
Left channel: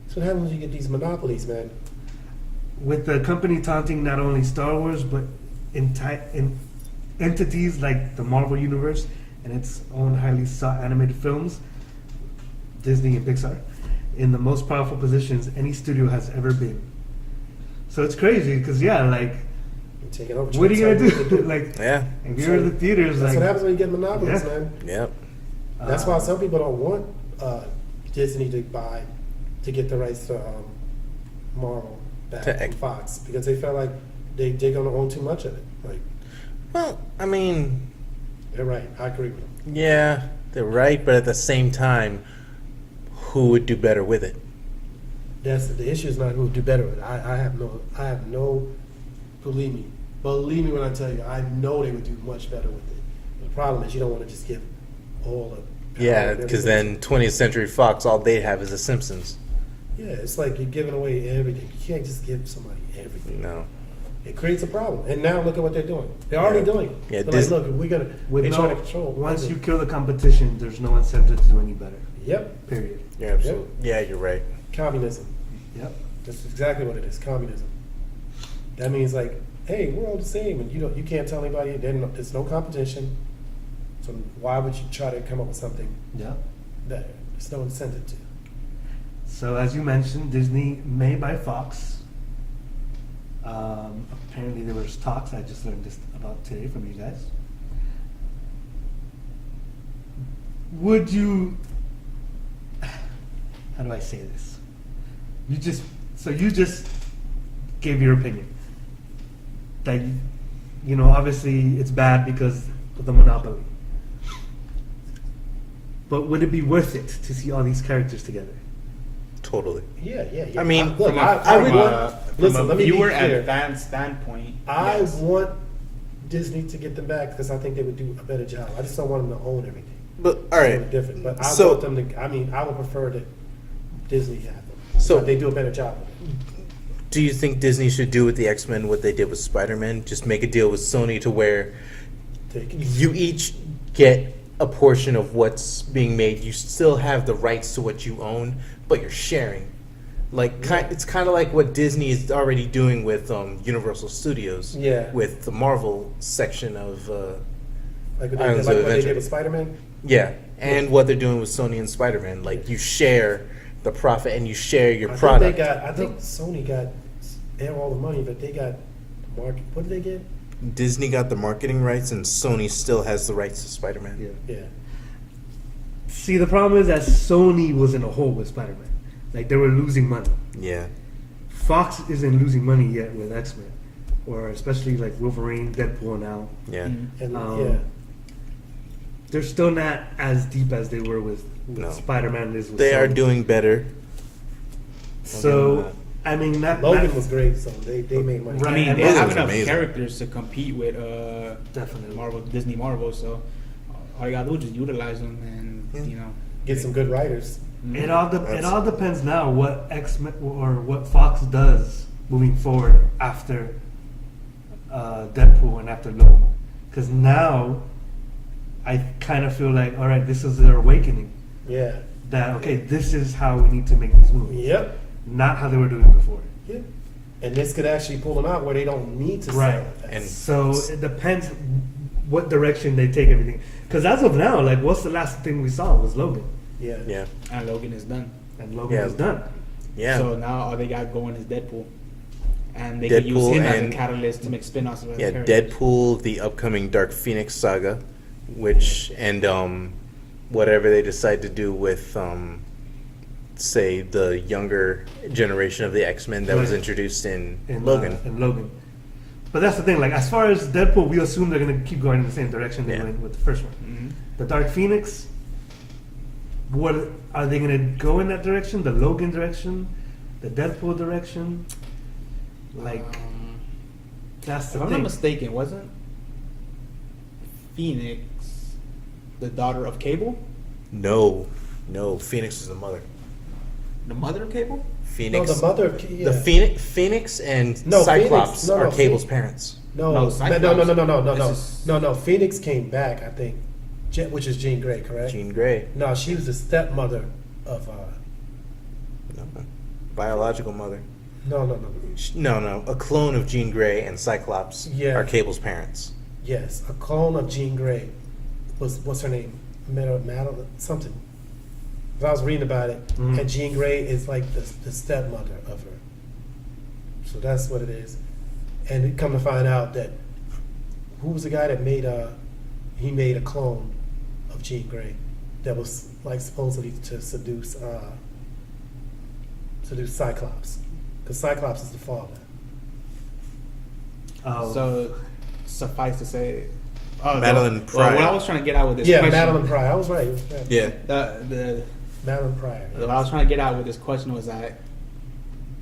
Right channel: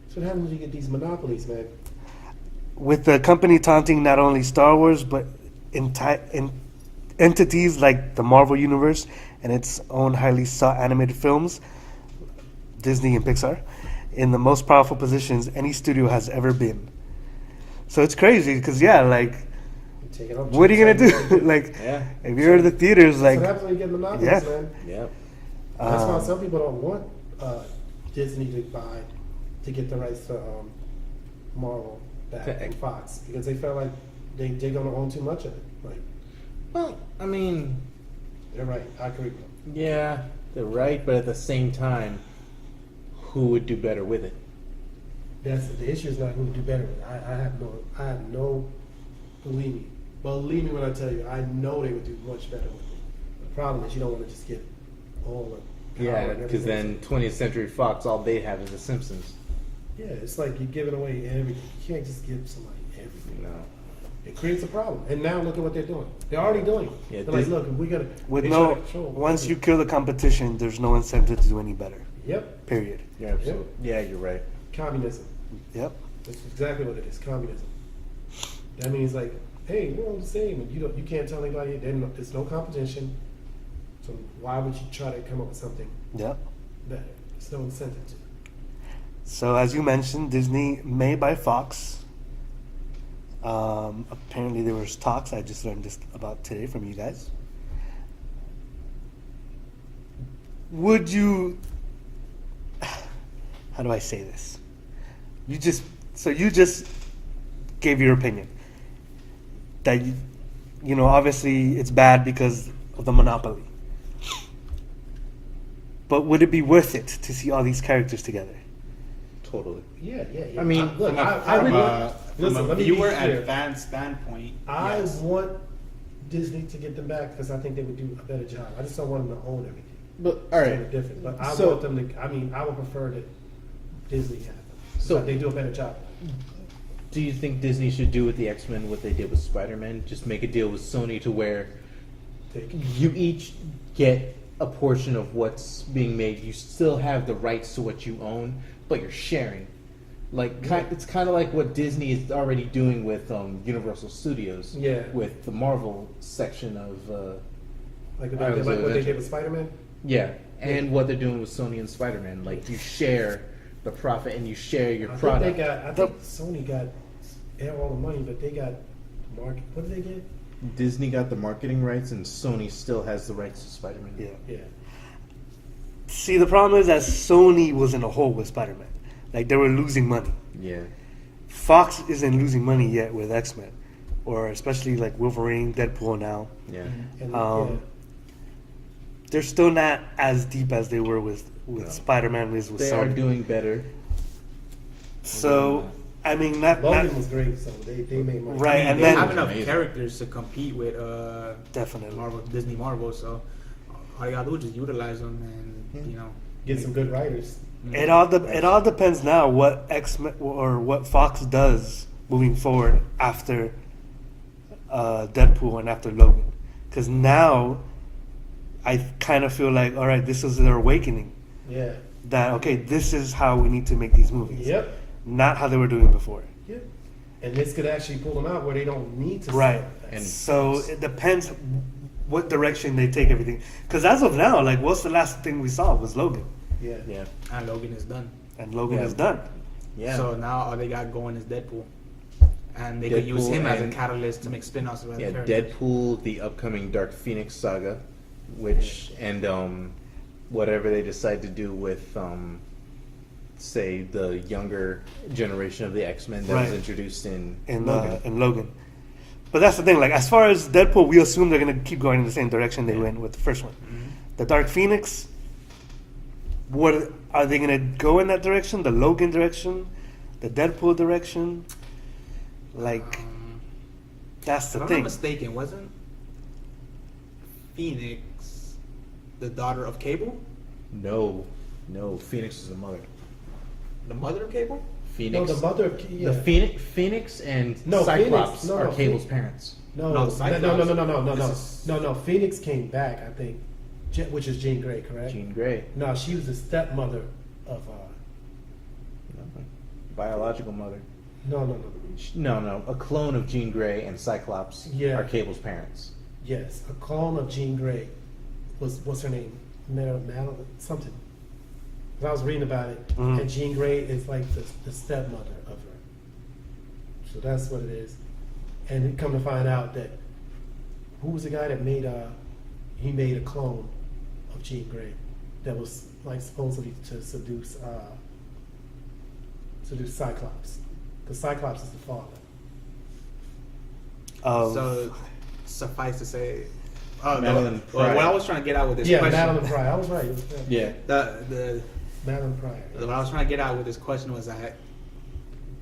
So how did you get these monopolies, man? With the company taunting not only Star Wars, but entities like the Marvel Universe and its own highly sought animated films, Disney and Pixar, in the most powerful positions any studio has ever been. So it's crazy because, yeah, like, what are you going to do? Like, yeah. if you're in the theaters, That's like, what happens when you get monopolies, yeah. man. Yep. That's why some people don't want Disney to get the rights to Marvel back To from ex- Fox because they feel like they're going to own too much of it. Like, Well, I mean, they're right. I agree with you. yeah, they're right, but at the same time, who would do better with it? That's the issue. Is not who would do better with it. I have no. Believe me when I tell you, I know they would do much better with it. The problem is you don't want to just give all the power Yeah, and because everything. then 20th Century Fox, all they have is The Simpsons. Yeah, it's like you're giving away everything. You can't just give somebody everything. No. It creates a problem. And now look at what they're doing. They're already doing it. Yeah, They're Disney- like, look, we gotta with they no, try to control once you everything. kill the competition, there's no incentive to do any better. Yep. Period. You're absolutely. Yeah, you're right. Communism. Yep. That's exactly what it is. Communism. That means like, hey, we're all the same, and you can't tell anybody. There's no competition. So why would you try to come up with something Yep. that there's no incentive to? So as you mentioned, Disney may buy Fox. Apparently there was talks. I just learned this about today from you guys. Would you? How do I say this? You just gave your opinion that you know obviously it's bad because of the monopoly. But would it be worth it to see all these characters together? Totally. Yeah. I mean, look, From I would a listen. Let me be viewer and clear. a fan standpoint, I yes. want Disney to get them back because I think they would do a better job. I just don't want them to own everything. But, all right. It's different. But I So- want them to. I mean, I would prefer that Disney have them. So- But they do a better job. Do you think Disney should do with the X-Men what they did with Spider-Man? Just make a deal with Sony to where Take it. you each get a portion of what's being made. You still have the rights to what you own, but you're sharing. Like it's kind of like what Disney is already doing with Universal Studios. Yeah. With the Marvel section of Like what Islands they of did Adventure. with Spider-Man. yeah, and what they're doing with Sony and Spider-Man. Like you share the profit and you share your product. I think Sony got all the money, but they got market. What did they get? Disney got the marketing rights, and Sony still has the rights to Spider-Man. Yeah. Yeah. See, the problem is that Sony was in a hole with Spider-Man. Like they were losing money. Yeah. Fox isn't losing money yet with X-Men, or especially like Wolverine, Deadpool now. Yeah. And Yeah. They're still not as deep as they were with No. Spider-Man is with They Sony. are doing better. So, I mean, Logan was great, so they made money. Right. I mean, and they Logan's have enough amazing. characters to compete with Definitely. Disney Marvel. So all you gotta do is just utilize them, and you know, Get some good writers. It all depends now what X-Men or what Fox does moving forward after Deadpool and after Logan, because now I kind of feel like, all right, this is their awakening. Yeah. That, okay, this is how we need to make these movies. Yep. Not how they were doing before. Yep. And this could actually pull them out where they don't need to. Right. And So it depends what direction they take everything. Because as of now, like, what's the last thing we saw was Logan. Yeah. yeah, And Logan is done. And Logan Yeah. is done. yeah. So now all they got going is Deadpool. And they can use Deadpool him as a and- catalyst to make spin-offs of other Yeah, characters. Deadpool, the upcoming Dark Phoenix saga, which and whatever they decide to do with say the younger generation of the X-Men that was Right. introduced in In Logan. Logan. But that's the thing. Like, as far as Deadpool, we assume they're going to keep going in the same direction they Yeah. went with the first one. Mhm. The Dark Phoenix, what are they going to go in that direction? The Logan direction? The Deadpool direction? Like, that's If the I'm thing. not mistaken, wasn't Phoenix the daughter of Cable? No, Phoenix is the mother. The mother of Cable? Phoenix. No, the mother. Yeah. The Phoenix and No, Cyclops Phoenix. No, are no, Cable's Phoenix. parents. No, No, no, Cyclops. This is- no. Phoenix came back, I think, which is Jean Grey, correct? Jean Grey, No, she was the stepmother of. no, biological mother. No. No, a clone of Jean Grey and Cyclops Yeah. are Cable's parents. Yes, a clone of Jean Grey. What's her name? Madeline something. But I was reading about it, Mhm. and Jean Grey is like the stepmother of her. So that's what it is. And it come to find out that who was the guy that made he made a clone of Jean Grey that was like supposedly to seduce Cyclops, because Cyclops is the father. Oh, So suffice to say, Madeline Well, Pryor. what I was trying to get out with this Yeah, question, Madeline Pryor. I was right. It was Madeline. Yeah. the Madeline Pryor. what I was trying to get out with this question was that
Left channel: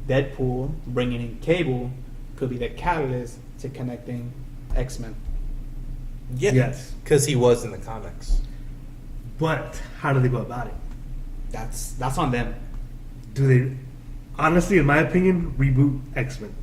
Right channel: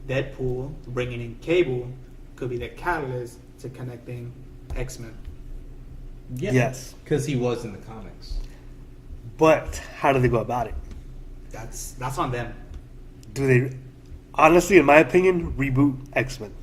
Deadpool bringing in Cable could be the catalyst to connecting X-Men. Yeah. Yes. Because he was in the comics. but how do they go about it? That's on them. Do they, honestly, in my opinion, reboot X-Men?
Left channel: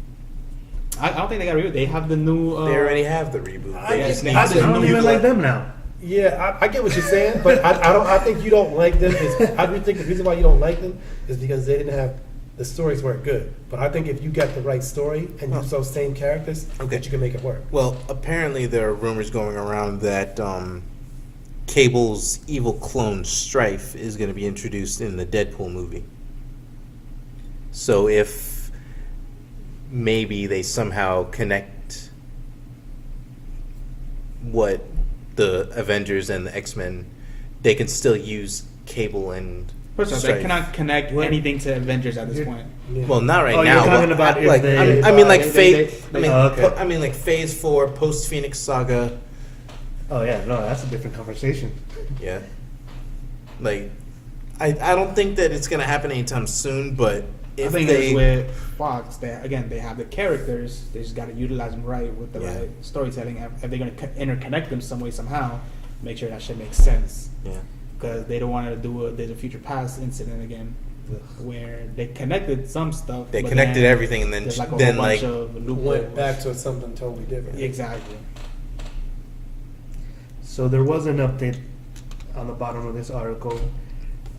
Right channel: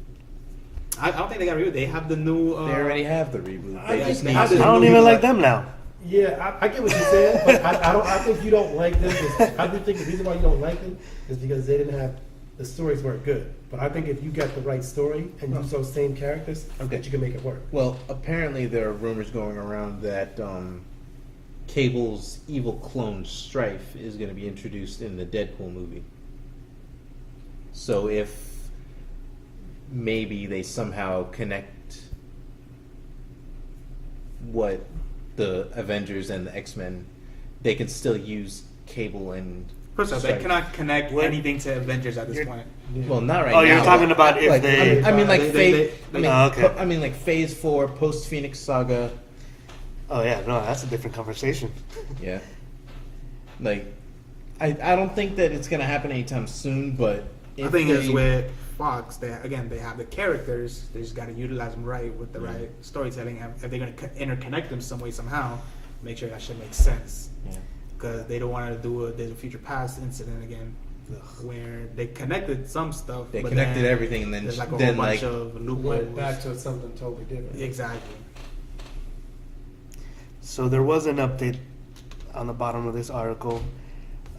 I don't think they got rid of it. They have the new. They already have the reboot. I They think- just I need think- to- I don't even like them now. Yeah, I get what you're saying, but I don't. I think you don't like them. I do think the reason why you don't like them is because they didn't have the stories weren't good. But I think if you got the right story and use those same characters, Okay. that you can make it work. Well, apparently there are rumors going around that Cable's evil clone Strife is going to be introduced in the Deadpool movie. So if maybe they somehow connect what the Avengers and the X-Men, they can still use Cable and First off, they Strife. cannot connect What? anything to Avengers at this You're- point. Yeah. Well, not right Oh, now. you're talking but, about if like, they- I mean, like they- phase. they- I mean, Oh, okay. I mean, like Phase 4, post Phoenix Saga. Oh yeah, no, that's a different conversation. Yeah. Like, I don't think that it's gonna happen anytime soon. But I if think they, it's with Fox. They have the characters. They just got to utilize them right with the Yeah. right storytelling. If they're going to interconnect them some way somehow, make sure that shit makes sense. yeah, Because they don't want to do a future past incident again, where they connected some stuff. they but connected then everything, and then there's like a then whole like bunch of loopholes. Went back to something totally different. Exactly. So there was an update on the bottom of this article.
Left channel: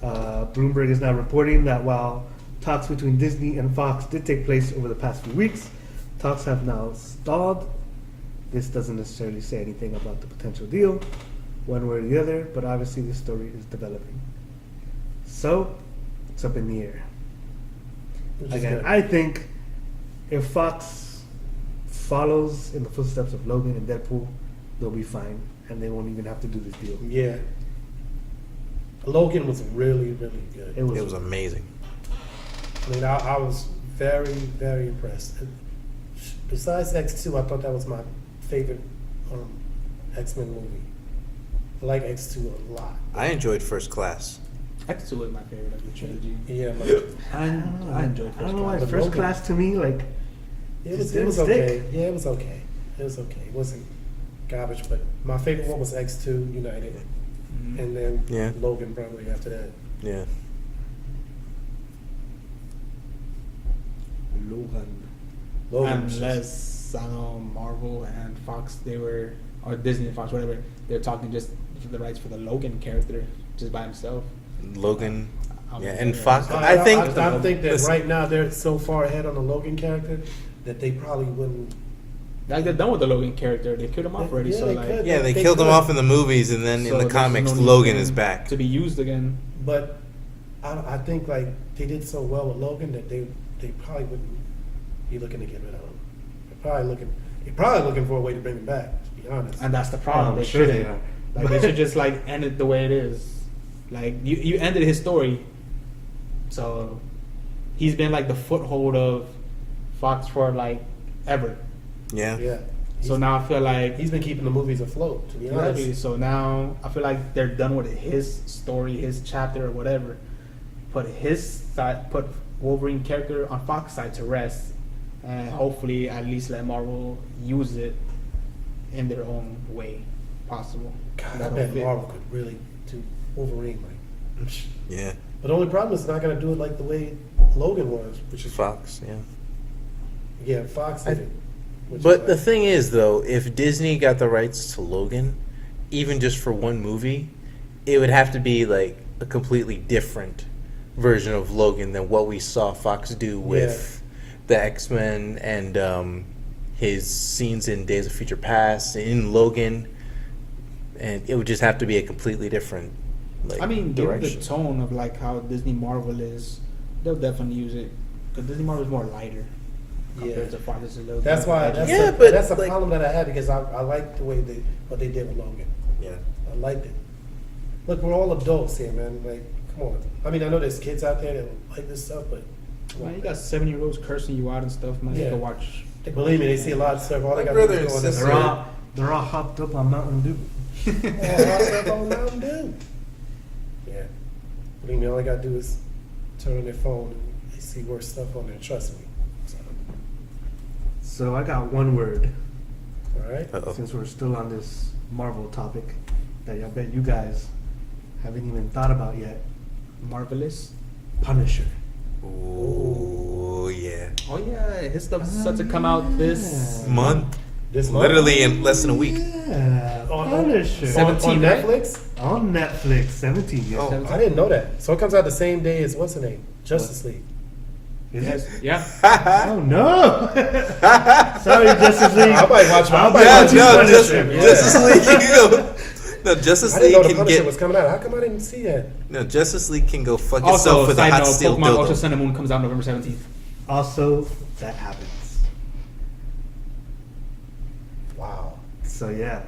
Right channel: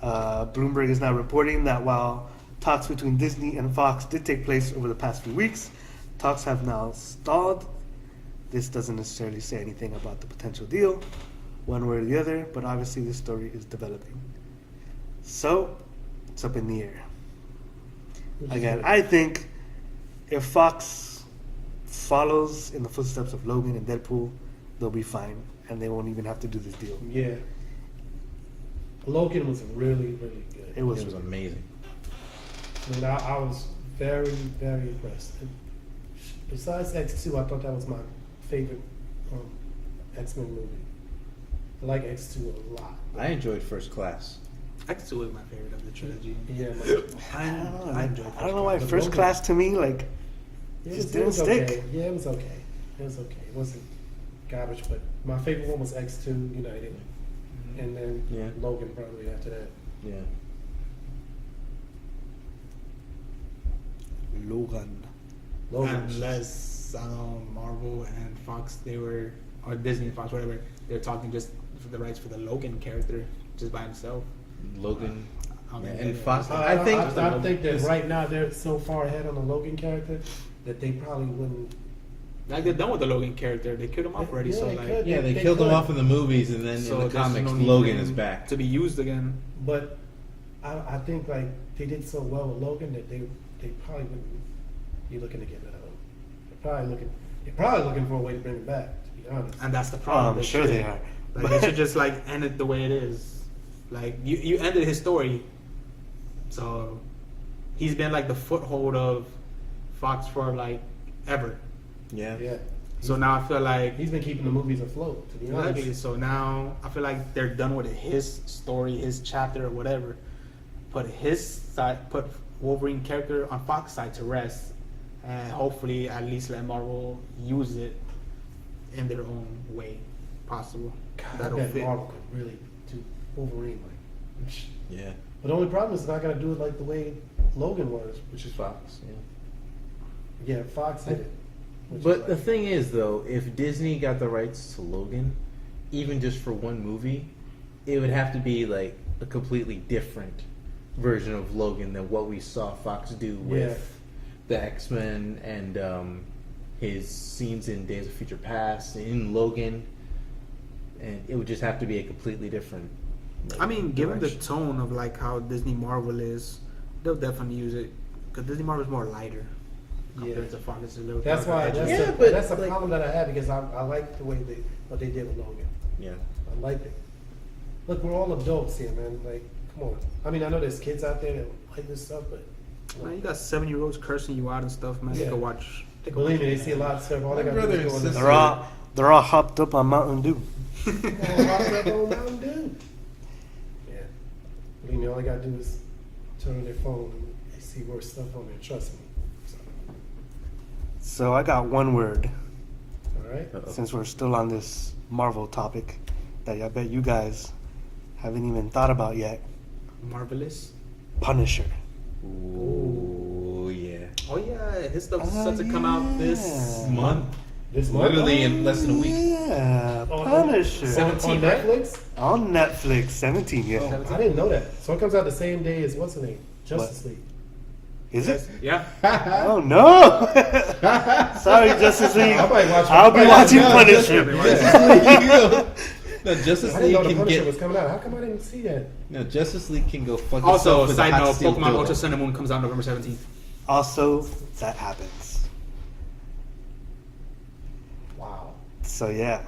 Bloomberg is now reporting that while talks between Disney and Fox did take place over the past few weeks, talks have now stalled. This doesn't necessarily say anything about the potential deal, one way or the other, but obviously this story is developing. So, it's up in the air. Which is Again, good. I think if Fox follows in the footsteps of Logan and Deadpool, they'll be fine, and they won't even have to do this deal. Yeah. Logan was really, really good. It was, it was amazing. I mean, I was very, very impressed. Besides X2, I thought that was my favorite X-Men movie. I like X2 a lot. I enjoyed First Class. X2 was my favorite of the trilogy. Yeah, but I don't know. I enjoyed I don't know why First First Class. Class to me, like, it It was didn't okay. stick. Yeah, it was okay. It was okay. It wasn't garbage, but my favorite one was X2 United. Mhm. And then Yeah. Logan probably after that. Yeah. Logan. Logan was just- Unless Marvel and Fox, or Disney and Fox, whatever, they're talking just the rights for the Logan character just by himself. Logan. I'm- Yeah, and Fox. I think. I think that listen, right now they're so far ahead on the Logan character that they probably wouldn't. Like they're done with the Logan character. They killed him off already. Yeah, So they like, could. Yeah, they They killed him could. off in the movies, and then so in the there's comics, no need Logan for is him back. to be used again. But I think like they did so well with Logan that they probably wouldn't be looking to get rid of him. They're probably looking for a way to bring him back. To be honest. And that's the problem. I'm sure they shouldn't. are. Like they should just like end it the way it is. Like you ended his story, so he's been like the foothold of Fox for like ever. Yeah. Yeah. So now I feel like He's been keeping the movies afloat. To be exactly. honest. So now I feel like they're done with his story, his chapter, or whatever. Put Wolverine character on Fox side to rest, and hopefully at least let Marvel use it in their own way possible. God, I That'll bet fit. Marvel could really do Wolverine. Like, Yeah. but the only problem is it's not going to do it like the way Logan was, which is Fox. Yeah. yeah, Fox did it. which But is the like- thing is, though, if Disney got the rights to Logan, even just for one movie, it would have to be like a completely different version of Logan than what we saw Fox do with the X-Men and his scenes in Days of Future Past, in Logan, and it would just have to be a completely different. Like, I mean, given the direction. tone of like how Disney Marvel is, they'll definitely use it because Disney Marvel is more lighter compared to Fox. That's why. That's Yeah, a, but, that's a like- problem that I had because I like the way what they did with Logan. Yeah. I liked it. Look, we're all adults here, man. Like, come on. I mean, I know there's kids out there that like this stuff, but Man, you got 7-year-olds cursing you out and stuff, man. You Yeah. can watch. believe me, they see a lot of stuff. All My they got to do brother is and go in sister- They're all hopped up on Mountain Dew. Mountain Dew. Yeah. Believe me, all they got to do is turn on their phone. They see worse stuff on there. Trust me. So I got one word, All right. Uh-oh. since we're still on this Marvel topic, that I bet you guys haven't even thought about yet. Marvelous. Punisher. Ooh, yeah. Oh yeah, his stuff's set to come out this yeah. Month. This month? Literally in less than a week. Yeah, Punisher. On 17, right? Netflix? On Netflix, 17, yeah. Oh, I didn't know that. So it comes out the same day as what's the name? Justice League. Is it? Yeah. Oh no! Sorry, Justice League. I might watch. I'll be I might watching no, Punisher. Justice League. No, Justice I didn't know League the can Punisher get. was coming out. How come I didn't see that? No, Justice League can go fuck Also, itself with a side hot note, steel Pokemon Ultra dildo. Sun and Moon comes out November 17th. Also, that happens. Wow. So yeah,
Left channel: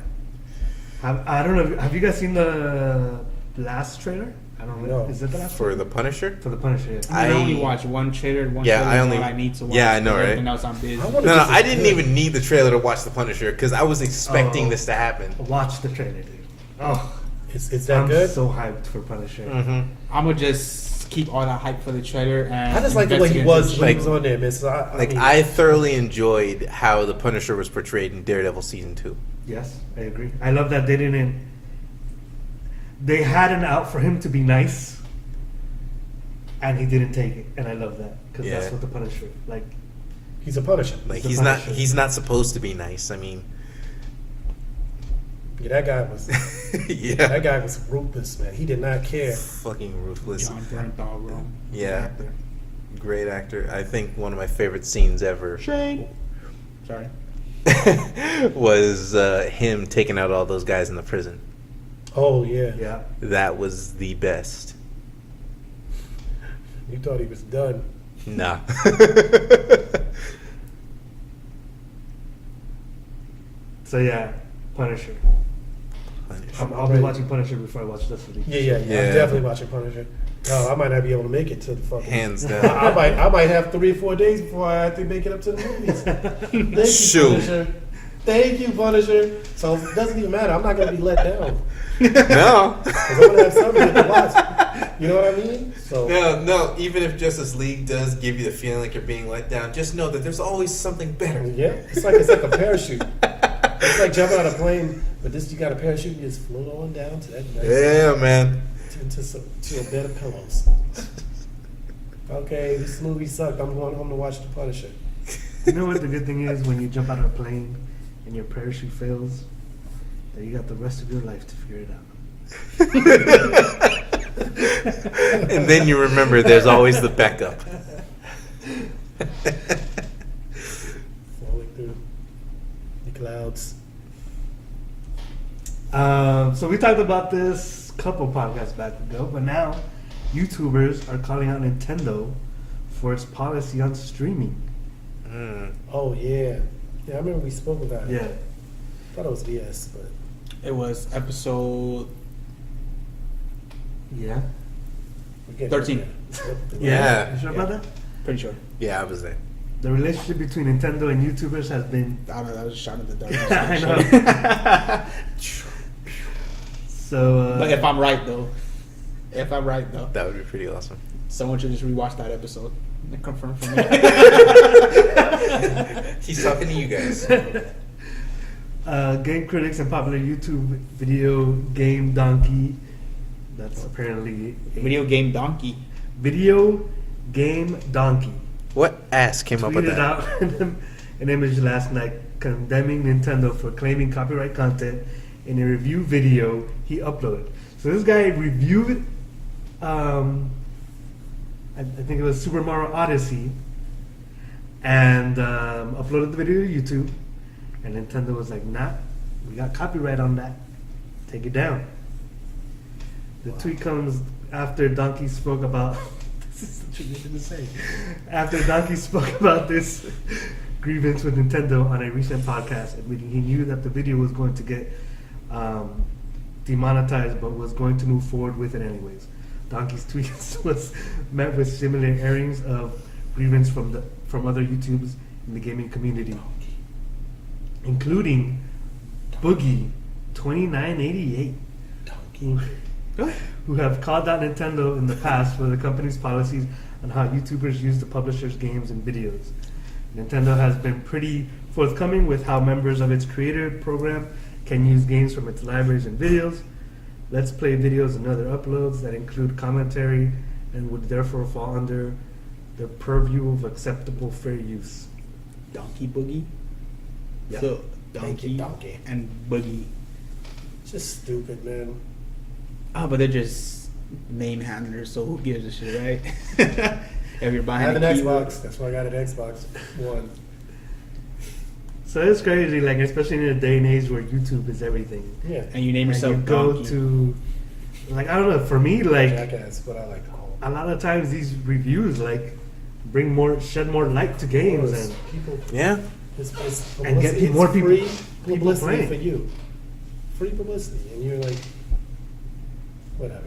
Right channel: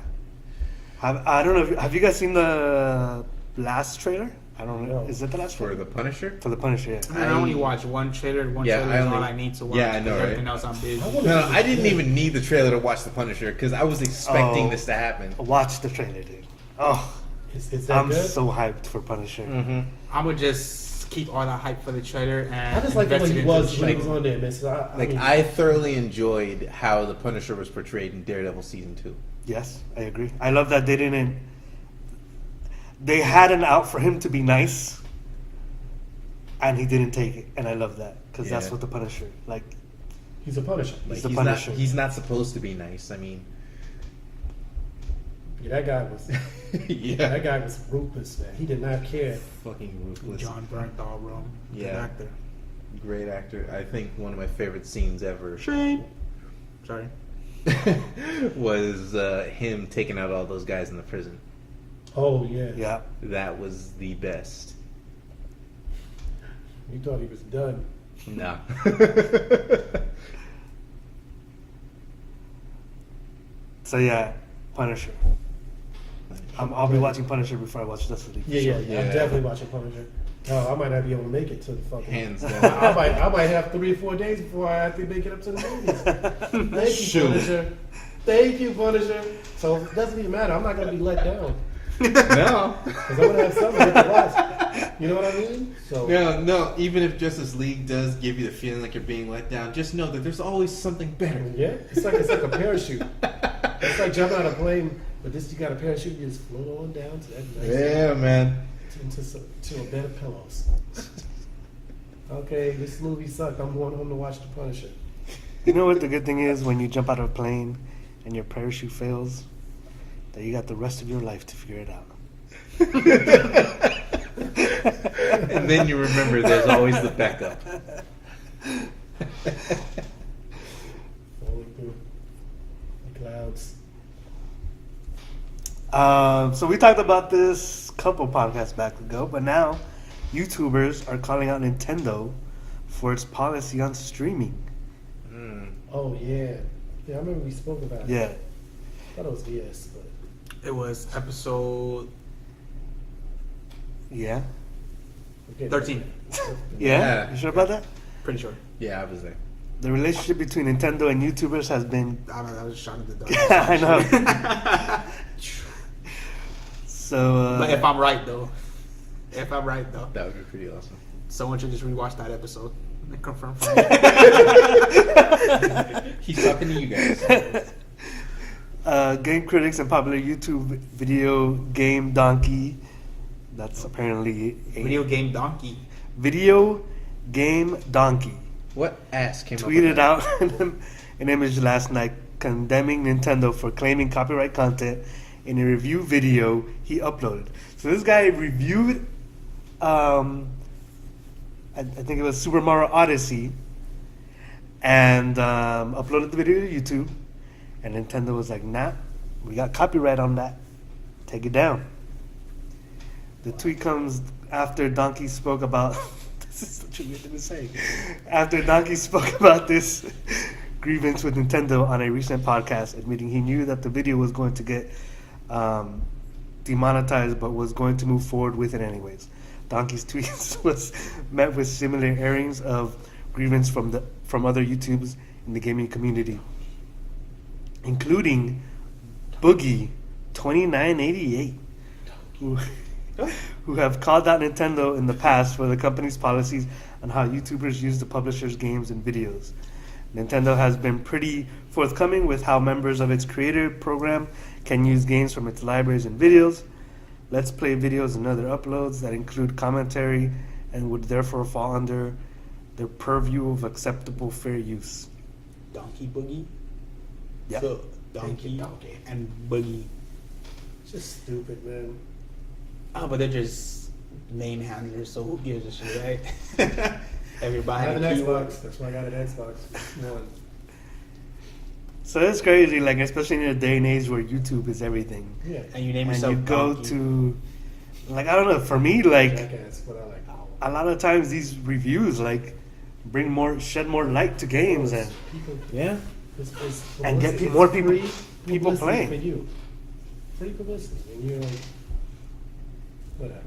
I don't know. Have you guys seen the last trailer? I don't know. No. Is that the last For trailer? the Punisher? For the Punisher? Yeah. I I- only watch one trailer. One Yeah, trailer I is only- all I need to watch. yeah, I know, right? Everything else I'm busy. I wanna- No, This is I didn't good. even need the trailer to watch the Punisher because I was expecting Oh. this to happen. Watch the trailer, dude. Oh, Is that I'm good? so hyped for Punisher. Mm-hmm. I'm gonna just keep all that hype for the trailer and. I just like the way he investigate was the when he Like- was on there, man. So Like mean, I thoroughly enjoyed how the Punisher was portrayed in Daredevil season 2. Yes, I agree. I love that they didn't. They had an out for him to be nice, and he didn't take it, and I love that because that's Yeah. what the Punisher like. he's a Punisher. Like the he's not Punisher. he's not supposed to be nice. I mean, Yeah, that guy was. yeah, That guy was ruthless, man. He did not care. fucking ruthless. John Bernthal, bro. Yeah. Great actor. I think one of my favorite scenes ever Shade. Sorry. was him taking out all those guys in the prison. Oh yeah. Yeah, That was the best. You thought he was done. Nah. so yeah, Punisher. I'll be watching Punisher before I watch Justice League. Yeah. I'm Yeah. definitely watching Punisher. No, I might not be able to make it to the fucking. Hands I down. might have 3-4 days before I have to make it up to the movies. Thank you, Shoot. Punisher. Thank you, Punisher. So it doesn't even matter. I'm not gonna be let down No. because I'm gonna have something to watch. You know what I mean? So No. Even if Justice League does give you the feeling like you're being let down, just know that there's always something better. yeah, it's like a parachute. It's like jumping out of a plane, but this you got a parachute. You just float on down to that nice Yeah, man. to a bed of pillows. Okay, this movie sucked. I'm going home to watch The Punisher. You know what the good thing is when you jump out of a plane and your parachute fails? That you got the rest of your life to figure it out. And then you remember there's always the backup. Falling through the clouds. So we talked about this a couple podcasts back ago, but now YouTubers are calling out Nintendo for its policy on streaming. Oh yeah, yeah. I remember we spoke about it. Yeah. I thought it was DS, but It was episode Yeah. we can't 13. Yeah. Yeah. You sure about that? Pretty sure. Yeah, I was there. The relationship between Nintendo and YouTubers has been. I don't know. I was just shot in the dark. I know. So. But if I'm right though, That would be pretty awesome. someone should just rewatch that episode and confirm for me. He's talking to you guys. Game critics and popular YouTube video game donkey. That's apparently a Video game donkey. video game donkey. What ass came up with Tweeted that? out an image last night condemning Nintendo for claiming copyright content in a review video he uploaded. So this guy reviewed, I think it was Super Mario Odyssey, and uploaded the video to YouTube. And Nintendo was like, "Nah, we got copyright on that. Take it down." The tweet comes after Donkey spoke about. This is such a good thing to say. After Donkey spoke about this grievance with Nintendo on a recent podcast, admitting he knew that the video was going to get demonetized, but was going to move forward with it anyways. Donkey's tweets was met with similar airings of grievance from other YouTubers in the gaming community, including Boogie 2988, who have called out Nintendo in the past for the company's policies on how YouTubers use the publisher's games and videos. Nintendo has been pretty forthcoming with how members of its creator program can use games from its libraries and videos. Let's Play videos and other uploads that include commentary and would therefore fall under their purview of acceptable fair use. Donkey Boogie. Yeah. So Thank you, donkey, donkey. and Boogie. It's just stupid, man. Oh, but they're just name handlers, so who gives a shit, right? If you're I buying have a an keyboard. Xbox. That's why I got an Xbox One. So it's crazy, like especially in a day and age where YouTube is everything. Yeah. And you name And yourself you go Donkey. to, like I don't know, for me, like Jackass, but I like. a lot of times these reviews like shed more light to games and people. Yeah. It's And get publicity. more It's people- free people publicity playing. for you. Free publicity, and you're like, whatever.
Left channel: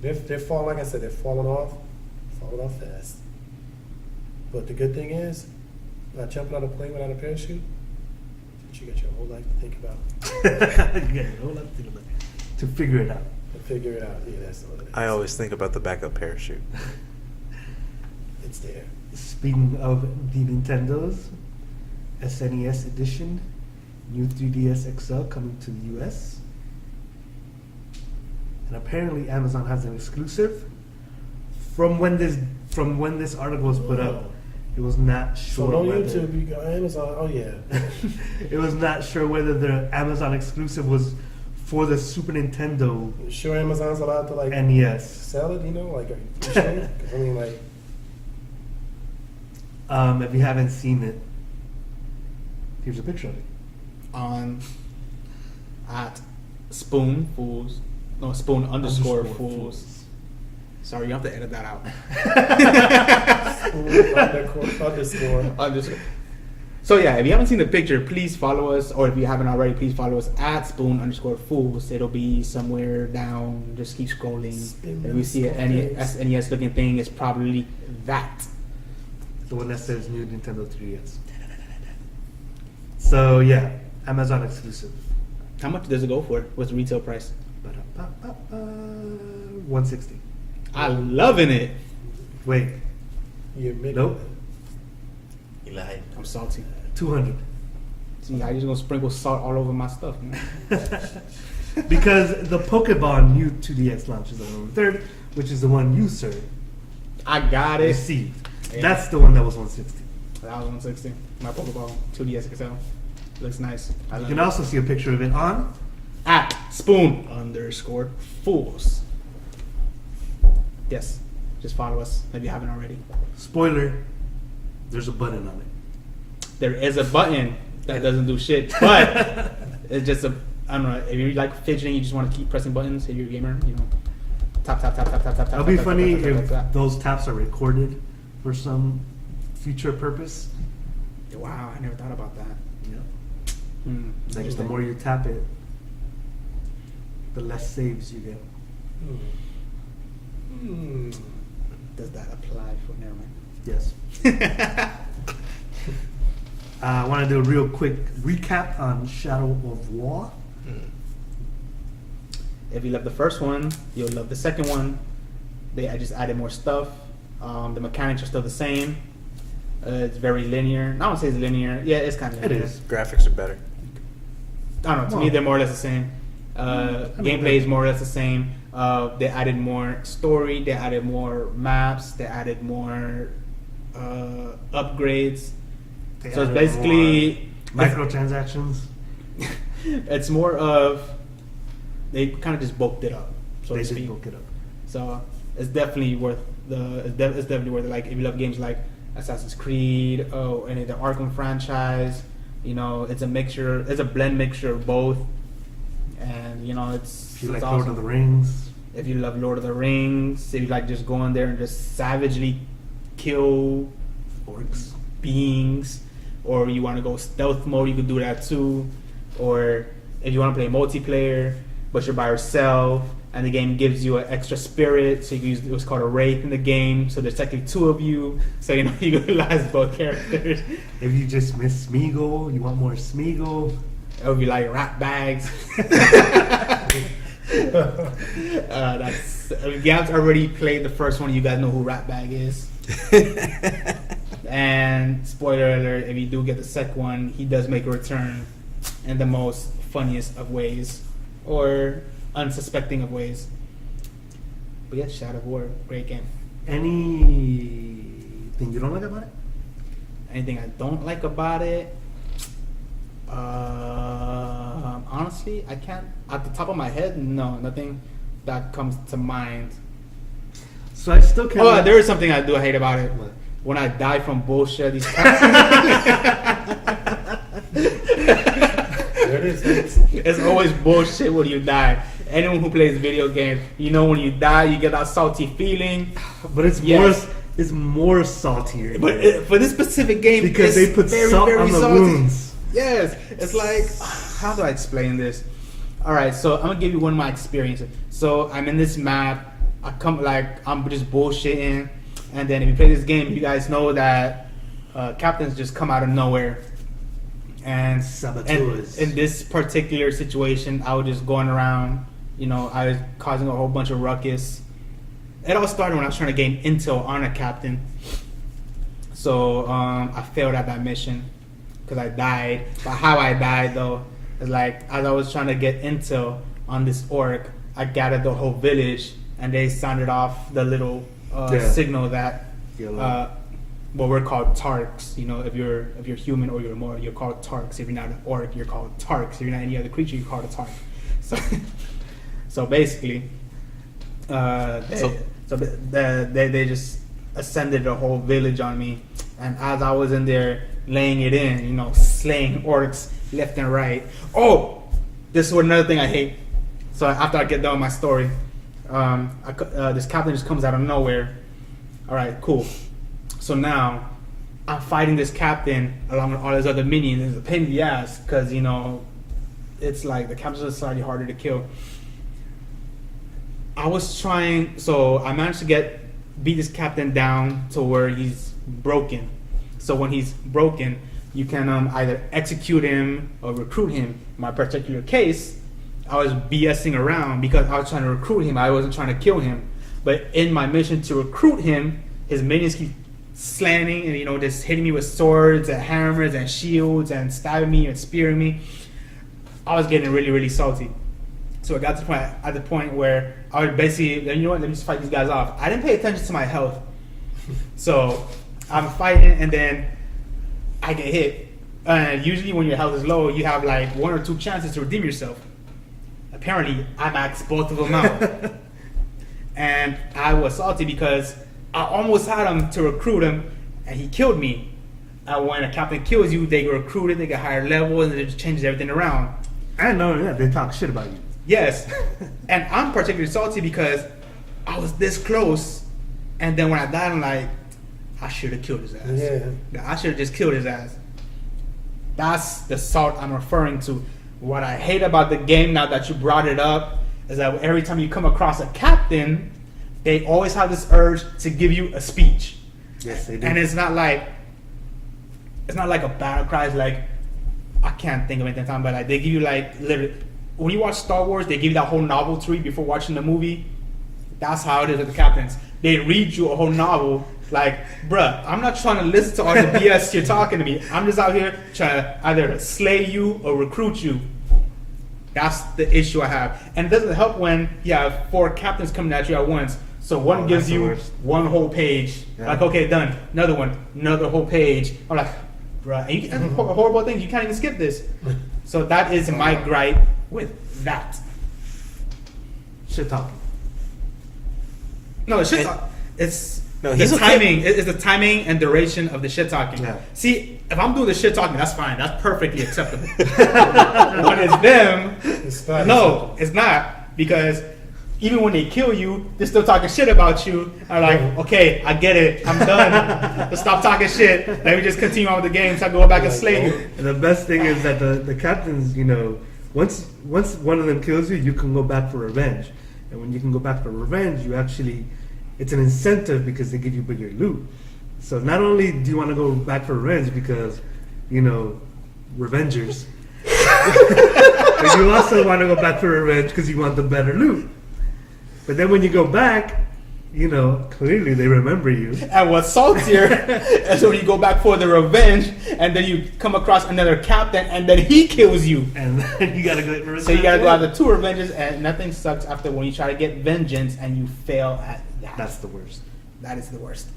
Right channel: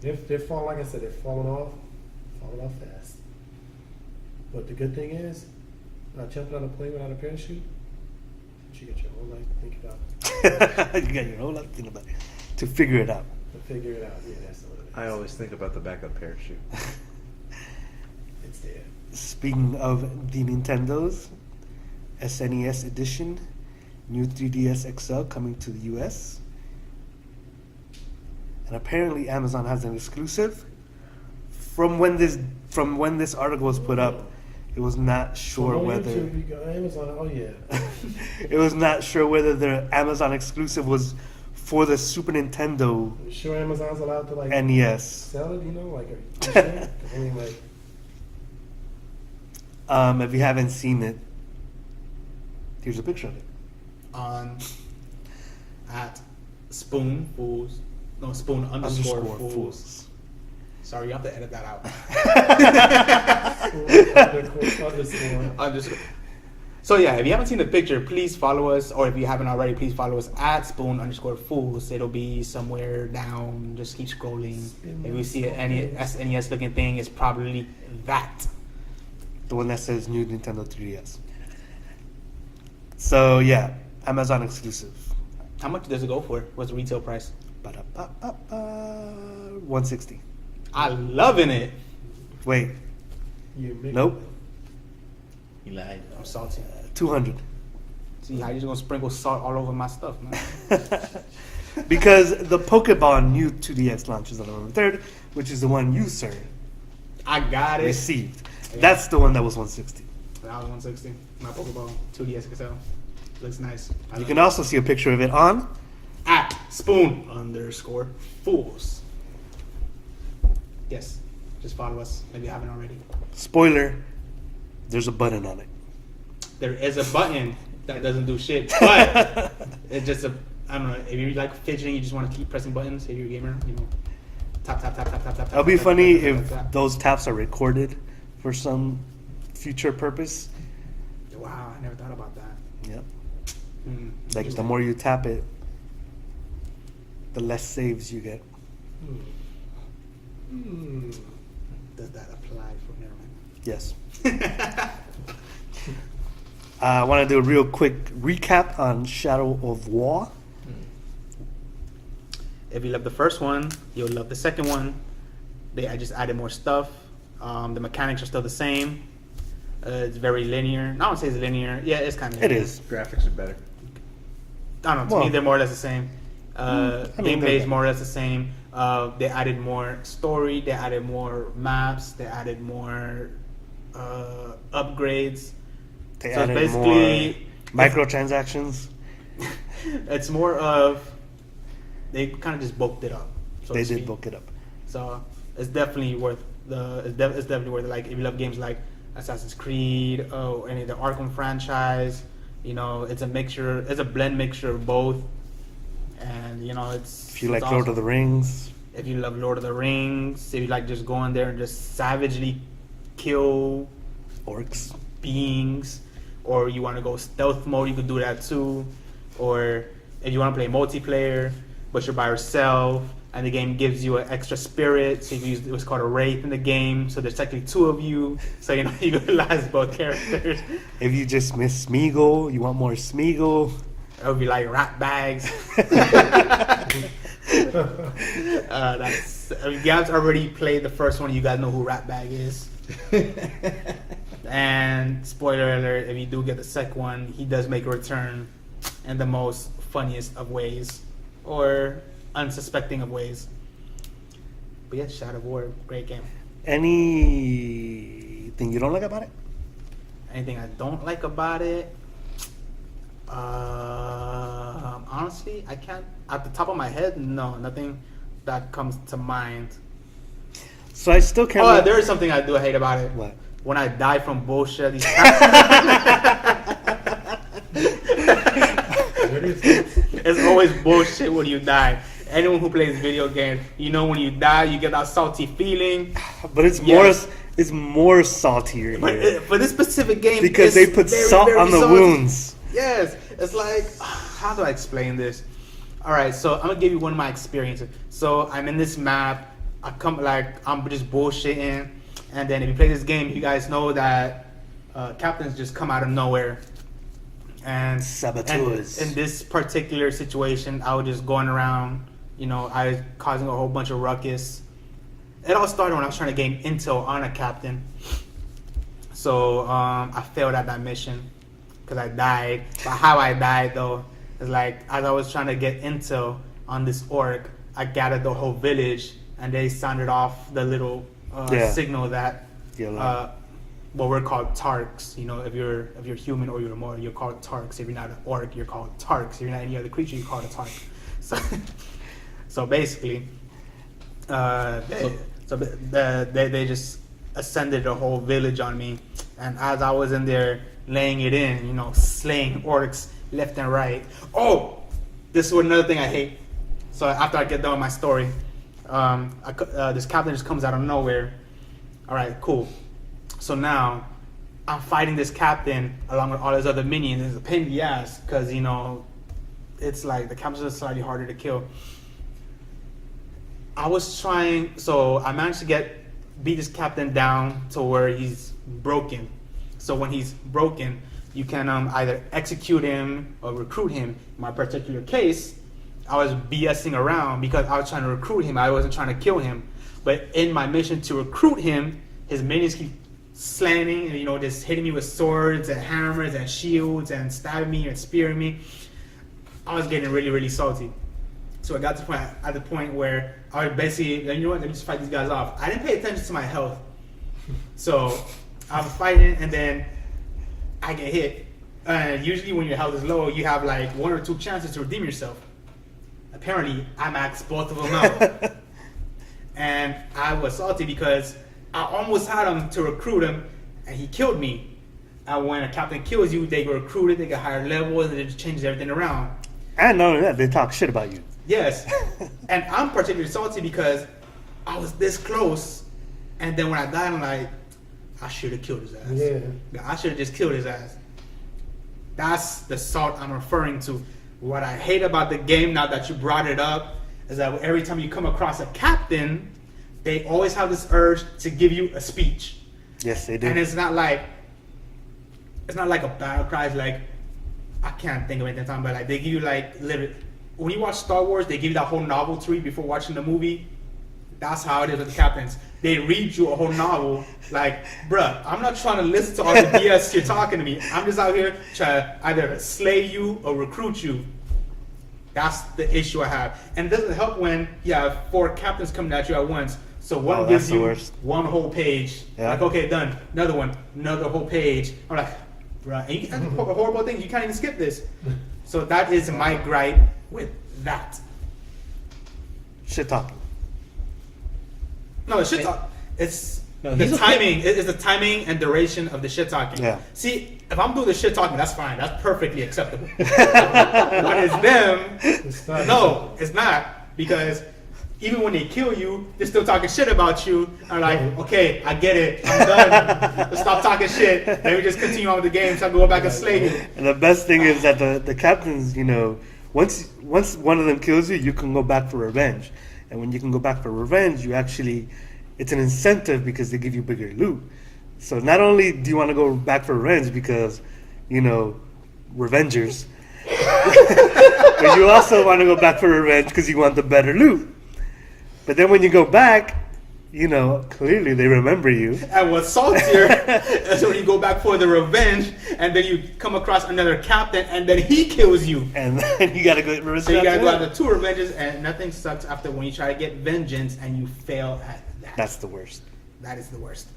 They're falling. Like I said, they're falling off fast. But the good thing is, not jumping on a plane without a parachute. You get your whole life to think about, you got your whole lot to think about to figure it out. and figure it out. Yeah, that's what it is. I always think about the backup parachute. It's there. Speaking of the Nintendo's SNES edition, new 3DS XL coming to the US. And apparently Amazon has an exclusive. From when this article was put up, it was not sure So on whether YouTube, you go Amazon. Oh yeah. it was not sure whether the Amazon exclusive was for the Super Nintendo Sure, Amazon's allowed to like NES. sell it. You know, like are you pushing it? 'Cause I mean, like. If you haven't seen it, here's a picture of it. on at Spoon Fools. No, Spoon underscore Fools. Sorry, you have to edit that out. Underscore. So yeah, if you haven't seen the picture, please follow us, or if you haven't already, please follow us at Spoon underscore Fools. It'll be somewhere down. Just keep scrolling. Spoon If you see an SNES looking thing, it's probably that. The one that says new Nintendo 3DS. So yeah, Amazon exclusive. How much does it go for? What's the retail price? Ba-da-ba-ba-ba, 160. I'm loving it. Wait, You make nope, You lied. I'm salty. 200. See, I just gonna sprinkle salt all over my stuff, man. Because the Pokemon new 2DS launches on November 3rd, which is the one you, sir, I got it. received. Yeah. That's the one that was 160. That was 160. My Pokeball 2DS XL. Looks nice. You can also see a picture of it on at @spoon_fools. Yes, just follow us if you haven't already. Spoiler: there's a button on it. There is a button that doesn't do shit, but it's just I don't know. If you like fidgeting, you just want to keep pressing buttons. If you're a gamer, tap tap tap tap tap tap. It'll be tap, funny tap, tap, if tap, tap. those taps are recorded for some future purpose. Wow, I never thought about that. Yep. Hmm. Like the Interesting. more you tap it, the less saves you get. Does that apply for never mind? Yes. I want to do a real quick recap on Shadow of War. If you love the first one, you'll love the second one. I just added more stuff. The mechanics are still the same. It's very linear. I don't say it's linear. Yeah, it's kind of. It is. Graphics are better. I don't know. To Well, me, they're more or less the same. Gameplay is more or less the same. They added more story. They added more maps. They added more upgrades. They So it's added basically more microtransactions. it's more of they kind of just bulked it up. So They to did speak. bulk it up. So it's definitely worth it's definitely worth it. Like if you love games like Assassin's Creed, and the Arkham franchise, it's a mixture. It's a blend mixture of both, and it's. If you like it's Lord awesome. of the Rings, If you love Lord of the Rings, if you like just going there and just savagely kill orcs. beings, or you want to go stealth mode, you can do that too. Or if you want to play multiplayer, but you're by yourself, and the game gives you an extra spirit, so you can use what's called a wraith in the game. So there's technically two of you, so you utilize both characters. If you just miss Smeagol, you want more Smeagol. It would be like rat bags. If you guys already played the first one, you guys know who rat bag is. And spoiler alert, if you do get the second one, he does make a return in the most funniest of ways, or unsuspecting of ways. But yeah, Shadow of War, great game. Anything you don't like about it? Anything I don't like about it? Honestly, I can't. At the top of my head, no, nothing that comes to mind. So I still can't. Oh, there is something I do hate about it. What? When I die from bullshit, these There it is. it's always bullshit when you die. Anyone who plays video games, when you die, you get that salty feeling. But it's Yes. more saltier But here. for this specific game, Because it's they put very, salt very on the salty. wounds. Yes, it's like, how do I explain this? All right, so I'm gonna give you one of my experiences. So I'm in this map. I'm just bullshitting, and then if you play this game, you guys know that captains just come out of nowhere. And Saboteurs. in this particular situation, I was just going around. I was causing a whole bunch of ruckus. It all started when I was trying to gain intel on a captain. So I failed at that mission because I died. But how I died though is like as I was trying to get intel on this orc, I gathered the whole village and they sounded off the little signal that what we're called Tarks. If you're human or you're more, you're called Tarks. If you're not an orc, you're called Tarks. If you're not any other creature, you're called a Tark. So basically, they just ascended the whole village on me, and as I was in there laying it in, slaying orcs left and right. Oh, this is another thing I hate. So after I get done with my story, this captain just comes out of nowhere. All right, cool. So now I'm fighting this captain along with all his other minions. It's a pain in the ass because it's like the captains are slightly harder to kill. I managed to beat this captain down to where he's broken. So when he's broken, you can either execute him or recruit him. In my particular case, I was BSing around because I was trying to recruit him. I wasn't trying to kill him. But in my mission to recruit him, his minions keep slamming and just hitting me with swords and hammers and shields and stabbing me and spearing me. I was getting really, really salty. So I got to the point where I would basically, let me just fight these guys off. I didn't pay attention to my health. So I'm fighting and then I get hit. Usually when your health is low, you have like one or two chances to redeem yourself. apparently I maxed both of them out. And I was salty because I almost had him to recruit him, and he killed me. And when a captain kills you, they get recruited, they get higher levels, and it just changes everything around. And not only that, they talk shit about you. Yes. And I'm particularly salty because I was this close, and then when I died, I'm like, I should have killed his ass. Yeah. I should have just killed his ass. That's the salt I'm referring to. What I hate about the game, now that you brought it up, is that every time you come across a captain, they always have this urge to give you a speech. Yes, they do. And it's not like a battle cry. It's like, I can't think of it at the time, but like they give you like literally, when you watch Star Wars, they give you that whole novel to read before watching the movie. That's how it is with the captains. They read you a whole novel. Like, bruh, I'm not trying to listen to all the BS you're talking to me. I'm just out here trying to either slay you or recruit you. That's the issue I have. And it doesn't help when you have 4 captains coming at you at once. So one gives you one whole page. Yeah. Like, okay, done. Another one. Another whole page. I'm like, bruh, and that's a horrible thing. You can't even skip this. So that is my gripe with that. Shit talking. No, the shit talk. It's No, the he's okay. timing. It's the timing and duration of the shit talking. Yeah. See, if I'm doing the shit talking, that's fine. That's perfectly acceptable. But it's them. It's not No, it's not, because even when they kill you, they're still talking shit about you. I'm like, okay, I get it. I'm done. Just stop talking shit. Let me just continue on with the game so I can go back and slay you. And the best thing is that the captains, you know, once one of them kills you, you can go back for revenge. And when you can go back for revenge, you actually, it's an incentive because they give you bigger loot. So not only do you want to go back for revenge because, you know, revengers, but you also want to go back for revenge because you want the better loot. But then when you go back, you know, clearly they remember you. And what's saltier is when you go back for the revenge, and then you come across another captain, and then he kills you. And then you gotta go. So you gotta go out the 2 revenges, and nothing sucks after when you try to get vengeance and you fail at that. That's the worst. That is the worst.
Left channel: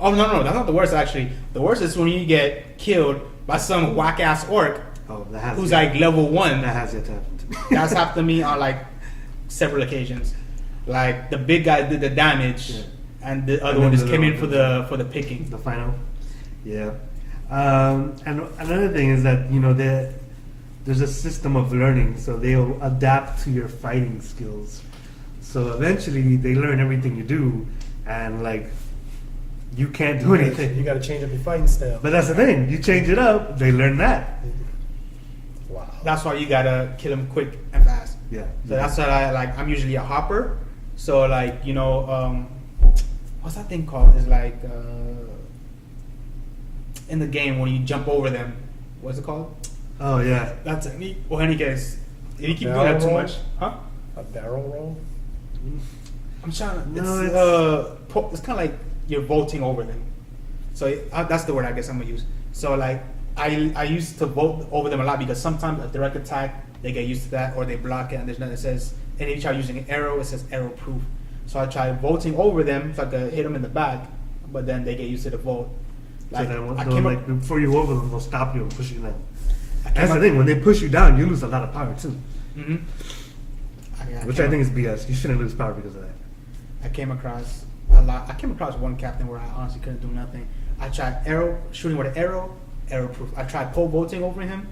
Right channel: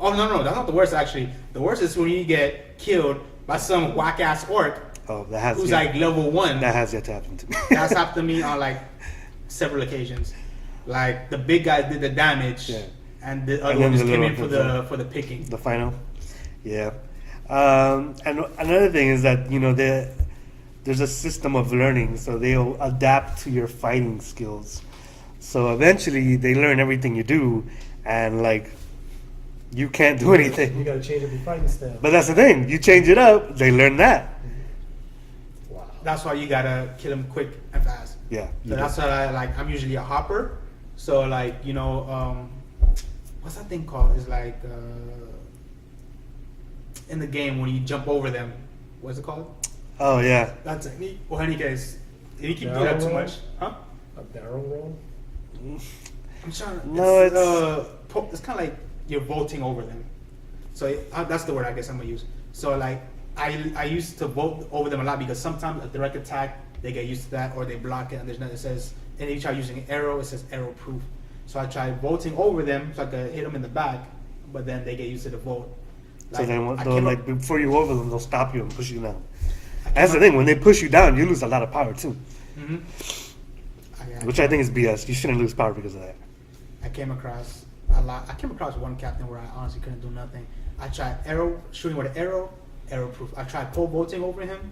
Oh no, that's not the worst actually. The worst is when you get killed by some whack ass orc Oh, that has who's yet, like level 1. that has yet to happen to me. That's happened to me on like several occasions. Like the big guy did the damage, Yeah. and the other then one just the came in little for the picking. The final, yeah. And another thing is that, you know, there's a system of learning, so they'll adapt to your fighting skills. So eventually, they learn everything you do, and like, you can't do You anything. got to change up your fighting style. But that's the thing. You change it up, they learn that. Wow. That's why you gotta kill him quick and fast. Yeah. So that's what I like. I'm usually a hopper. So like, you know, what's that thing called? It's like in the game when you jump over them. What's it called? Oh yeah. That's a neat. Well, any case, if you keep doing Barrel that too roll? much, huh? A barrel roll? I'm trying to. No, It's kind of like you're vaulting over them. So that's the word I guess I'm gonna use. So like I used to vault over them a lot because sometimes a direct attack they get used to that or they block it and there's nothing that says. And if you try using an arrow, it says arrow proof. So I try vaulting over them so I could hit them in the back, but then they get used to the vault. So then, I they'll, came like up- before you over them, they'll stop you and push you down. I came That's the up- thing. When they push you down, you lose a lot of power too, Mhm. which I think is BS. You shouldn't lose power because of that. I came across a lot. I came across one captain where I honestly couldn't do nothing. I tried shooting with an arrow proof. I tried pole vaulting over him.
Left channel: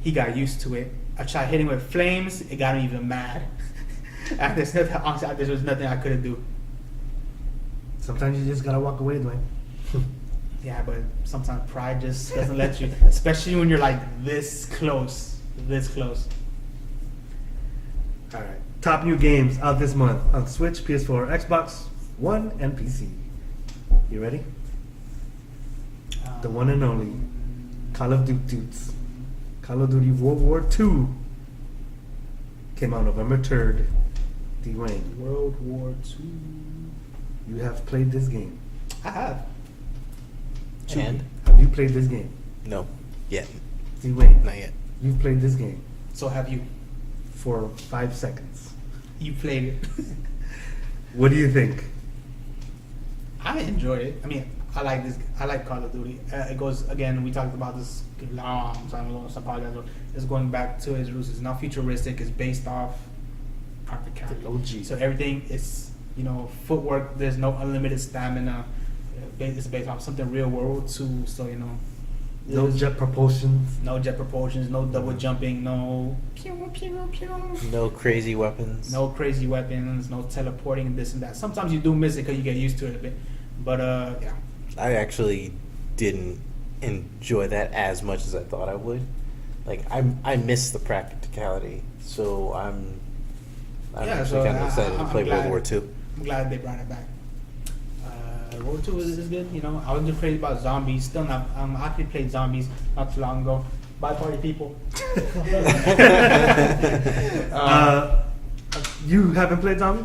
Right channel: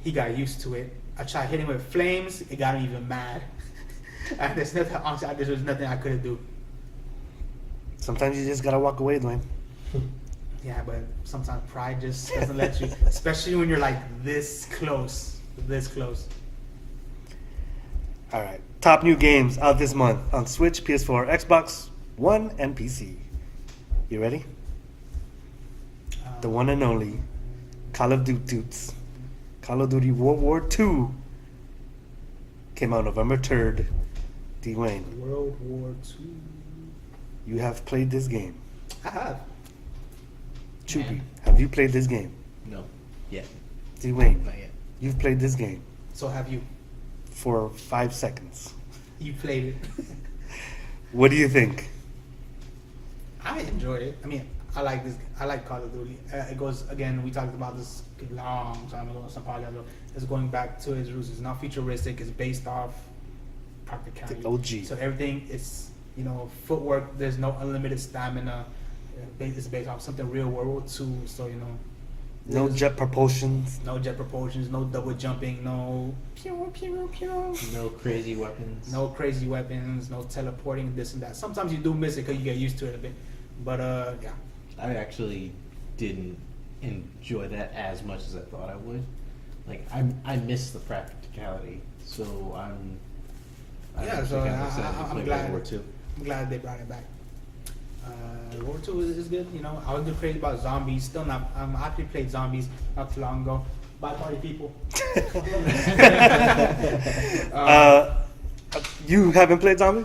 He got used to it. I tried hitting with flames. It got him even mad. There's nothing, honestly, there was nothing I couldn't do. Sometimes you just gotta walk away, Dwayne. Yeah, but sometimes pride just doesn't let you, especially when you're like this close. All right. Top new games out this month on Switch, PS4, Xbox One, and PC. You ready? The one and only Call of Duty. Call of Duty World War II came out November 3rd. Dwayne, World War II. you have played this game. I have. Chewy, And? have you played this game? No, yet, Dwayne, not yet. you've played this game So have you? for 5 seconds. You played it. What do you think? I enjoyed it. I mean, I like this. I like Call of Duty. It goes again. We talked about this long time ago. So probably it's going back to its roots. It's not futuristic. It's based off practicality. OG. So everything is, footwork. There's no unlimited stamina. It's based off something real World War II. So No jet propulsions. no jet propulsions, no double jumping, no pew pew pew. No crazy weapons. No crazy weapons, no teleporting, this and that. Sometimes you do miss it because you get used to it a bit. But yeah. I actually didn't enjoy that as much as I thought I would. Like I miss the practicality, so I'm actually kind of excited to play World War II. I'm glad they brought it back. World War II is good. I was crazy about zombies. Still not. I actually played zombies not too long ago. Bye, party people. You haven't played zombies?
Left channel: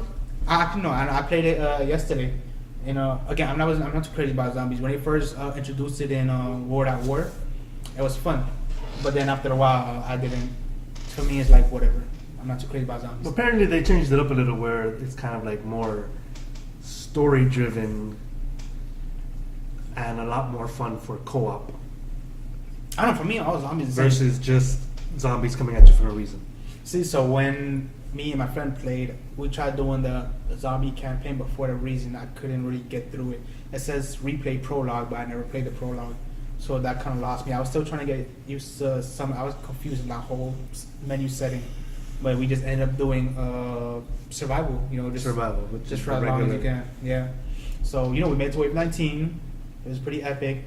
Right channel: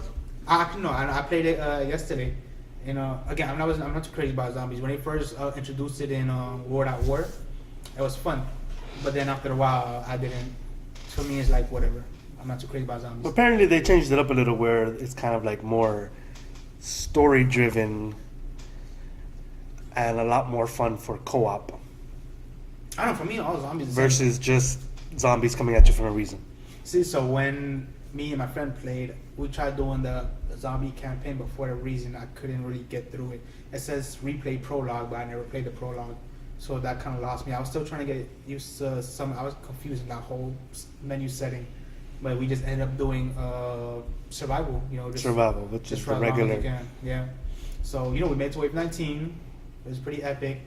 No. I played it yesterday. Again, I'm not too crazy about zombies. When they first introduced it in World at War, it was fun. But then after a while, I didn't. For me, it's like whatever. I'm not too crazy about zombies. Apparently, they changed it up a little where it's kind of like more story-driven and a lot more fun for co-op. I don't know. For me, all zombies are the same. Versus just zombies coming at you for no reason. See, so when me and my friend played, we tried doing the zombie campaign, but for a reason I couldn't really get through it. It says replay prologue, but I never played the prologue, so that kind of lost me. I was still trying to get used to I was confused in that whole menu setting, but we just ended up doing survival. Survival, which is the run along regular. again. Yeah. So we made it to wave 19. It was pretty epic.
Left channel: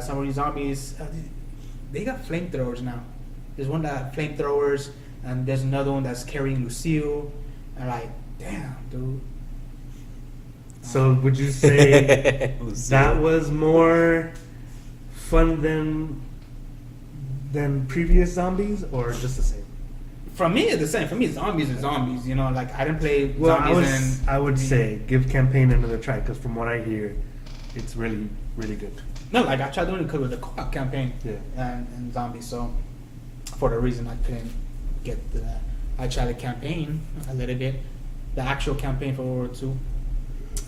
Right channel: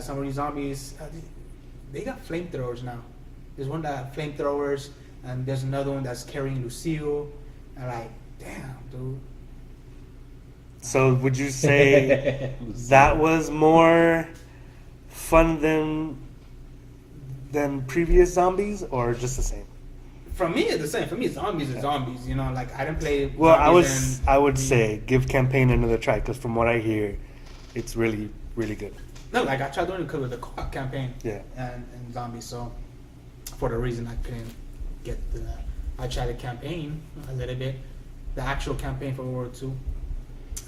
Some of these zombies, they got flamethrowers now. There's one that had flamethrowers, and there's another one that's carrying Lucille. And damn, dude. So would you say that was more fun than previous zombies, or just the same? For me, it's the same. For me, zombies are zombies. I didn't play. Well, zombies I would say give campaign another try, because from what I hear, it's really, really good. No, I tried doing it with the co-op campaign. Yeah. And zombies. So for the reason I couldn't get to that, I tried the campaign a little bit, the actual campaign for World War II.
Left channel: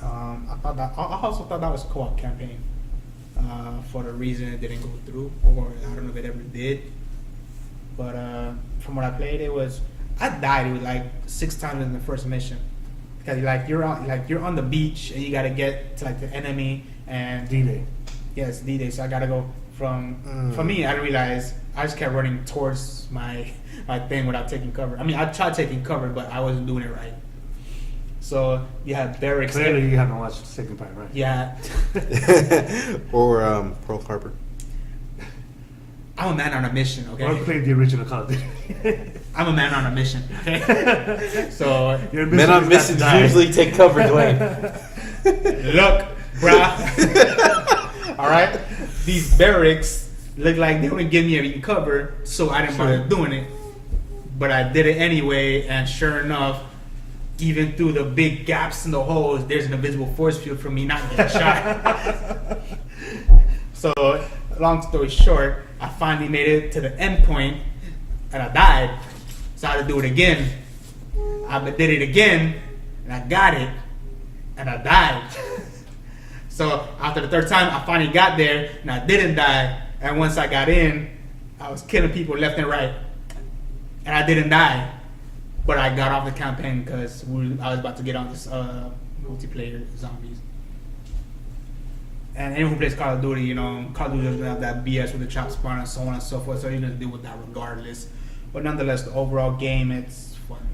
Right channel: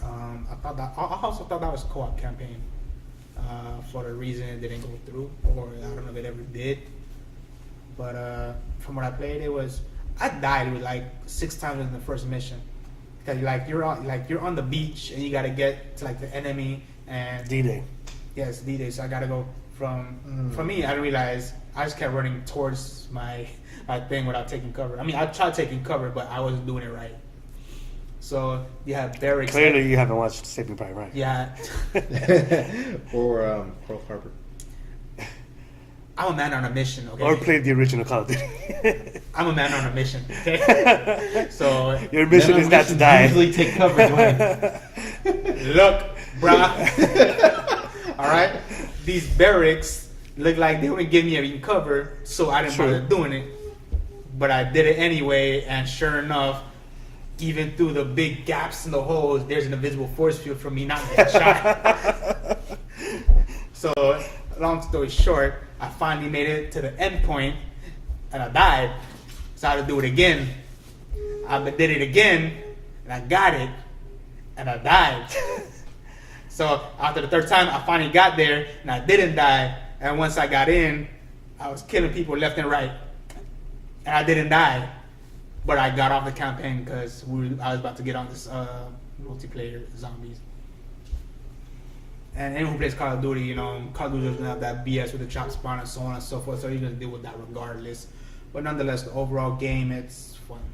I also thought that was a co-op campaign. For the reason it didn't go through, or I don't know if it ever did. But from what I played, I died. It was 6 times in the first mission, because you're on the beach and you gotta get to the enemy and D-Day. Yes, D-Day. So I gotta go from. For me, I didn't realize I just kept running towards my thing without taking cover. I mean, I tried taking cover, but I wasn't doing it right. So you have barracks. Clearly, you haven't watched Saving Private Ryan. Yeah. Or Pearl Harbor. I'm a man on a mission. Okay. Or played the original Call of Duty. I'm a man on a mission. Okay. So Your Men mission on is not to missions die. usually take cover, Dwayne. look, bruh. All right. These barracks look like they wouldn't give me any cover, so I didn't bother doing it. But I did it anyway, and sure enough, even through the big gaps in the holes, there's an invisible force field for me not getting shot. So, long story short, I finally made it to the end point, and I died. So I had to do it again. I did it again, and I got it, and I died. So after the third time, I finally got there, and I didn't die. And once I got in, I was killing people left and right, and I didn't die. But I got off the campaign because I was about to get on this multiplayer zombies. And anyone who plays Call of Duty, Call of Duty doesn't have that BS with the chop spawn and so on and so forth, so you're going to deal with that regardless. But nonetheless, the overall game, it's fun.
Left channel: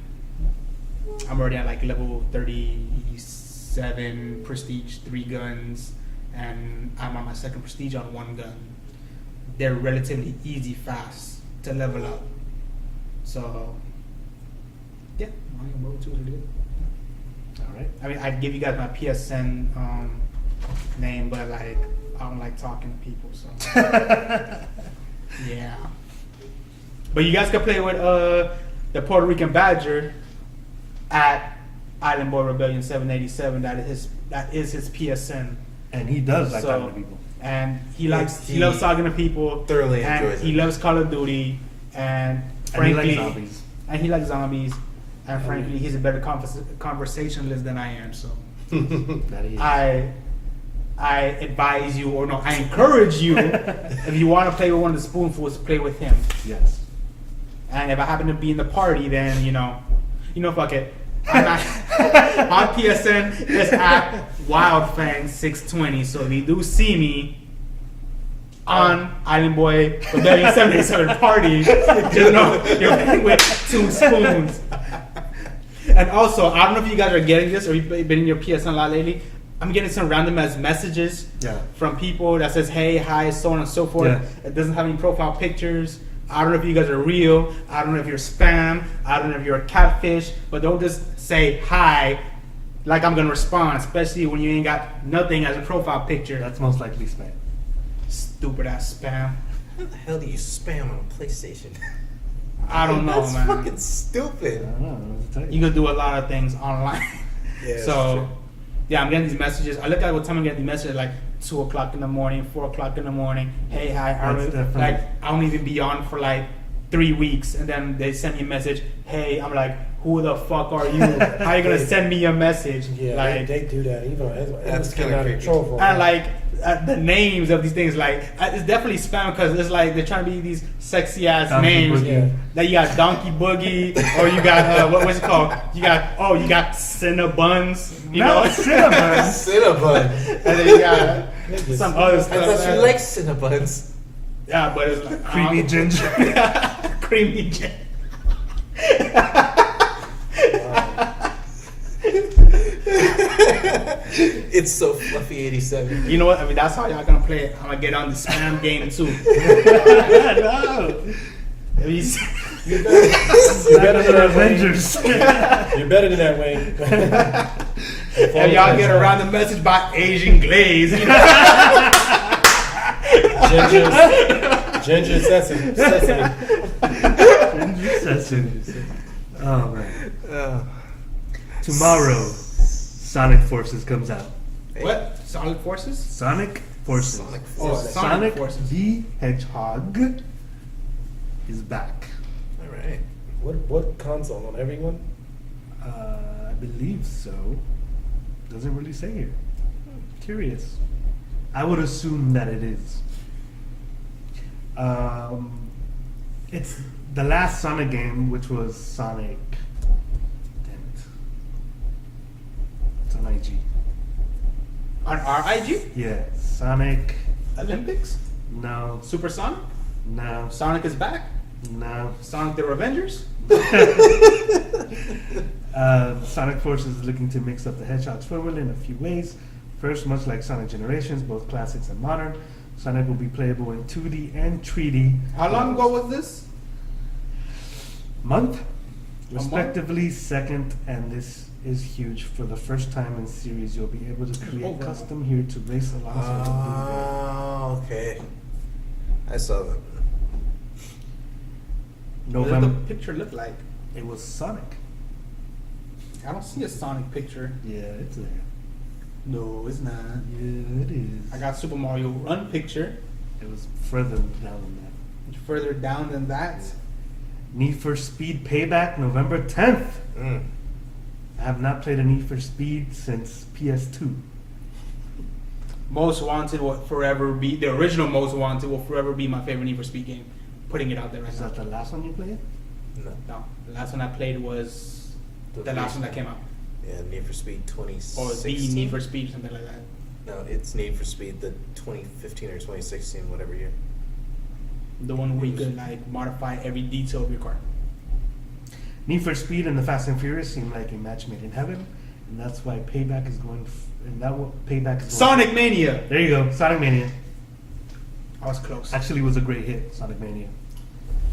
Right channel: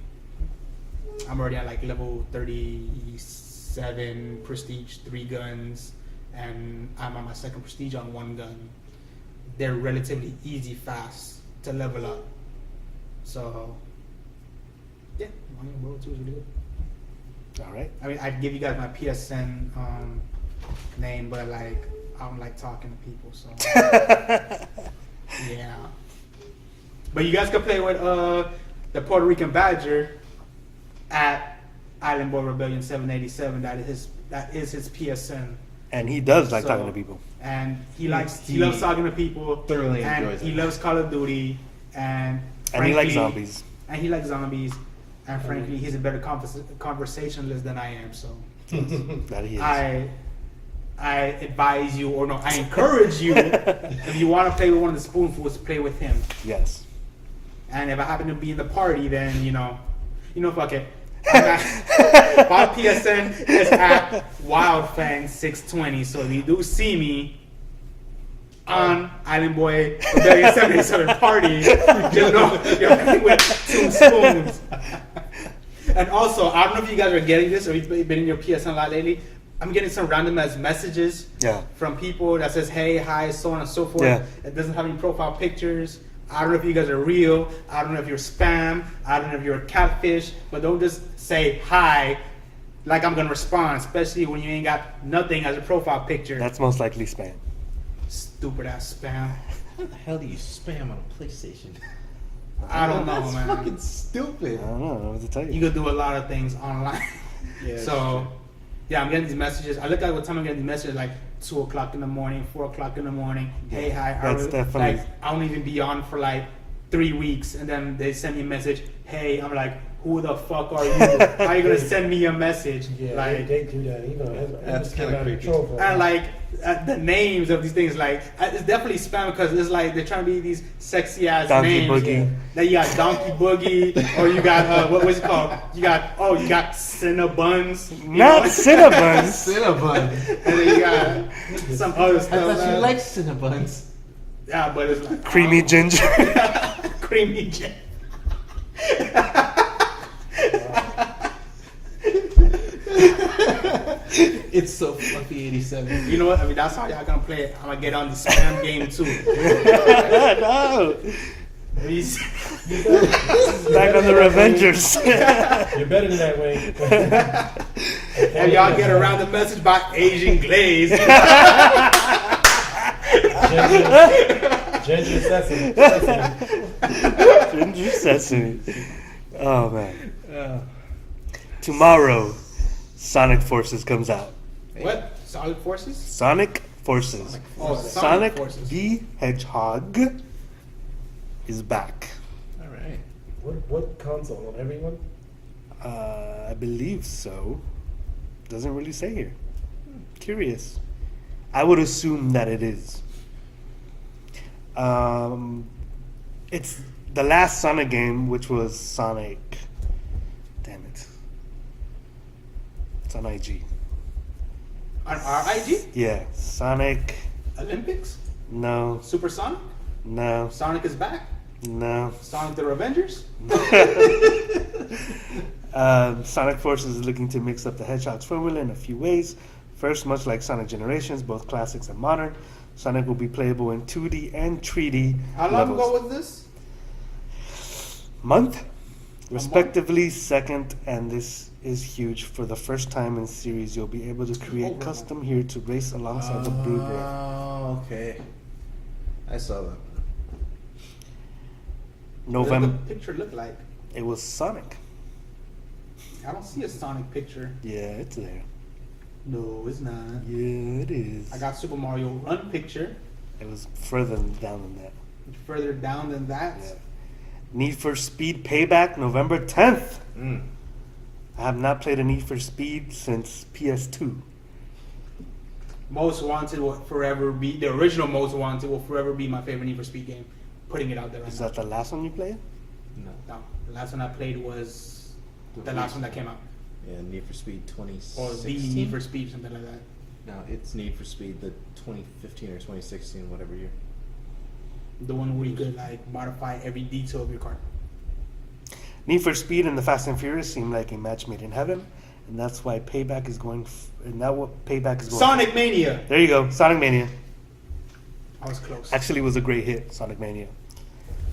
I'm already at level 37, prestige, 3 guns, and I'm on my second prestige on 1 gun. They're relatively easy, fast to level up. So, yeah, World 2 is really good. All right. I mean, I'd give you guys my PSN name, but I don't like talking to people, so yeah. But you guys can play with the Puerto Rican Badger at Island Boy Rebellion 787. That is his PSN, And he does like talking to people. and he loves talking to people. Thoroughly and enjoys he it. loves Call of Duty, and And he likes frankly- zombies. And he likes zombies, and frankly, he's a better conversationalist than I am. So That he is. I advise you, or no, I encourage you, if you want to play with one of the spoonfuls, play with him. Yes. And if I happen to be in the party, then fuck it. My PSN is at WildFang620. So if you do see me on Island Boy Rebellion 77 Party, just know you're playing with 2 spoons. And also, I don't know if you guys are getting this or you've been in your PSN a lot lately. I'm getting some random ass messages from people that says, hey, hi, so on and so forth. Yeah. It doesn't have any profile pictures. I don't know if you guys are real. I don't know if you're spam. I don't know if you're a catfish. But don't just say hi like I'm going to respond, especially when you ain't got nothing as a profile picture. That's most likely spam. Stupid ass spam. How the hell do you spam on a PlayStation? I don't know, That's man. fucking stupid. I don't know. What to tell you? You can do a lot of things online. Yeah, that's So, true. yeah, I'm getting these messages. I look at what time I'm getting these messages, like 2 o'clock in the morning, 4 o'clock in the morning. Hey, hi, That's definitely- like I don't even be on for like 3 weeks, and then they send me a message. Hey, I'm like, who the fuck are you? How are you gonna send me a message? Yeah, like, they do that. Even That's it's kinda kind of creepy. control for and like the names of these things, like it's definitely spam because it's like they're trying to be these sexy ass Donkey names. Boogie. That you got Donkey Boogie, or you got what's it called? You got Cinnabuns. You No, know? Cinnabon. Cinnabon. And then you got some other I stuff. thought you liked Cinnabuns. Yeah, but it's like Creamy ginger. creamy ginger. It's so fluffy 87. You know what? I mean, that's how y'all gonna play it. I'm gonna get on the spam game too. No. You Back on the Revengers. You're better than that, Wayne. and y'all get a random message by Asian Glaze. Ginger sesame. Ginger sesame. Oh man. Tomorrow, Sonic Forces comes out. What? Sonic Forces? Sonic Forces. Sonic Oh, Forces. Sonic Sonic Forces. the Hedgehog is back. All right. What console? On everyone? I believe so. Doesn't really say here. Curious. I would assume that it is. It's the last Sonic game, which was Sonic. Damn it. It's on IG. On RIG? Yeah, Sonic. Olympics? No, Super Sonic? no, Sonic is back? no. Sonic the Revengers? Sonic Forces is looking to mix up the Hedgehog's formula in a few ways. First, much like Sonic Generations, both classics and modern, Sonic will be playable in 2D and 3D. How long levels. ago was this? Month, respectively. Second, and this is huge. For the first time in series, you'll be able to create custom here to race alongside the Blu-ray. Oh, okay. I saw that. What November. does the picture look like? It was Sonic. I don't see a Sonic picture. Yeah, it's there. No, it's not. Yeah, it is. I got Super Mario Run picture. It was further down than that. Further down than that. Yeah. Need for Speed Payback, November 10th. I have not played a Need for Speed since PS2. Most Wanted will forever be the original Most Wanted will forever be my favorite Need for Speed game. Putting it out there right Is now. that the last one you played? No. No, the last one I played was the last one that came out, Yeah, Need for Speed or the 2016. Need for Speed, something like that. No, it's Need for Speed the 2015 or 2016, whatever year. The one where you could like modify every detail of your car. Need for Speed and the Fast and Furious seem like a match made in heaven, and that's why Payback is going. And that what Payback is going. Sonic Mania. There you go, Sonic Mania. I was close. Actually, was a great hit, Sonic Mania.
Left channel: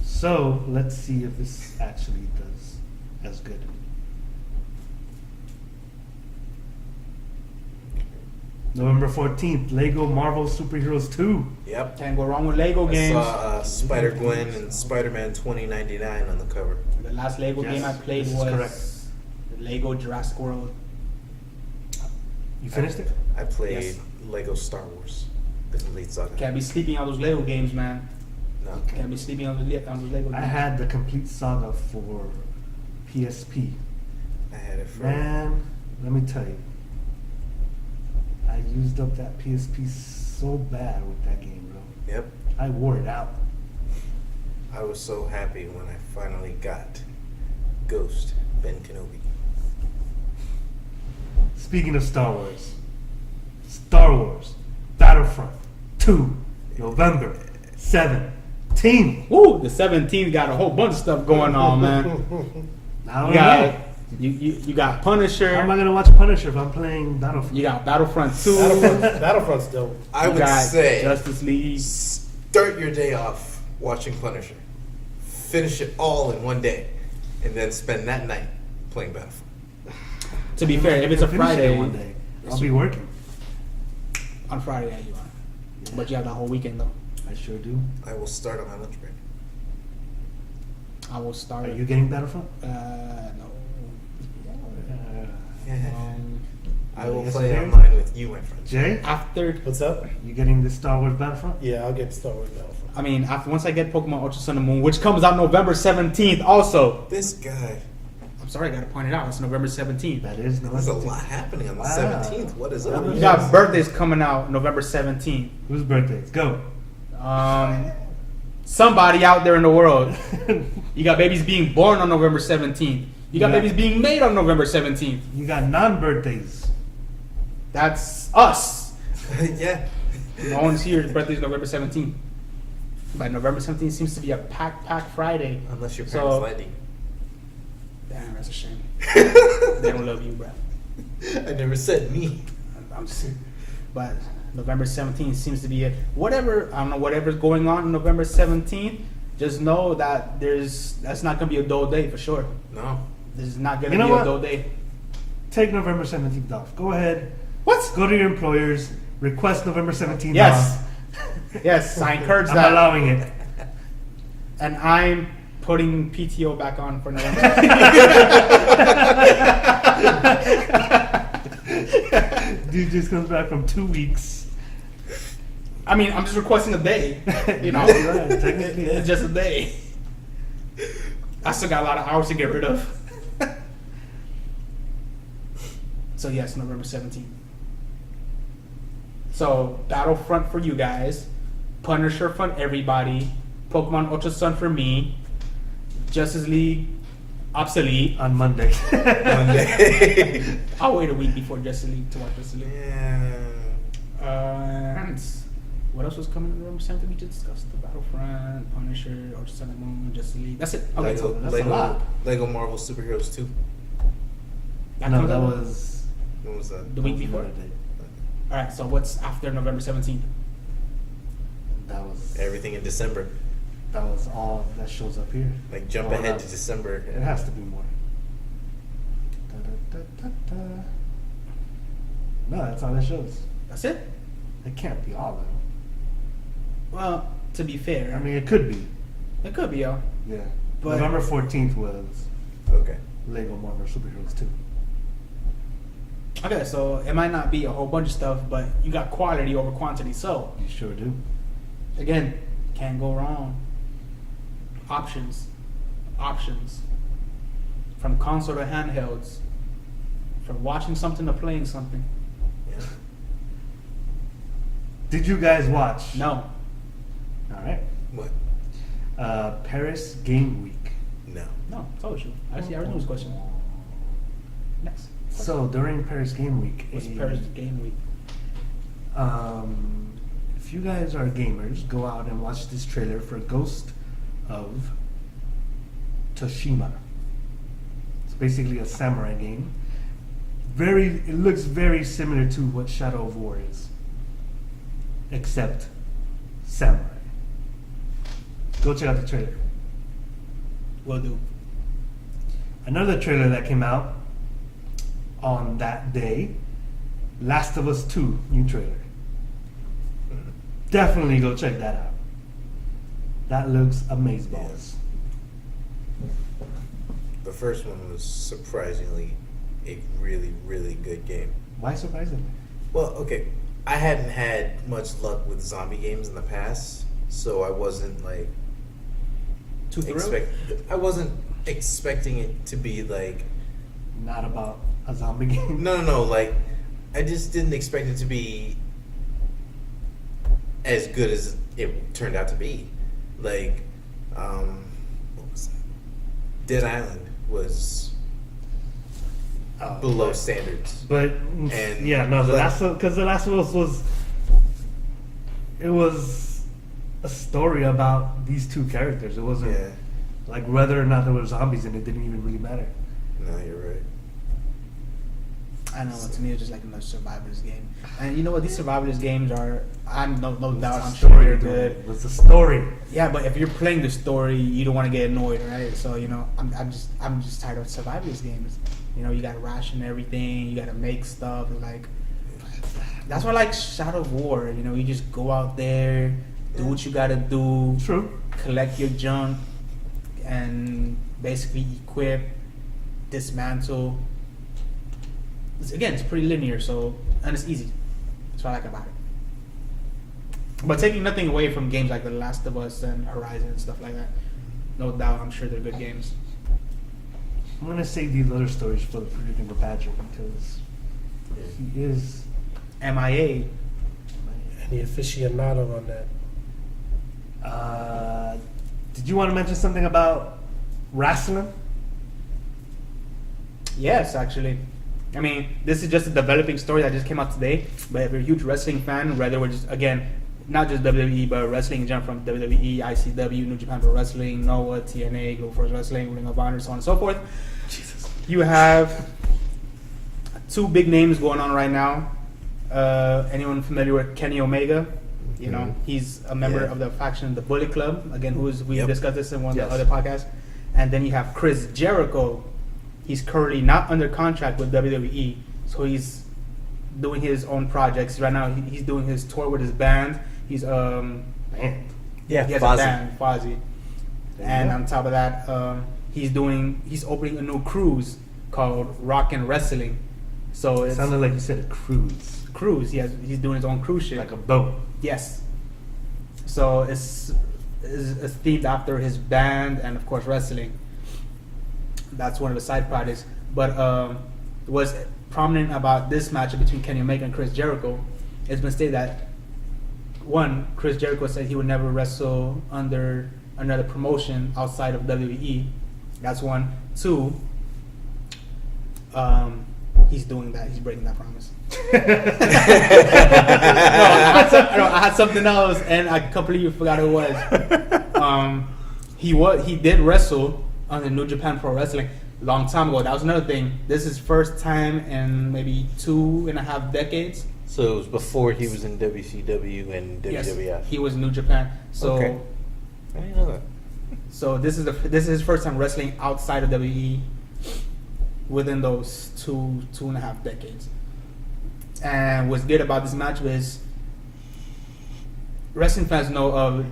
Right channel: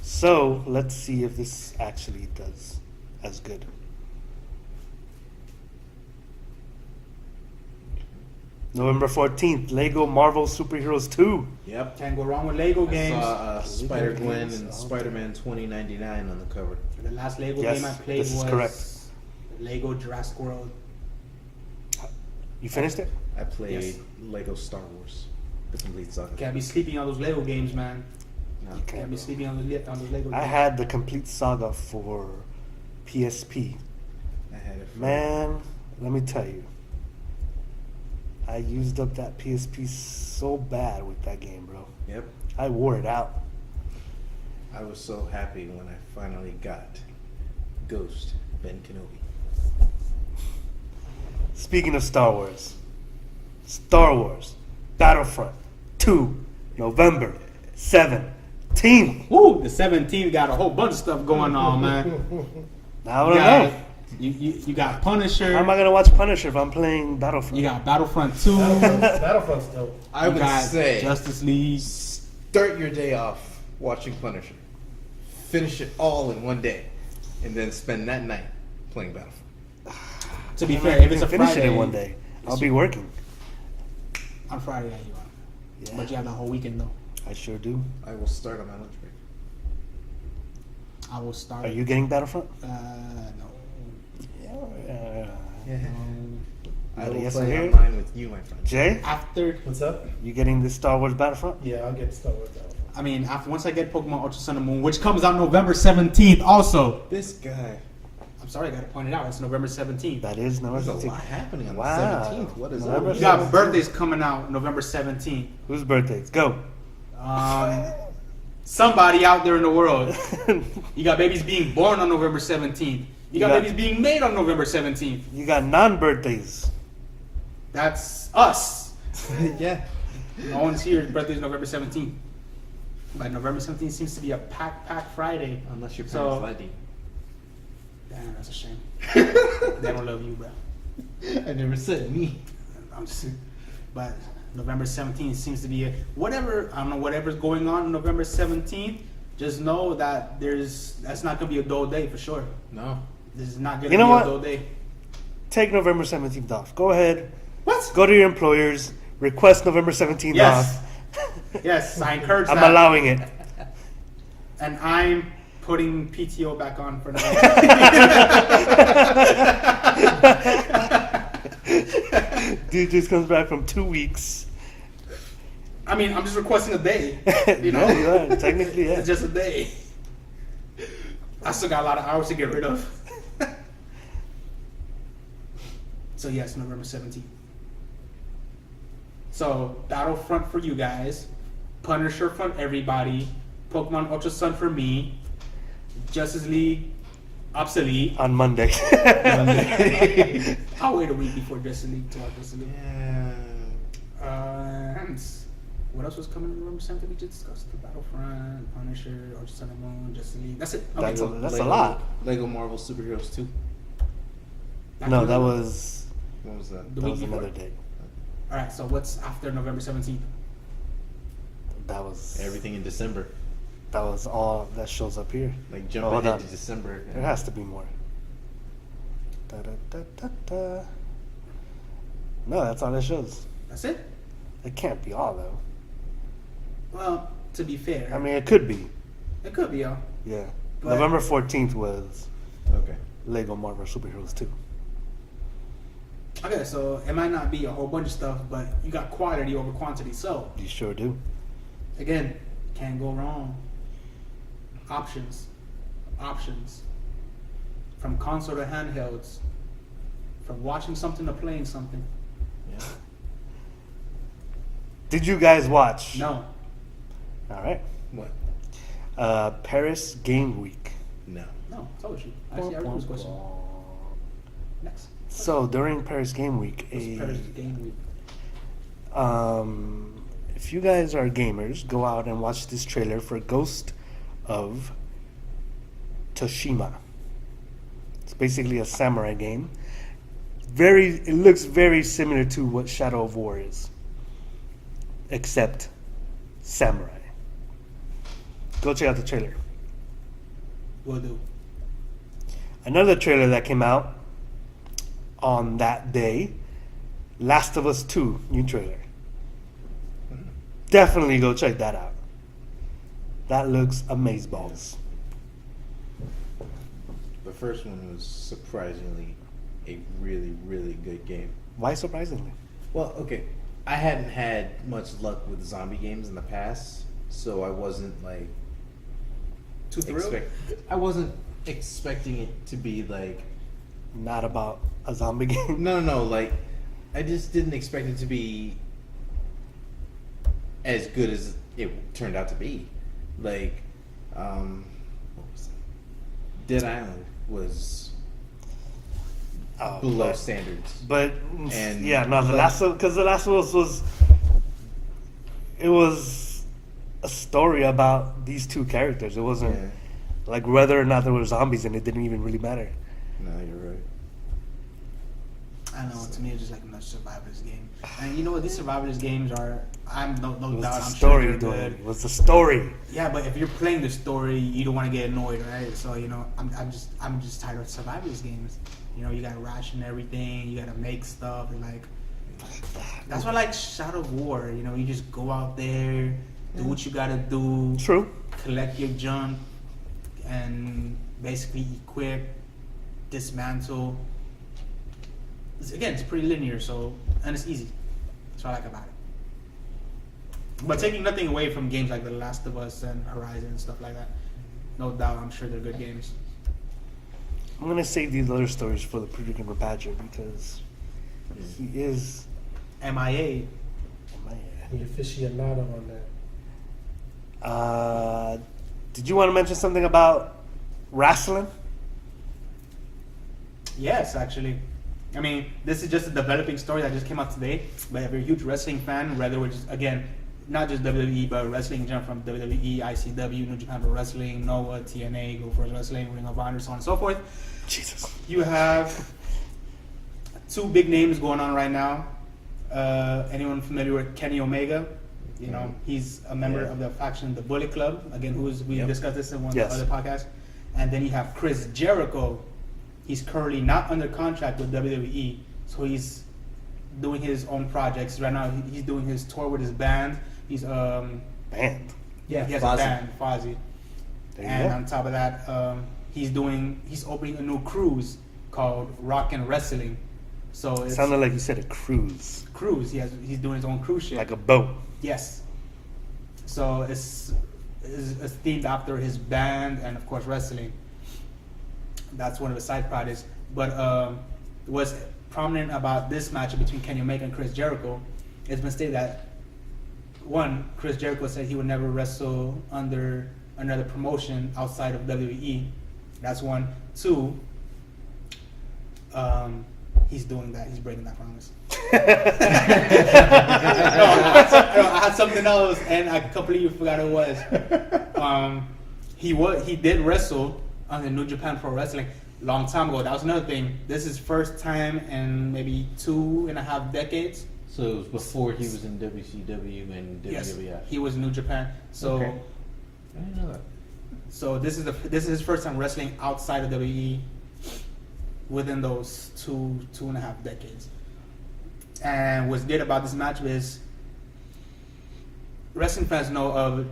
So let's see if this actually does as good. November 14th, Lego Marvel Superheroes 2. Yep. Can't go wrong with Lego I games. saw Spider-Gwen and Spider-Man 2099 on the cover. The last Lego Yes, game I played this is was correct. Lego Jurassic World. You finished it? I played Yes. Lego Star Wars, the complete saga. Can't be sleeping on those Lego games, man. No. Okay. Can't be sleeping on those Lego games. I had the complete saga for PSP. I had it for Man, let me tell you. I used up that PSP so bad with that game, bro. Yep. I wore it out. I was so happy when I finally got Ghost Ben Kenobi. Speaking of Star Wars Battlefront 2, November 17th. Ooh, the 17th got a whole bunch of stuff going on, man. I don't You know. got, you got Punisher. How am I gonna watch Punisher if I'm playing Battlefront? You got Battlefront 2. Battlefront's dope. I would You got say Justice League. start your day off watching Punisher. Finish it all in one day. And then spend that night playing Battlefield. To be fair, if it's a finish Friday, it in one day. I'll be working. on Friday, yeah, you are. Yeah. But you have the whole weekend though. I sure do. I will start on my lunch break. I will start. Are you getting Battlefront? No. I will Yes, play sir. online with you, my friend. Jay, After, What's up? you getting the Star Wars Battlefront? Yeah, I'll get Star Wars Battlefront. I mean, once I get Pokemon Ultra Sun and Moon, which comes out November 17th, also. This guy. I'm sorry, I gotta point it out. It's November 17th. That is There's a November lot 17th. happening on the Wow. 17th. What is Wow. that? You got birthdays coming out November 17th. Whose birthdays? Go. Somebody out there in the world. You got babies being born on November 17th. You got Yeah. babies being made on November 17th. You got non-birthdays. That's us. Yeah. No one's here. His birthday is November 17th. But November 17th seems to be a pack Friday. Unless your So- parents let you. Damn, that's a shame. They don't love you, bro. I never said me. I'm just, but November 17th seems to be whatever. I don't know whatever's going on November 17th. Just know that that's not gonna be a dull day for sure. No. This is not gonna You know be what? a dull day. Take November 17th off. Go ahead. What? Go to your employers. Request November 17th Yes. off. Yes, I encourage I'm that. allowing it. And I'm putting PTO back on for now. Dude just comes back from 2 weeks. I mean, I'm just requesting a day. You know, Yeah, you are. Technically, yeah. It's just a day. I still got a lot of hours to get rid of. So yes, November 17th. So Battlefront for you guys, Punisher for everybody, Pokemon Ultra Sun for me, Justice League obsolete. On Monday. I'll wait a week before Justice League to watch Justice League. And what else was coming in November 17th? We just discussed the Battlefront, Punisher, Ultra Sun and Moon, Justice League. That's it. Okay. That's a lot. Lego Marvel Superheroes 2. No, that was When was that? the week before. another day. All right. So what's after November 17th? That was Everything in December. That was all that shows up here. Like jump Hold ahead on. to December. There has to be more. Da, da, da, da, da. No, that's all it shows. That's it. It can't be all though. Well, to be fair, I mean, it could be. it could be, yo. Yeah. But- November 14th was Okay. Lego Marvel Superheroes 2. Okay, so it might not be a whole bunch of stuff, but you got quality over quantity. So You sure do. again, can't go wrong. Options. From console to handhelds. From watching something to playing something. Yeah. Did you guys watch? No. All right. What? Paris Game Week. No. No, told you. Actually, I already know this question. Next. So during Paris Game Week, What's Paris Game Week? if you guys are gamers, go out and watch this trailer for Ghost of Tsushima. It's basically a samurai game. It looks very similar to what Shadow of War is, except samurai. Go check out the trailer. Will do. Another trailer that came out on that day, Last of Us 2 new trailer. Definitely go check that out. That looks amazeballs. The first one was surprisingly a really, really good game. Why surprisingly? Well, okay. I hadn't had much luck with zombie games in the past, so I wasn't like Too thrilled? I wasn't expecting it to be like Not about a zombie game. no, like I just didn't expect it to be as good as it turned out to be. Like, what was that? Dead Island was below but- standards. But And- yeah, no, the last one, because the last one was it was a story about these two characters. It wasn't Yeah. like whether or not there were zombies, and it didn't even really matter. No, you're right. I know. To me, it's just like another survivalist game. And you know what? These survivalist games are. I'm no It was doubt. the I'm story, sure dude. they're It good. was the story. Yeah, but if you're playing the story, you don't want to get annoyed, right? So you know, I'm just tired of survivalist games. You know, you gotta ration everything. You gotta make stuff. And like, that's why I like Shadow of War. You know, you just go out there, do what you gotta do, True. collect your junk, and basically equip, dismantle. Again, it's pretty linear, so and it's easy. That's what I like about it. But taking nothing away from games like The Last of Us and Horizon and stuff like that, no doubt, I'm sure they're good games. I'm gonna save these other stories for the freaking Patrick because he is. MIA. The aficionado on that. Did you want to mention something about wrestling? Yes, actually. I mean, this is just a developing story that just came out today. But if you're a huge wrestling fan, whether we're just, again, not just WWE, but wrestling in general, from WWE, ICW, New Japan Pro Wrestling, NOAH, TNA, Global Force Wrestling, Ring of Honor, so on and so forth. Jesus. You have two big names going on right now. Anyone familiar with Kenny Omega? You know, he's a member Yeah. of the faction, the Bullet Club. Again, we Yep. discussed this in one Yes. of the other podcasts. And then you have Chris Jericho. He's currently not under contract with WWE, so he's doing his own projects right now. He's doing his tour with his band. He's Man. Yeah, he has Fozzy. a band, Fozzy. There you And go. on top of that, he's opening a new cruise called Rock and Wrestling. So it's Sounded like you said a cruise, cruise. He's doing his own cruise ship. like a boat. Yes. So it's themed after his band and of course wrestling. That's one of the side projects. But what's prominent about this match between Kenny Omega and Chris Jericho, it's been stated that one, Chris Jericho said he would never wrestle under another promotion outside of WWE. That's one. Two, he's doing that. He's breaking that promise. I had something else, and I completely forgot who it was. He did wrestle on the New Japan Pro Wrestling a long time ago. That was another thing. This is first time in maybe 2.5 decades. So it was before he was in WCW and WWF. Yes, he was New Japan. So Okay. I didn't know that. so this is his first time wrestling outside of WWE within those 2.5 decades. And what's good about this match is wrestling fans know of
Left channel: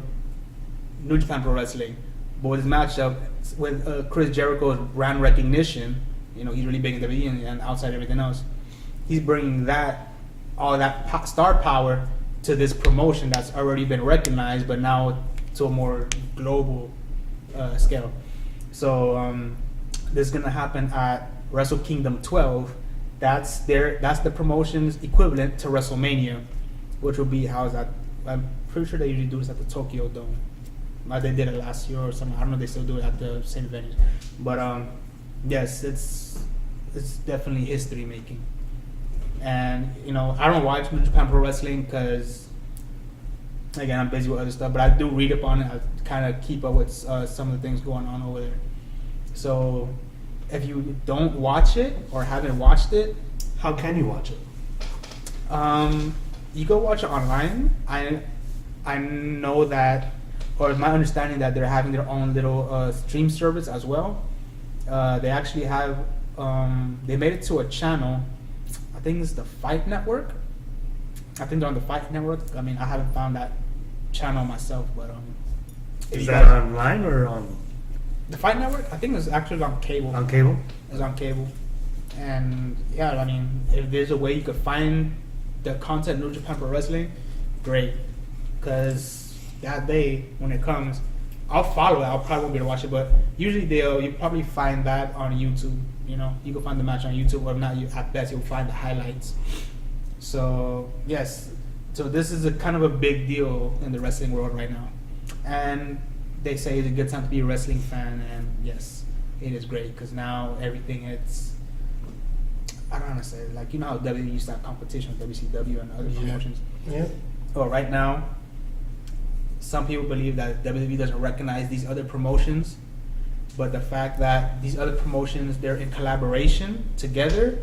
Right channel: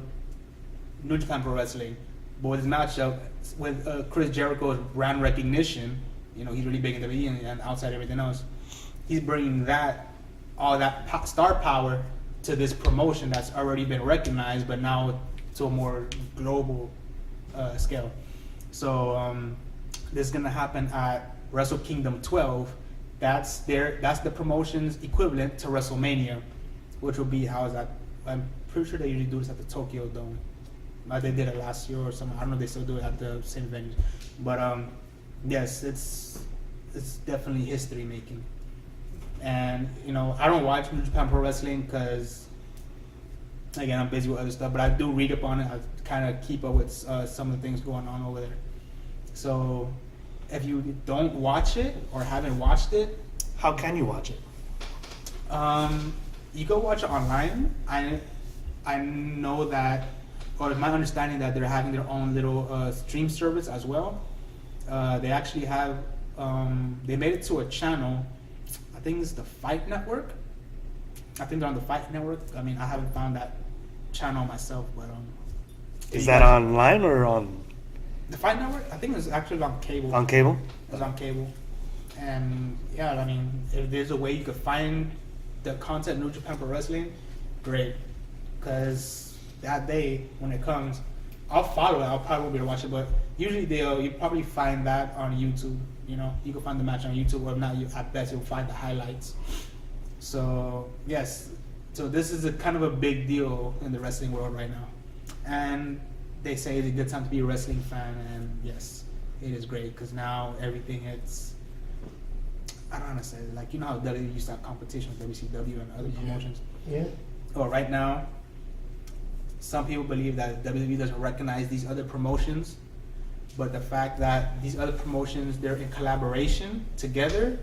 New Japan Pro Wrestling, but with this matchup with Chris Jericho's brand recognition, you know, he's really big in WWE and outside everything else. He's bringing all that star power to this promotion that's already been recognized, but now to a more global scale. So this is gonna happen at Wrestle Kingdom 12. That's the promotion's equivalent to WrestleMania, which will be housed at. I'm pretty sure they usually do this at the Tokyo Dome. They did it last year or something. I don't know if they still do it at the same venues. But yes, it's definitely history making. And you know, I don't watch New Japan Pro Wrestling because again, I'm busy with other stuff. But I do read up on it. I kind of keep up with some of the things going on over there. So if you don't watch it or haven't watched it, How can you watch it? you go watch it online. I know that, or my understanding that they're having their own little stream service as well. They actually have they made it to a channel. I think it's the Fight Network. I think they're on the Fight Network. I mean, I haven't found that channel myself, but if Is you that guys- online or on the Fight Network? I think it's actually on cable. on cable? It's on cable. And yeah, I mean, if there's a way you could find the content New Japan Pro Wrestling, great. Because that day when it comes, I'll follow it. I'll probably won't be able to watch it, but usually you probably find that on YouTube. You know, you can find the match on YouTube, or not. At best, you'll find the highlights. So yes, so this is a kind of a big deal in the wrestling world right now, and they say it's a good time to be a wrestling fan, and yes, it is great because now everything I don't want to say it. Like, you know how WWE used to have competition with WCW and other Yeah. promotions. Yeah. Well, right now, some people believe that WWE doesn't recognize these other promotions, but the fact that these other promotions, they're in collaboration together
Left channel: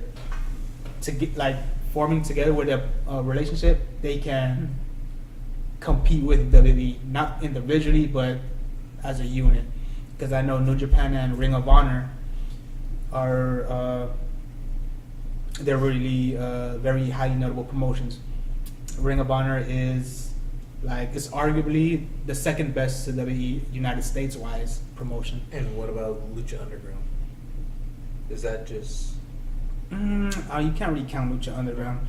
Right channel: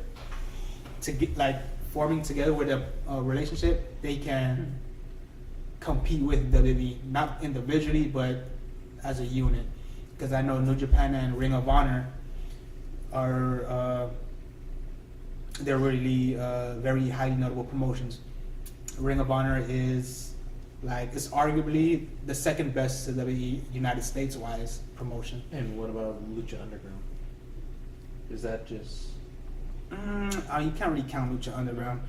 to get like forming together with a relationship, they can compete with WWE, not individually but as a unit. Because I know New Japan and Ring of Honor are they're really very highly notable promotions. Ring of Honor is like, it's arguably the second best WWE United States wise promotion. And what about Lucha Underground? Is that just... You can't really count Lucha Underground.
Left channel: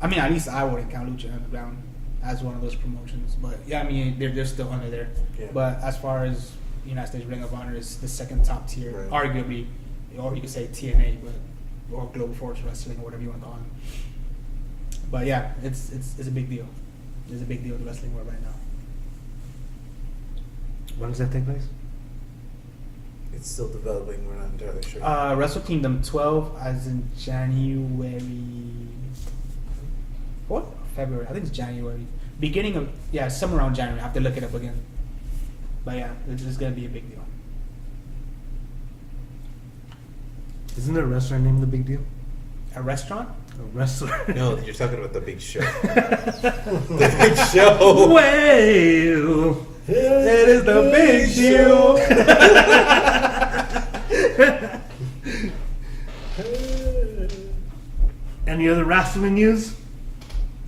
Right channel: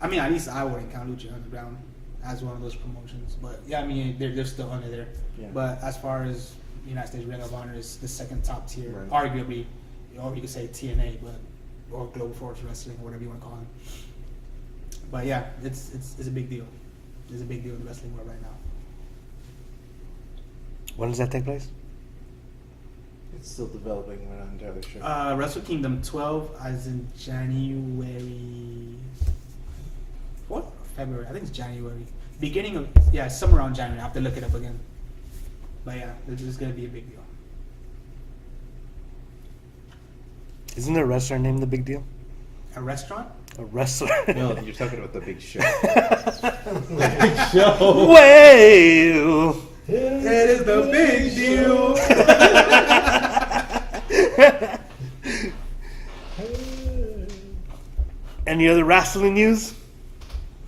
I mean, at least I wouldn't count Lucha Underground as one of those promotions. But yeah, I mean, they're still under there. Yeah. But as far as United States Ring of Honor is the second top tier, Right. arguably, or you could say TNA, or Global Force Wrestling, or whatever you want to call it. But yeah, it's a big deal. It's a big deal in the wrestling world right now. When does that take place? It's still developing. We're not entirely sure. Wrestle Kingdom 12 as in January. What? February. I think it's January. Beginning of, yeah, somewhere around January. I have to look it up again. But yeah, this is going to be a big deal. Isn't there a wrestler named The Big Deal? A restaurant? A wrestler? No, you're talking about the Big Show. The Big Show. Well, It is the big deal. any other wrestling news?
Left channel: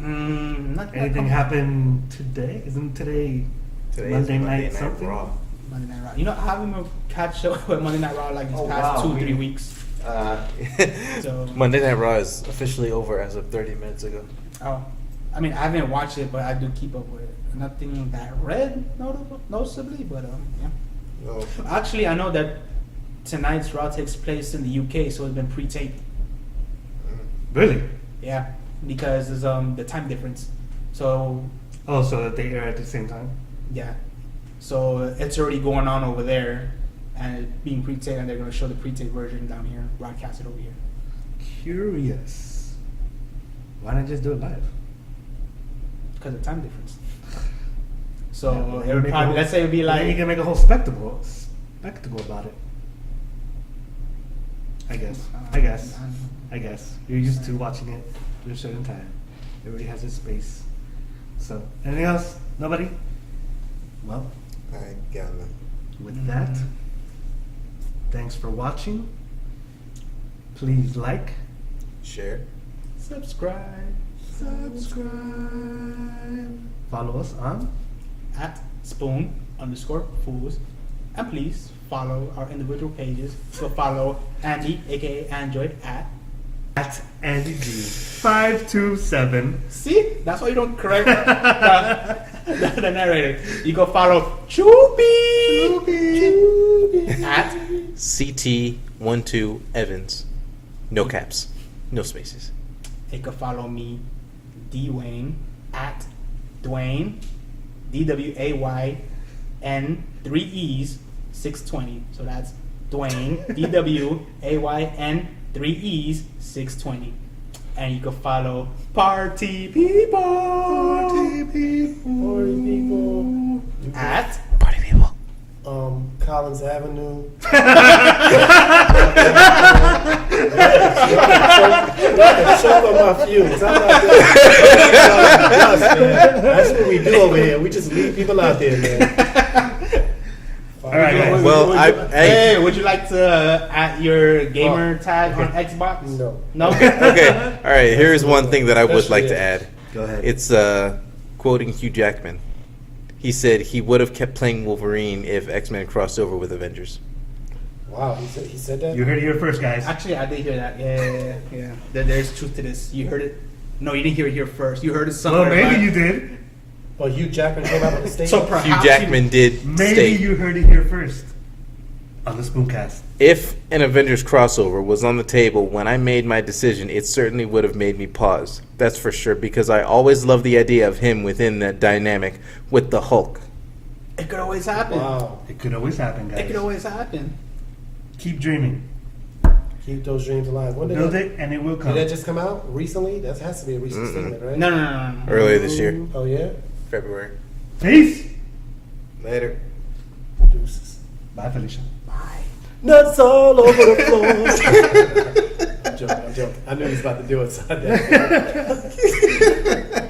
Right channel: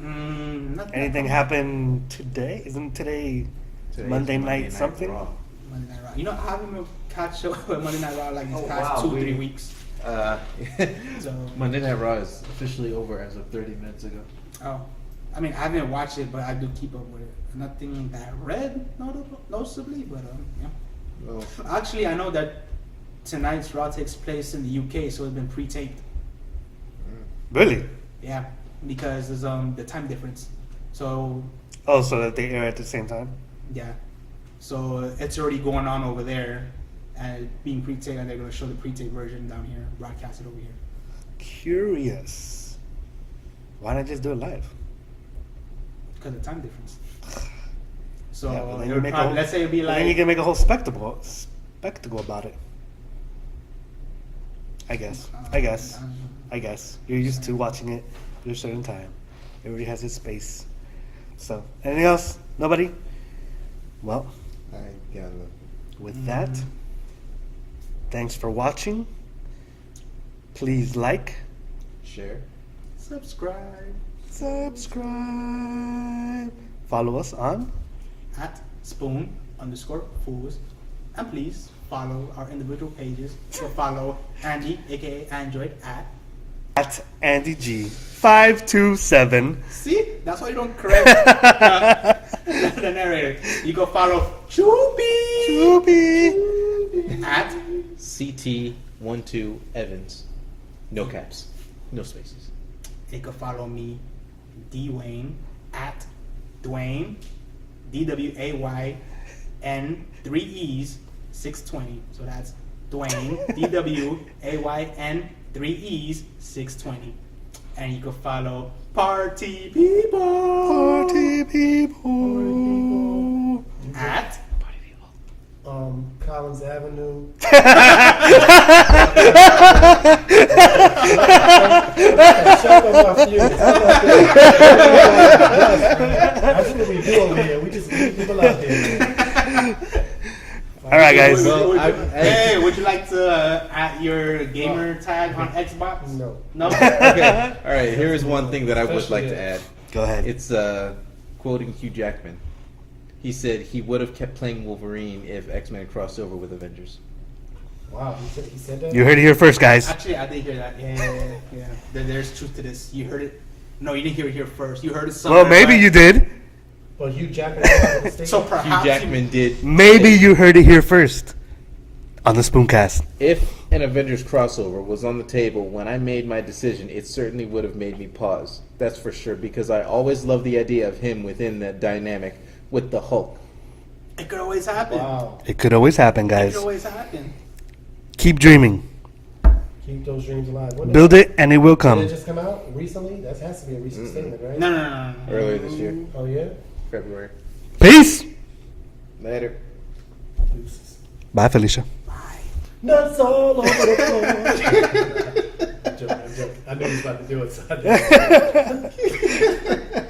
Not Anything happened today? Isn't today Today Monday is night something? Raw. Monday Night Raw. You know, I haven't even catch up with Monday Night Raw like these past 2-3 weeks. So Monday Night Raw is officially over as of 30 minutes ago. Oh, I mean, I haven't watched it, but I do keep up with it. Nothing that red noticeably, but yeah. No. Actually, I know that tonight's Raw takes place in the UK, so it's been pre-taped. Really? Yeah, because there's the time difference. So Oh, so that they air at the same time? yeah, so it's already going on over there, and it's being pre-taped, and they're going to show the pre-taped version down here, broadcast it over here. Curious. Why not just do it live? Because of the time difference. So Yeah, but then it you would make a probably, whole- let's say it'd be then you like, can make a whole spectacle about it. I guess. You're used to watching it at a certain time. Everybody has its space. So, anything else? Nobody? Well, I got none. with that, thanks for watching. Please like, Share. subscribe follow us on at spoon_fools, and please follow our individual pages. So follow Andy, aka Android, at Andy G527. See, that's why you don't correct the narrator. You go follow Choopy at CT12 Evans. No caps. No spaces. you can follow me, Dwayne, at Dwayne, DWAYN 3 E's 620. So that's Dwayne, DWAYN 3 E's 620. And you can follow Party People at Party people. Collins Avenue. Shut up my feelings. That's what we do over here. We just leave people out there, man. All right, guys. Well, Hey, would you like to add your gamer tag on Xbox? No. No? Okay. All right. Here's one thing that I would like Especially- to add. Go ahead. It's quoting Hugh Jackman. He said he would have kept playing Wolverine if X-Men crossed over with Avengers. Wow, he said that? You heard it here first, guys. Actually, I did hear that. Yeah. There's truth to this. You heard it? No, you didn't hear it here first. You heard it somewhere. Well, maybe but- you did. Oh, Hugh Jackman came out with a statement? So Hugh perhaps Jackman did. Maybe say, you heard it here first on the Spooncast. If an Avengers crossover was on the table when I made my decision, it certainly would have made me pause. That's for sure, because I always loved the idea of him within that dynamic with the Hulk. It could always happen. Wow. It could always happen, It guys. could always happen. Keep dreaming. Keep those dreams alive. What Build it and it will Did come. that just come out recently? That has to be a recent statement, right? No. Earlier this year, Oh yeah. February. Peace. Later. Deuces. Bye, Felicia. Nuts all over the floor. I'm joking. I knew he was about to do it. So I did.